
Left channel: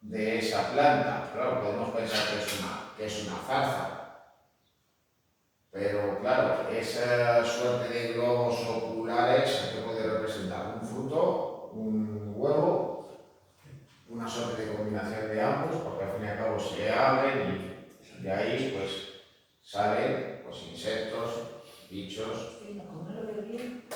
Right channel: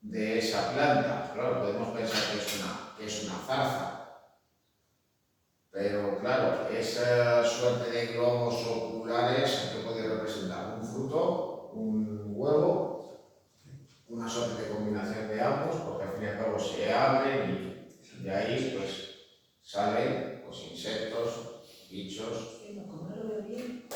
de esa planta. Claro, podemos pensar que es una zarza, pero claro, esa suerte de globos oculares que puede representar un fruto, un huevo, una suerte de combinación de ambos, porque al fin y al cabo se abren y de ahí pues salen pues, insectos, bichos. Como no lo veo bien.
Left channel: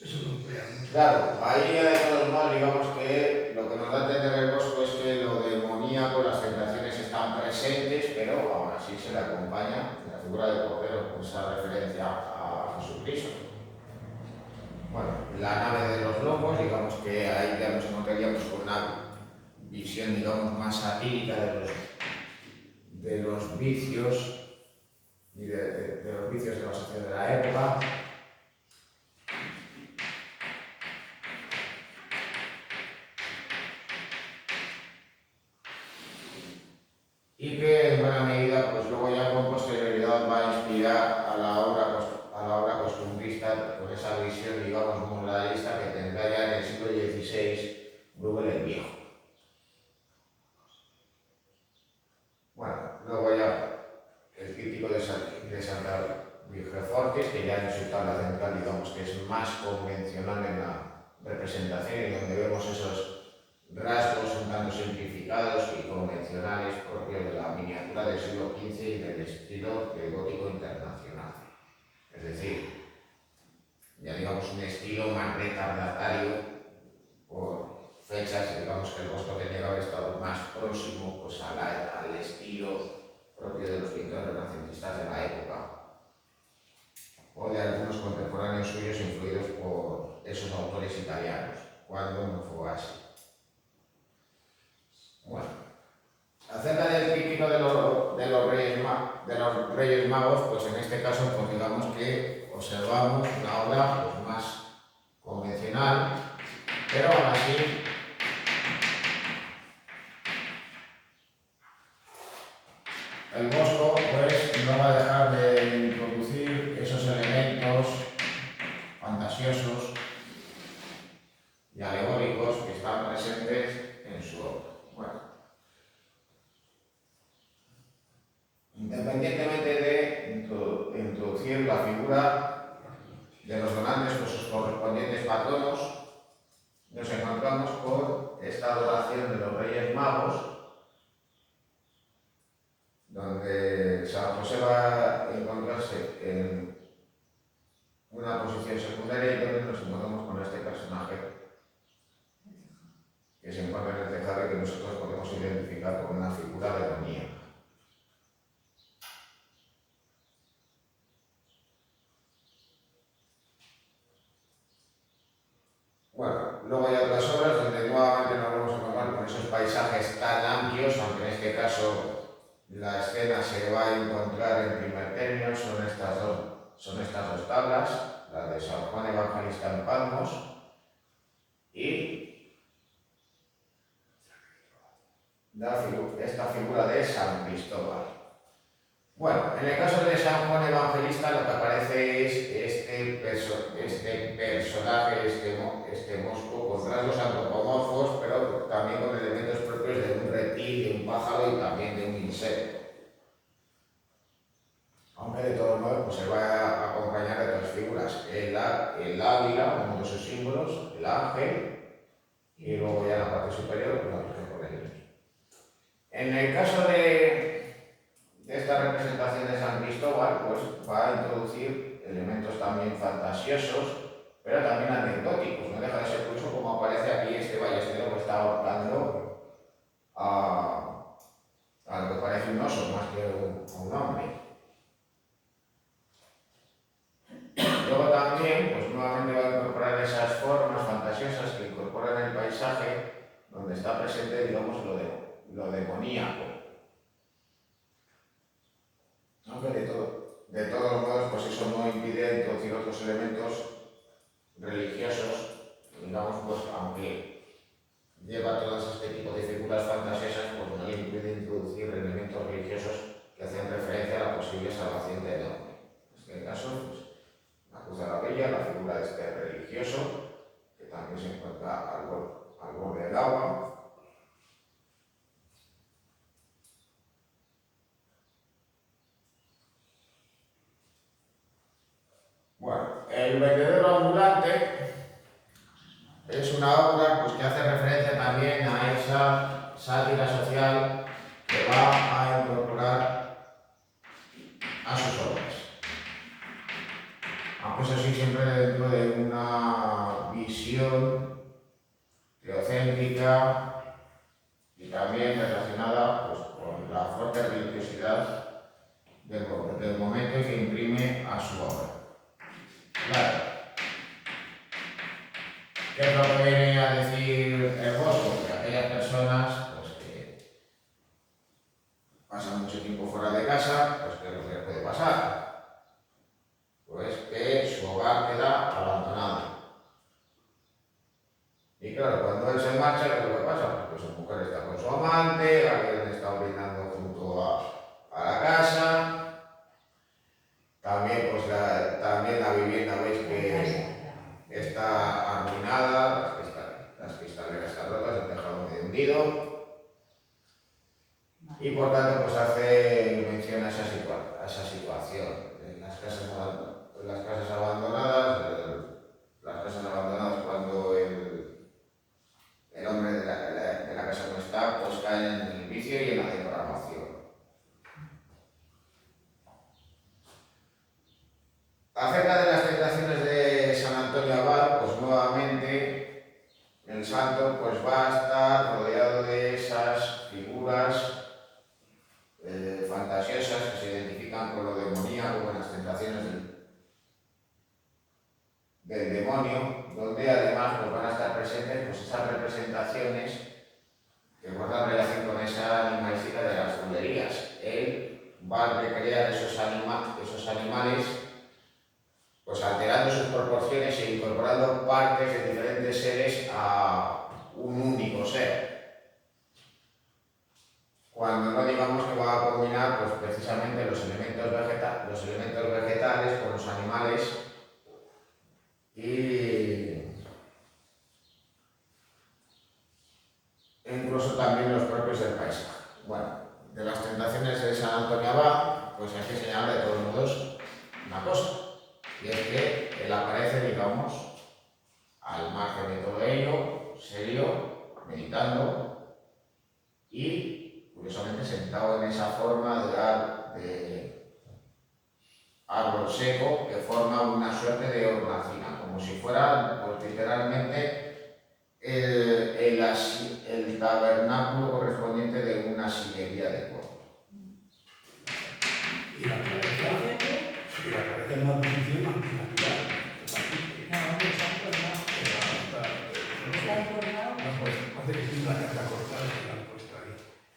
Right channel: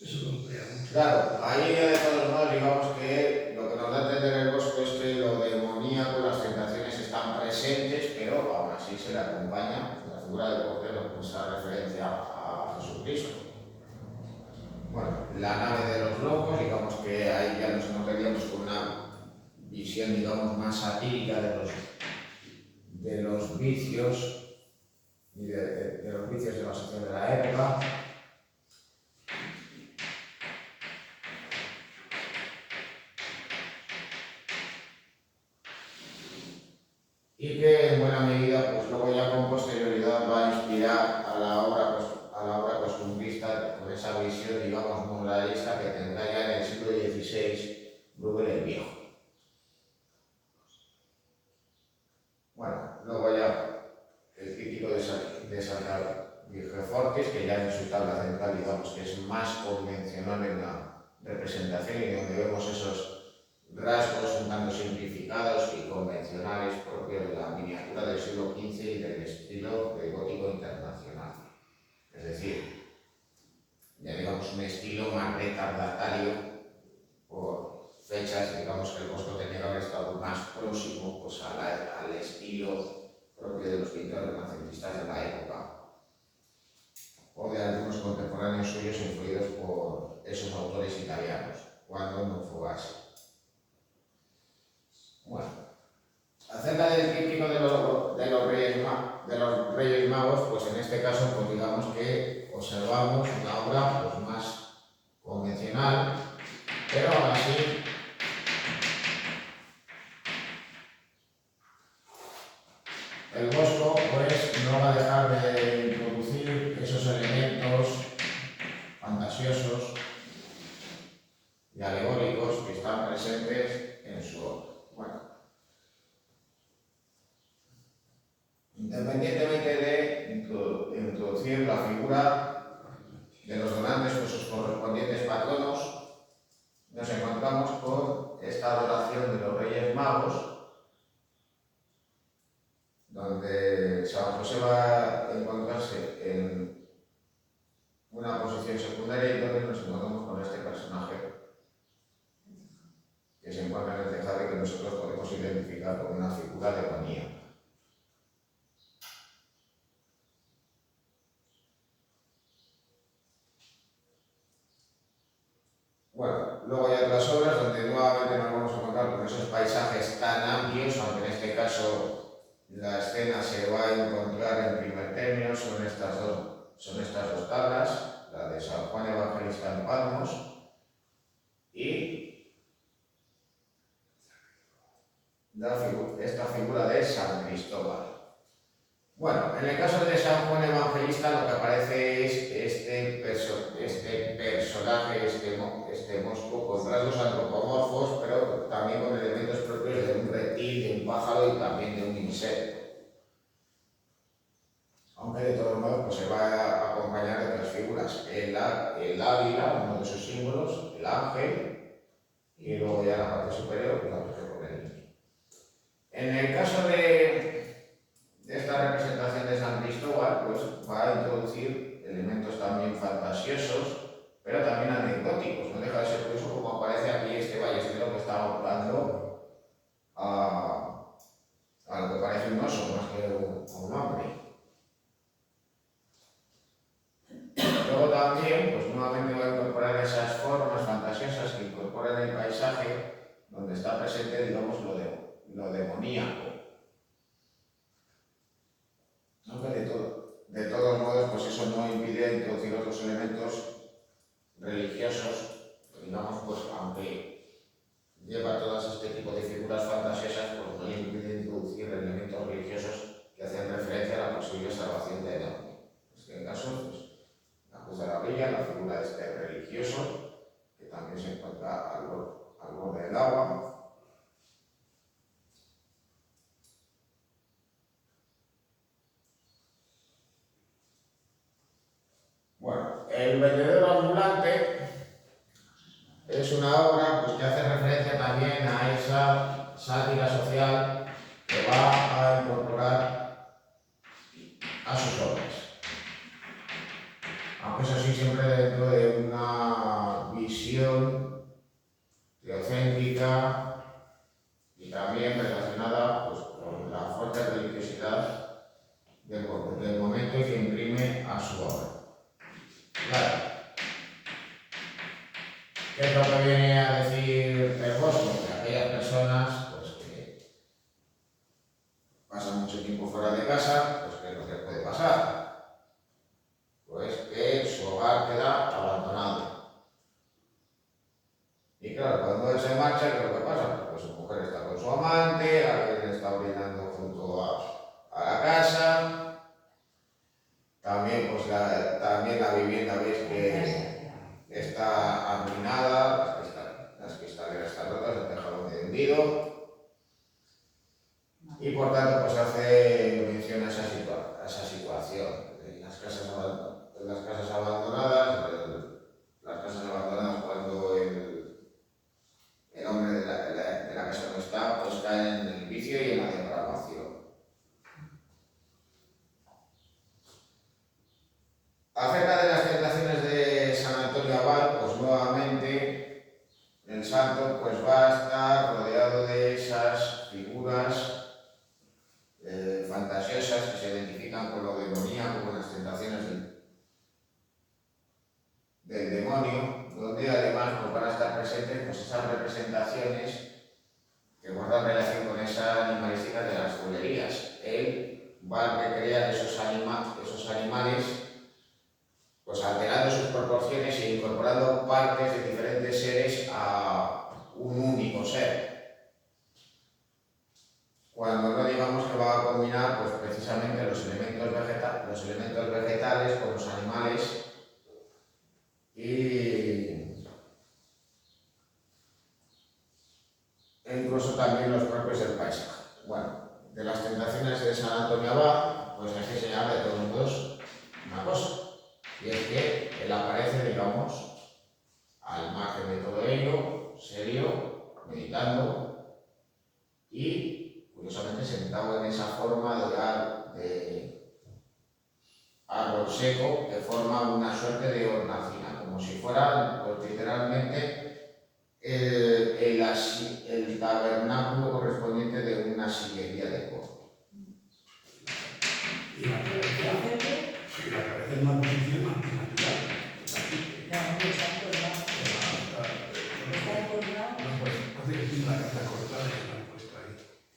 Eso lo emplea mucho. Claro, ahí de todos modos digamos que lo que nos da a entender el bosco es que lo demoníaco, las tentaciones están presentes, pero aún así se le acompaña la figura del Cordero con esta referencia a Jesucristo. Bueno, la nave de los locos, digamos que ahí ya nos encontraríamos con una visión, digamos, más satírica de los vicios y de los vicios de la sociedad de la época. Y que en buena medida, pues luego ya con posterioridad va a inspirar a la obra costumbrista con esa visión, digamos, moralista que tendrá ya en el siglo XVI Bruegel el Viejo. Bueno, luego ya el crítico de Santa Virgefortes, que ya en su tabla central, digamos, que es más convencional en la representación y donde vemos esos rasgos un tanto simplificados y convencionales propios de la miniatura del siglo XV y del estilo del gótico internacional. Es decir, ya digamos un estilo más retardatario por fechas, digamos que el Bosco tenía que haber estado más próximo pues, al estilo propio de los pintores renacentistas de la época o de algunos contemporáneos suyos influidos por esos autores italianos, cuando no fue así. Bueno, acerca del crítico de los Reyes Magos, pues en este caso pues digamos que observamos una obra pues, más convencional, pero aún así el Bosco pues no va a dejar de introducir esos elementos fantasiosos y alegóricos que están presentes en su obra. Bueno, independientemente de introducir la figura de los donantes con sus correspondientes patronos, nos encontramos con esta adoración de los Reyes Magos, donde San José va a encontrarse en una posición secundaria y donde nos encontramos con este personaje que se encuentra en el tejado y que nosotros podemos identificar con una figura demoníaca. Bueno, luego hay otras obras donde nuevamente nos vamos a encontrar con esos paisajes tan amplios, aunque en este caso la escena se va a encontrar en primer término, son estas dos tablas, la de San Juan Evangelista en Patmos y esta figura de San Cristóbal. Bueno, en el caso de San Juan Evangelista lo que aparece es este personaje, este mosco con rasgos antropomorfos, pero también con elementos propios de un reptil, de un pájaro y también de un insecto. Aunque de todos modos pues, se va a acompañar de otras figuras. El águila, uno de sus símbolos, el ángel, y luego ya en la parte superior pues, la Virgen con el niño. En el caso de esta representación de San Cristóbal, pues va a introducir elementos también fantasiosos, pero también anecdóticos. No deja de ser curioso como aparece aquí este ballestero que está ahorcando a lo que parece un oso más que a un hombre. Luego también, pues nuevamente va a incorporar esas formas fantasiosas que incorporan el paisaje, donde está presente, digamos, lo demoníaco. Aunque de todos modos, pues eso no impide introducir otros elementos religiosos, digamos, pues aunque lleva todos este tipo de figuras fantasiosas, pues no impide introducir elementos religiosos que hacen referencia a la posible salvación de hombre. En este caso, pues, la cruz de la Villa, la figura de este religioso, que también se encuentra al borde del agua. Bueno, el vendedor ambulante es una obra pues, que hace referencia también a esa sátira social que va a incorporar a sus obras. Aunque eso sí, siempre dentro de una visión teocéntrica y también relacionada pues, con la fuerte religiosidad del momento que imprime a su obra. Claro. ¿Qué es lo que viene a decir el Bosco? Que aquellas personas pues, que pasan mucho tiempo fuera de casa, pues ¿qué es lo que les puede pasar? Pues que su hogar queda abandonado. Y claro, cuando él se marcha, ¿qué es lo que pasa? Pues su mujer está con su amante, alguien está orinando junto a la casa. También, pues también la vivienda, veis que está arruinada, las cristaleras están rotas, el tejado medio hundido. Y por tanto, pues hace mención a esa situación. Las casas abandonadas, cuando el hombre de la casa no está, pues caen en el vicio y en la depravación. Acerca de las tentaciones de San Antonio Abad, pues nuevamente el santo pues, va a estar rodeado de esas figuras fantasiosas que se identifican con lo demoníaco, con las tentaciones del demonio, donde además pues, van a estar presentes pues, esas representaciones que guardan relación con esa animalística de las bulerías. Él va a recrear esos animales pues alterando sus proporciones e incorporando partes de diferentes seres a un único ser. Cuando no digamos que va a combinar pues, precisamente los elementos vegetales con los animales e incluso también los propios del paisaje. Bueno, de las tentaciones de San Antonio Abad, pues hay que señalar de todos modos una cosa. Y es que él aparece, digamos, al margen de todo ello, serio, meditando y, curiosamente, sentado en esa forma de orar de árbol seco que forma una suerte de hornacina, como si fuera, pues, literalmente, el tabernáculo correspondiente de una sillería de cuerpo. Y la cabeza en una posición antinatural. Parece que tiene la cabeza cortada y la han puesto ahí,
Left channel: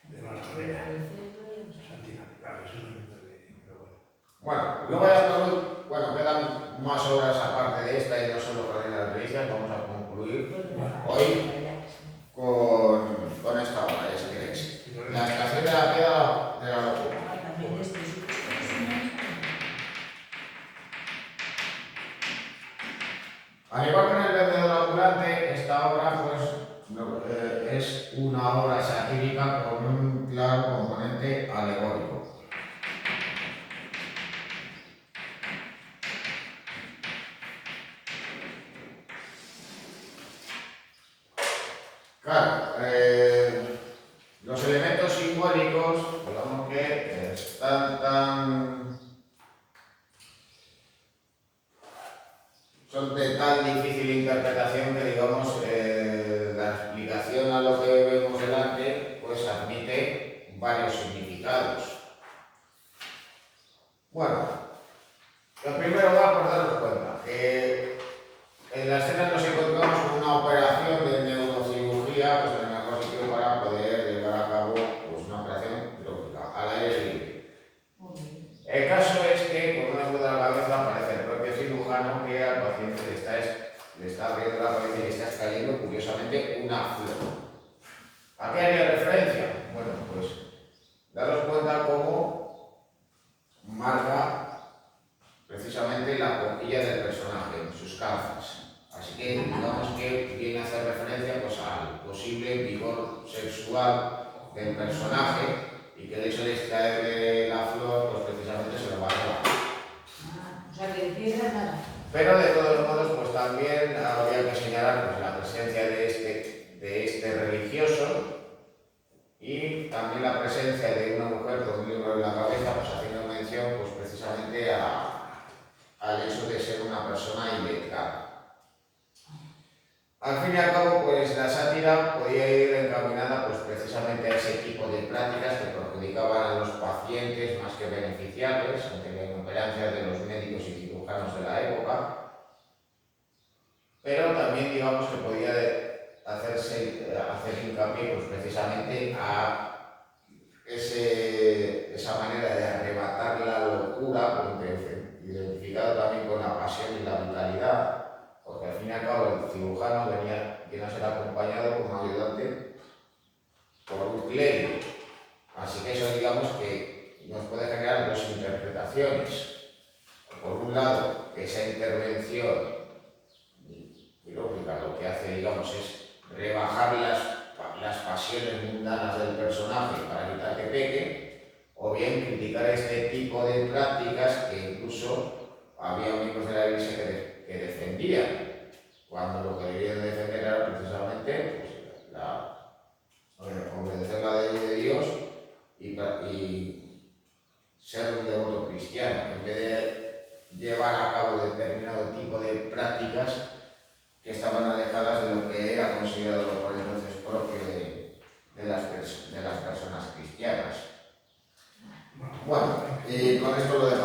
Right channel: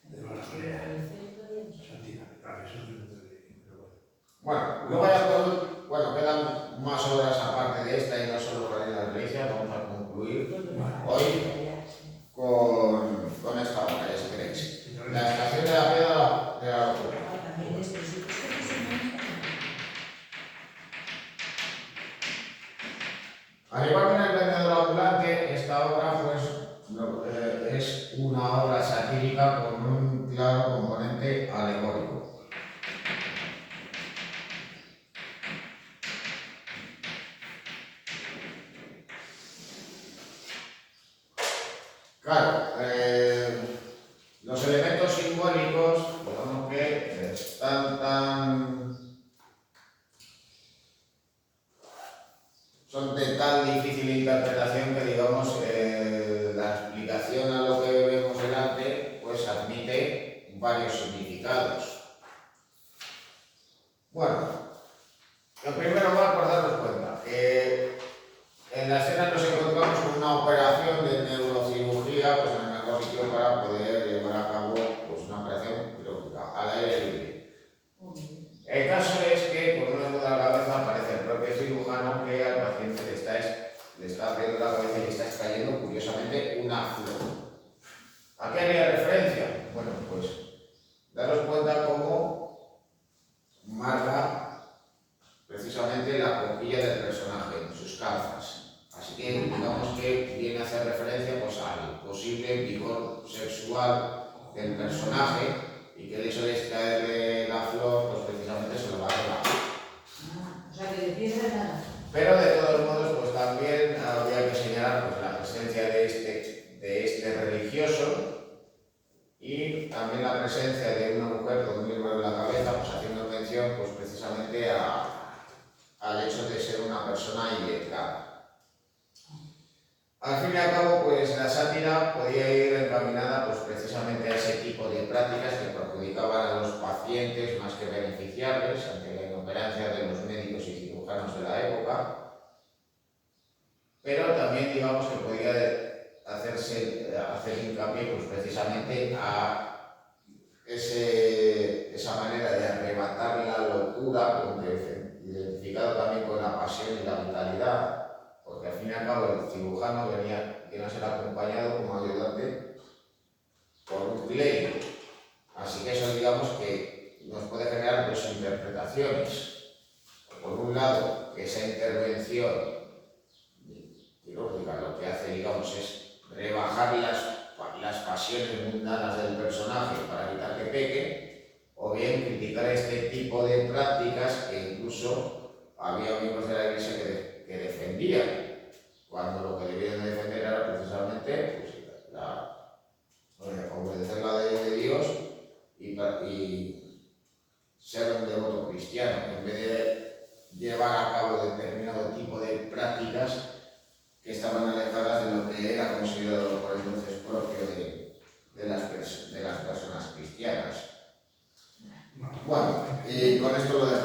de mala manera. Es antinatural, eso no me entiende, pero bueno. Bueno, quedan más horas aparte de esta y no solo para las delicias. Vamos a concluir hoy con esta obra, si queréis. La estación de la piedra de la locura. Al igual que en el vendedor ambulante, esta obra pues, es una obra satírica con un claro componente alegórico. Claro, los elementos simbólicos, digamos que son de tan difícil interpretación que, digamos, la explicación a lo que vemos delante, pues admite varios significados. Bueno, lo primero va por daros cuenta que en la escena nos encontramos con una operación de neurocirugía, pues en el mejor sitio para poder llevar a cabo pues, una operación quirúrgica al aire libre. El caso es que por una ayuda a la cabeza aparece el propio cirujano que al paciente le está abriendo la cabeza y le está extrayendo curiosamente una flor. ¿A qué haría referencia? Bueno, pues daros cuenta cómo marca precisamente la boquilla del personaje, sus calzas. Así que digamos que viene a hacer referencia pues, al posible vigor sexual del personaje y que el hecho de extraerle la flor pues precisamente se lo va a llevar. O sea que de piedra nada. Pero de todos modos pues también habría que señalar pues, la presencia de este religioso y también la presencia de una mujer con un libro en la cabeza pues haciendo mención pues precisamente al hecho de ser una persona iletrada. Al fin y al cabo, pues la sátira podía ir encaminada pues, precisamente a ese tipo de prácticas que perjudicaban a los pacientes más que beneficiarles ante la inoperancia de los médicos y cirujanos de la época, pero también digamos que podía hacer hincapié pues, precisamente a esa manera de arrebatar la locura, identificado también con la pasión y la vitalidad, porque al fin y al cabo el cirujano viene a ser acompañado como ayudante por un clérigo. Así que eso digamos que nos puede generar dos interpretaciones. Por un lado, que esa intervención quirúrgica lo que hace digamos es rebajar las pasiones mundanas del personaje para evitar que peque, o bien criticar este tipo de prácticas que incluso había miembros de la Iglesia que defendían, cuando lo que debían defender era precisamente pues, obedecer la ley de Dios y ser un devoto cristiano, en vez de llevar a cabo determinado tipo de prácticas que estaban alejadas de lo que era considerado por entonces propio de las personas cristianas. Bueno, y con esto lo dejamos.